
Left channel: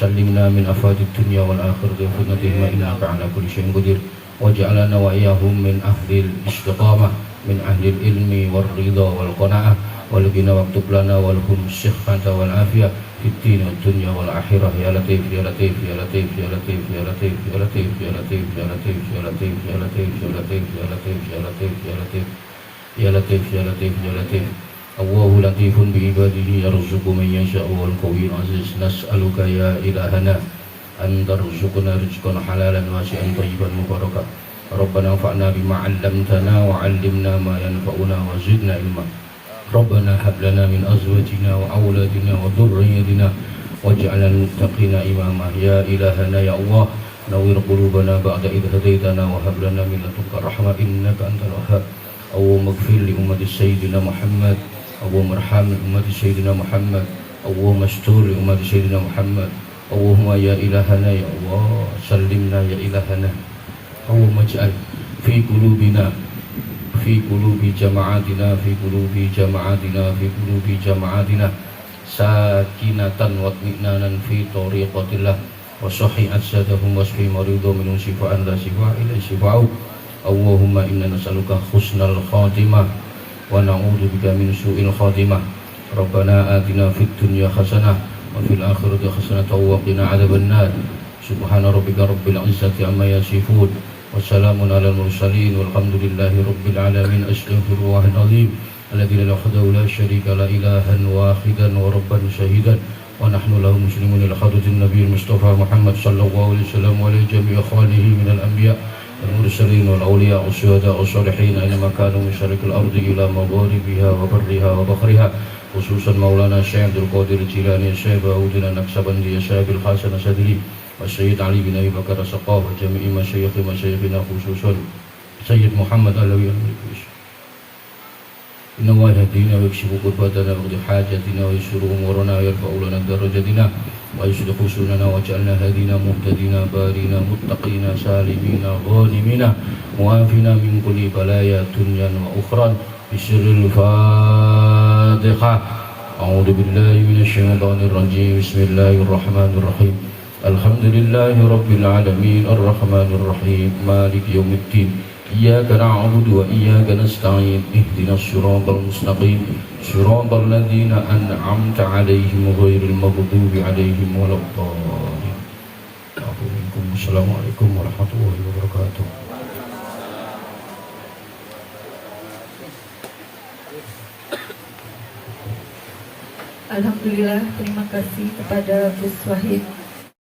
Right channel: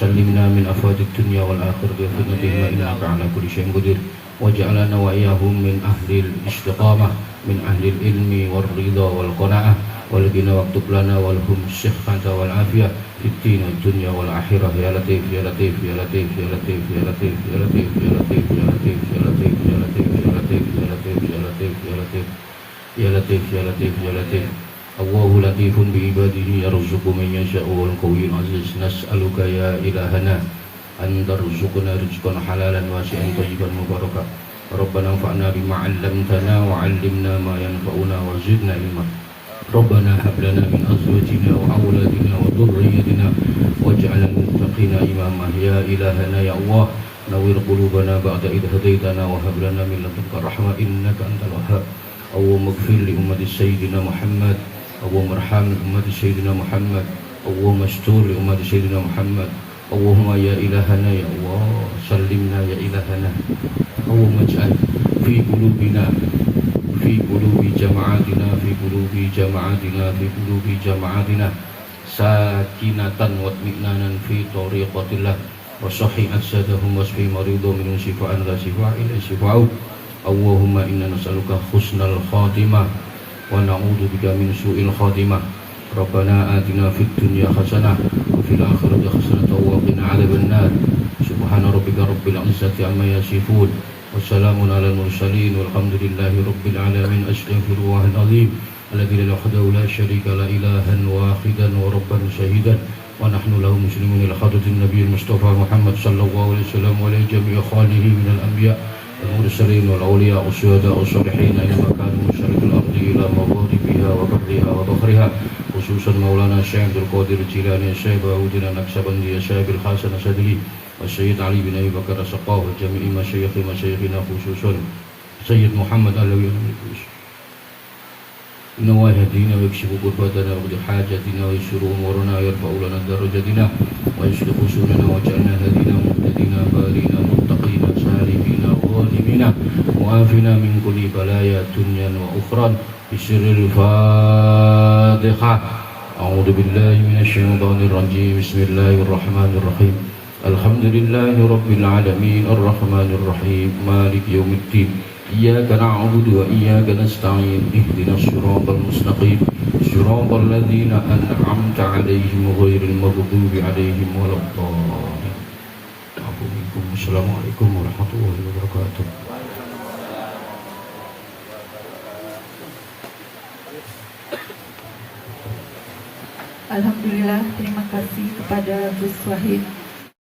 سلمنا من أفراد الدنيا والآخرة وفتنتهما إنك على كل شيء قدير واجعلنا وإياهم من أهل الاستقامة من أهل العلم والرضا والقناعة والغنى واكتب لنا ولهم الصحة والعافية في الدين والدنيا والآخرة يا لطيف يا لطيف يا لطيف يا لطيف يا لطيف يا لطيف يا لطيف يا لطيف يا لطيف يا لطيف يا لطيف يا لطيف يا لطيف يا لطيف يا لطيف يا لطيف يا لطيف الله لطيف بعباده يرزق من يشاء والقوي العزيز نسألك يا إلهنا أن ترزقنا رزقا حلالا واسعا طيبا مباركا ربنا انفعنا بما علمتنا وعلمنا ما ينفعنا وزدنا علما ربنا هب لنا من أزواجنا وأولادنا وذريتنا واجعلنا للمتقين إماما يا إلهنا يا الله نوّر قلوبنا بعد إذ هديتنا وهب لنا من لدنك رحمة إنك أنت الوهاب اللهم اغفر لأمة سيدنا محمد اللهم ارحم أمة سيدنا محمد اللهم استر لأمة سيدنا محمد اللهم يا إلهنا يا الله سلمنا يا إلهنا اللهم اجعل في قلوبنا في قلوب جماعاتنا سكينة واطمئنانا في طريقة الله وصحي أجسادهم واشفي مريضهم من شفاء لا شفاء إلا شفاءه اللهم إنا نسألك حسن الخاتمة ونعوذ بك من سوء الخاتمة ربنا آتنا في الدنيا حسنة وفي الآخرة حسنة وقنا عذاب النار سبحان ربك رب العزة عما يصفون والسلام على المرسلين والحمد لله رب العالمين. أستغفر الله العظيم الذي لا وحده لا شريك له إلها واحدا وربا شهيدا ونحن له مسلمون إلى حضرة النبي المصطفى محمد صلى الله عليه وسلم وعلى جميع خاله من الأنبياء المرسلين والأولياء والشهداء والصالحين أينما كانوا من شرق الأرض إلى مغاربها وبرها وبحرها خصوصا مولانا الشيخ عبد القادر الجيلاني الشيخ داوود النكسبندي الشيخ الحسن الشاذلي والسيد علي بن أبي بكر السقاف وجميع مشايخنا خصوصا سيد محمد علوي إنه يهدينا ويكشف كرباتنا ويقضي حاجاتنا ويسر أمورنا ويرفع لنا درجاتنا ويصلح سننا وجعلنا هدينا مهتدين بارين متقين سالمين غانمين موافنا من كل بلايا دنيا وأخرى بسر الفاتحة. أعوذ بالله من الشيطان الرجيم. بسم الله الرحمن الرحيم. الحمد لله رب العالمين الرحمن الرحيم مالك يوم الدين إياك نعبد وإياك نستعين اهدنا الصراط المستقيم صراط الذين أنعمت عليهم غير المغضوب عليهم ولا الضالين. السلام عليكم ورحمة الله وبركاته. Alhamdulillah, terima kasih kepada Gus Wahid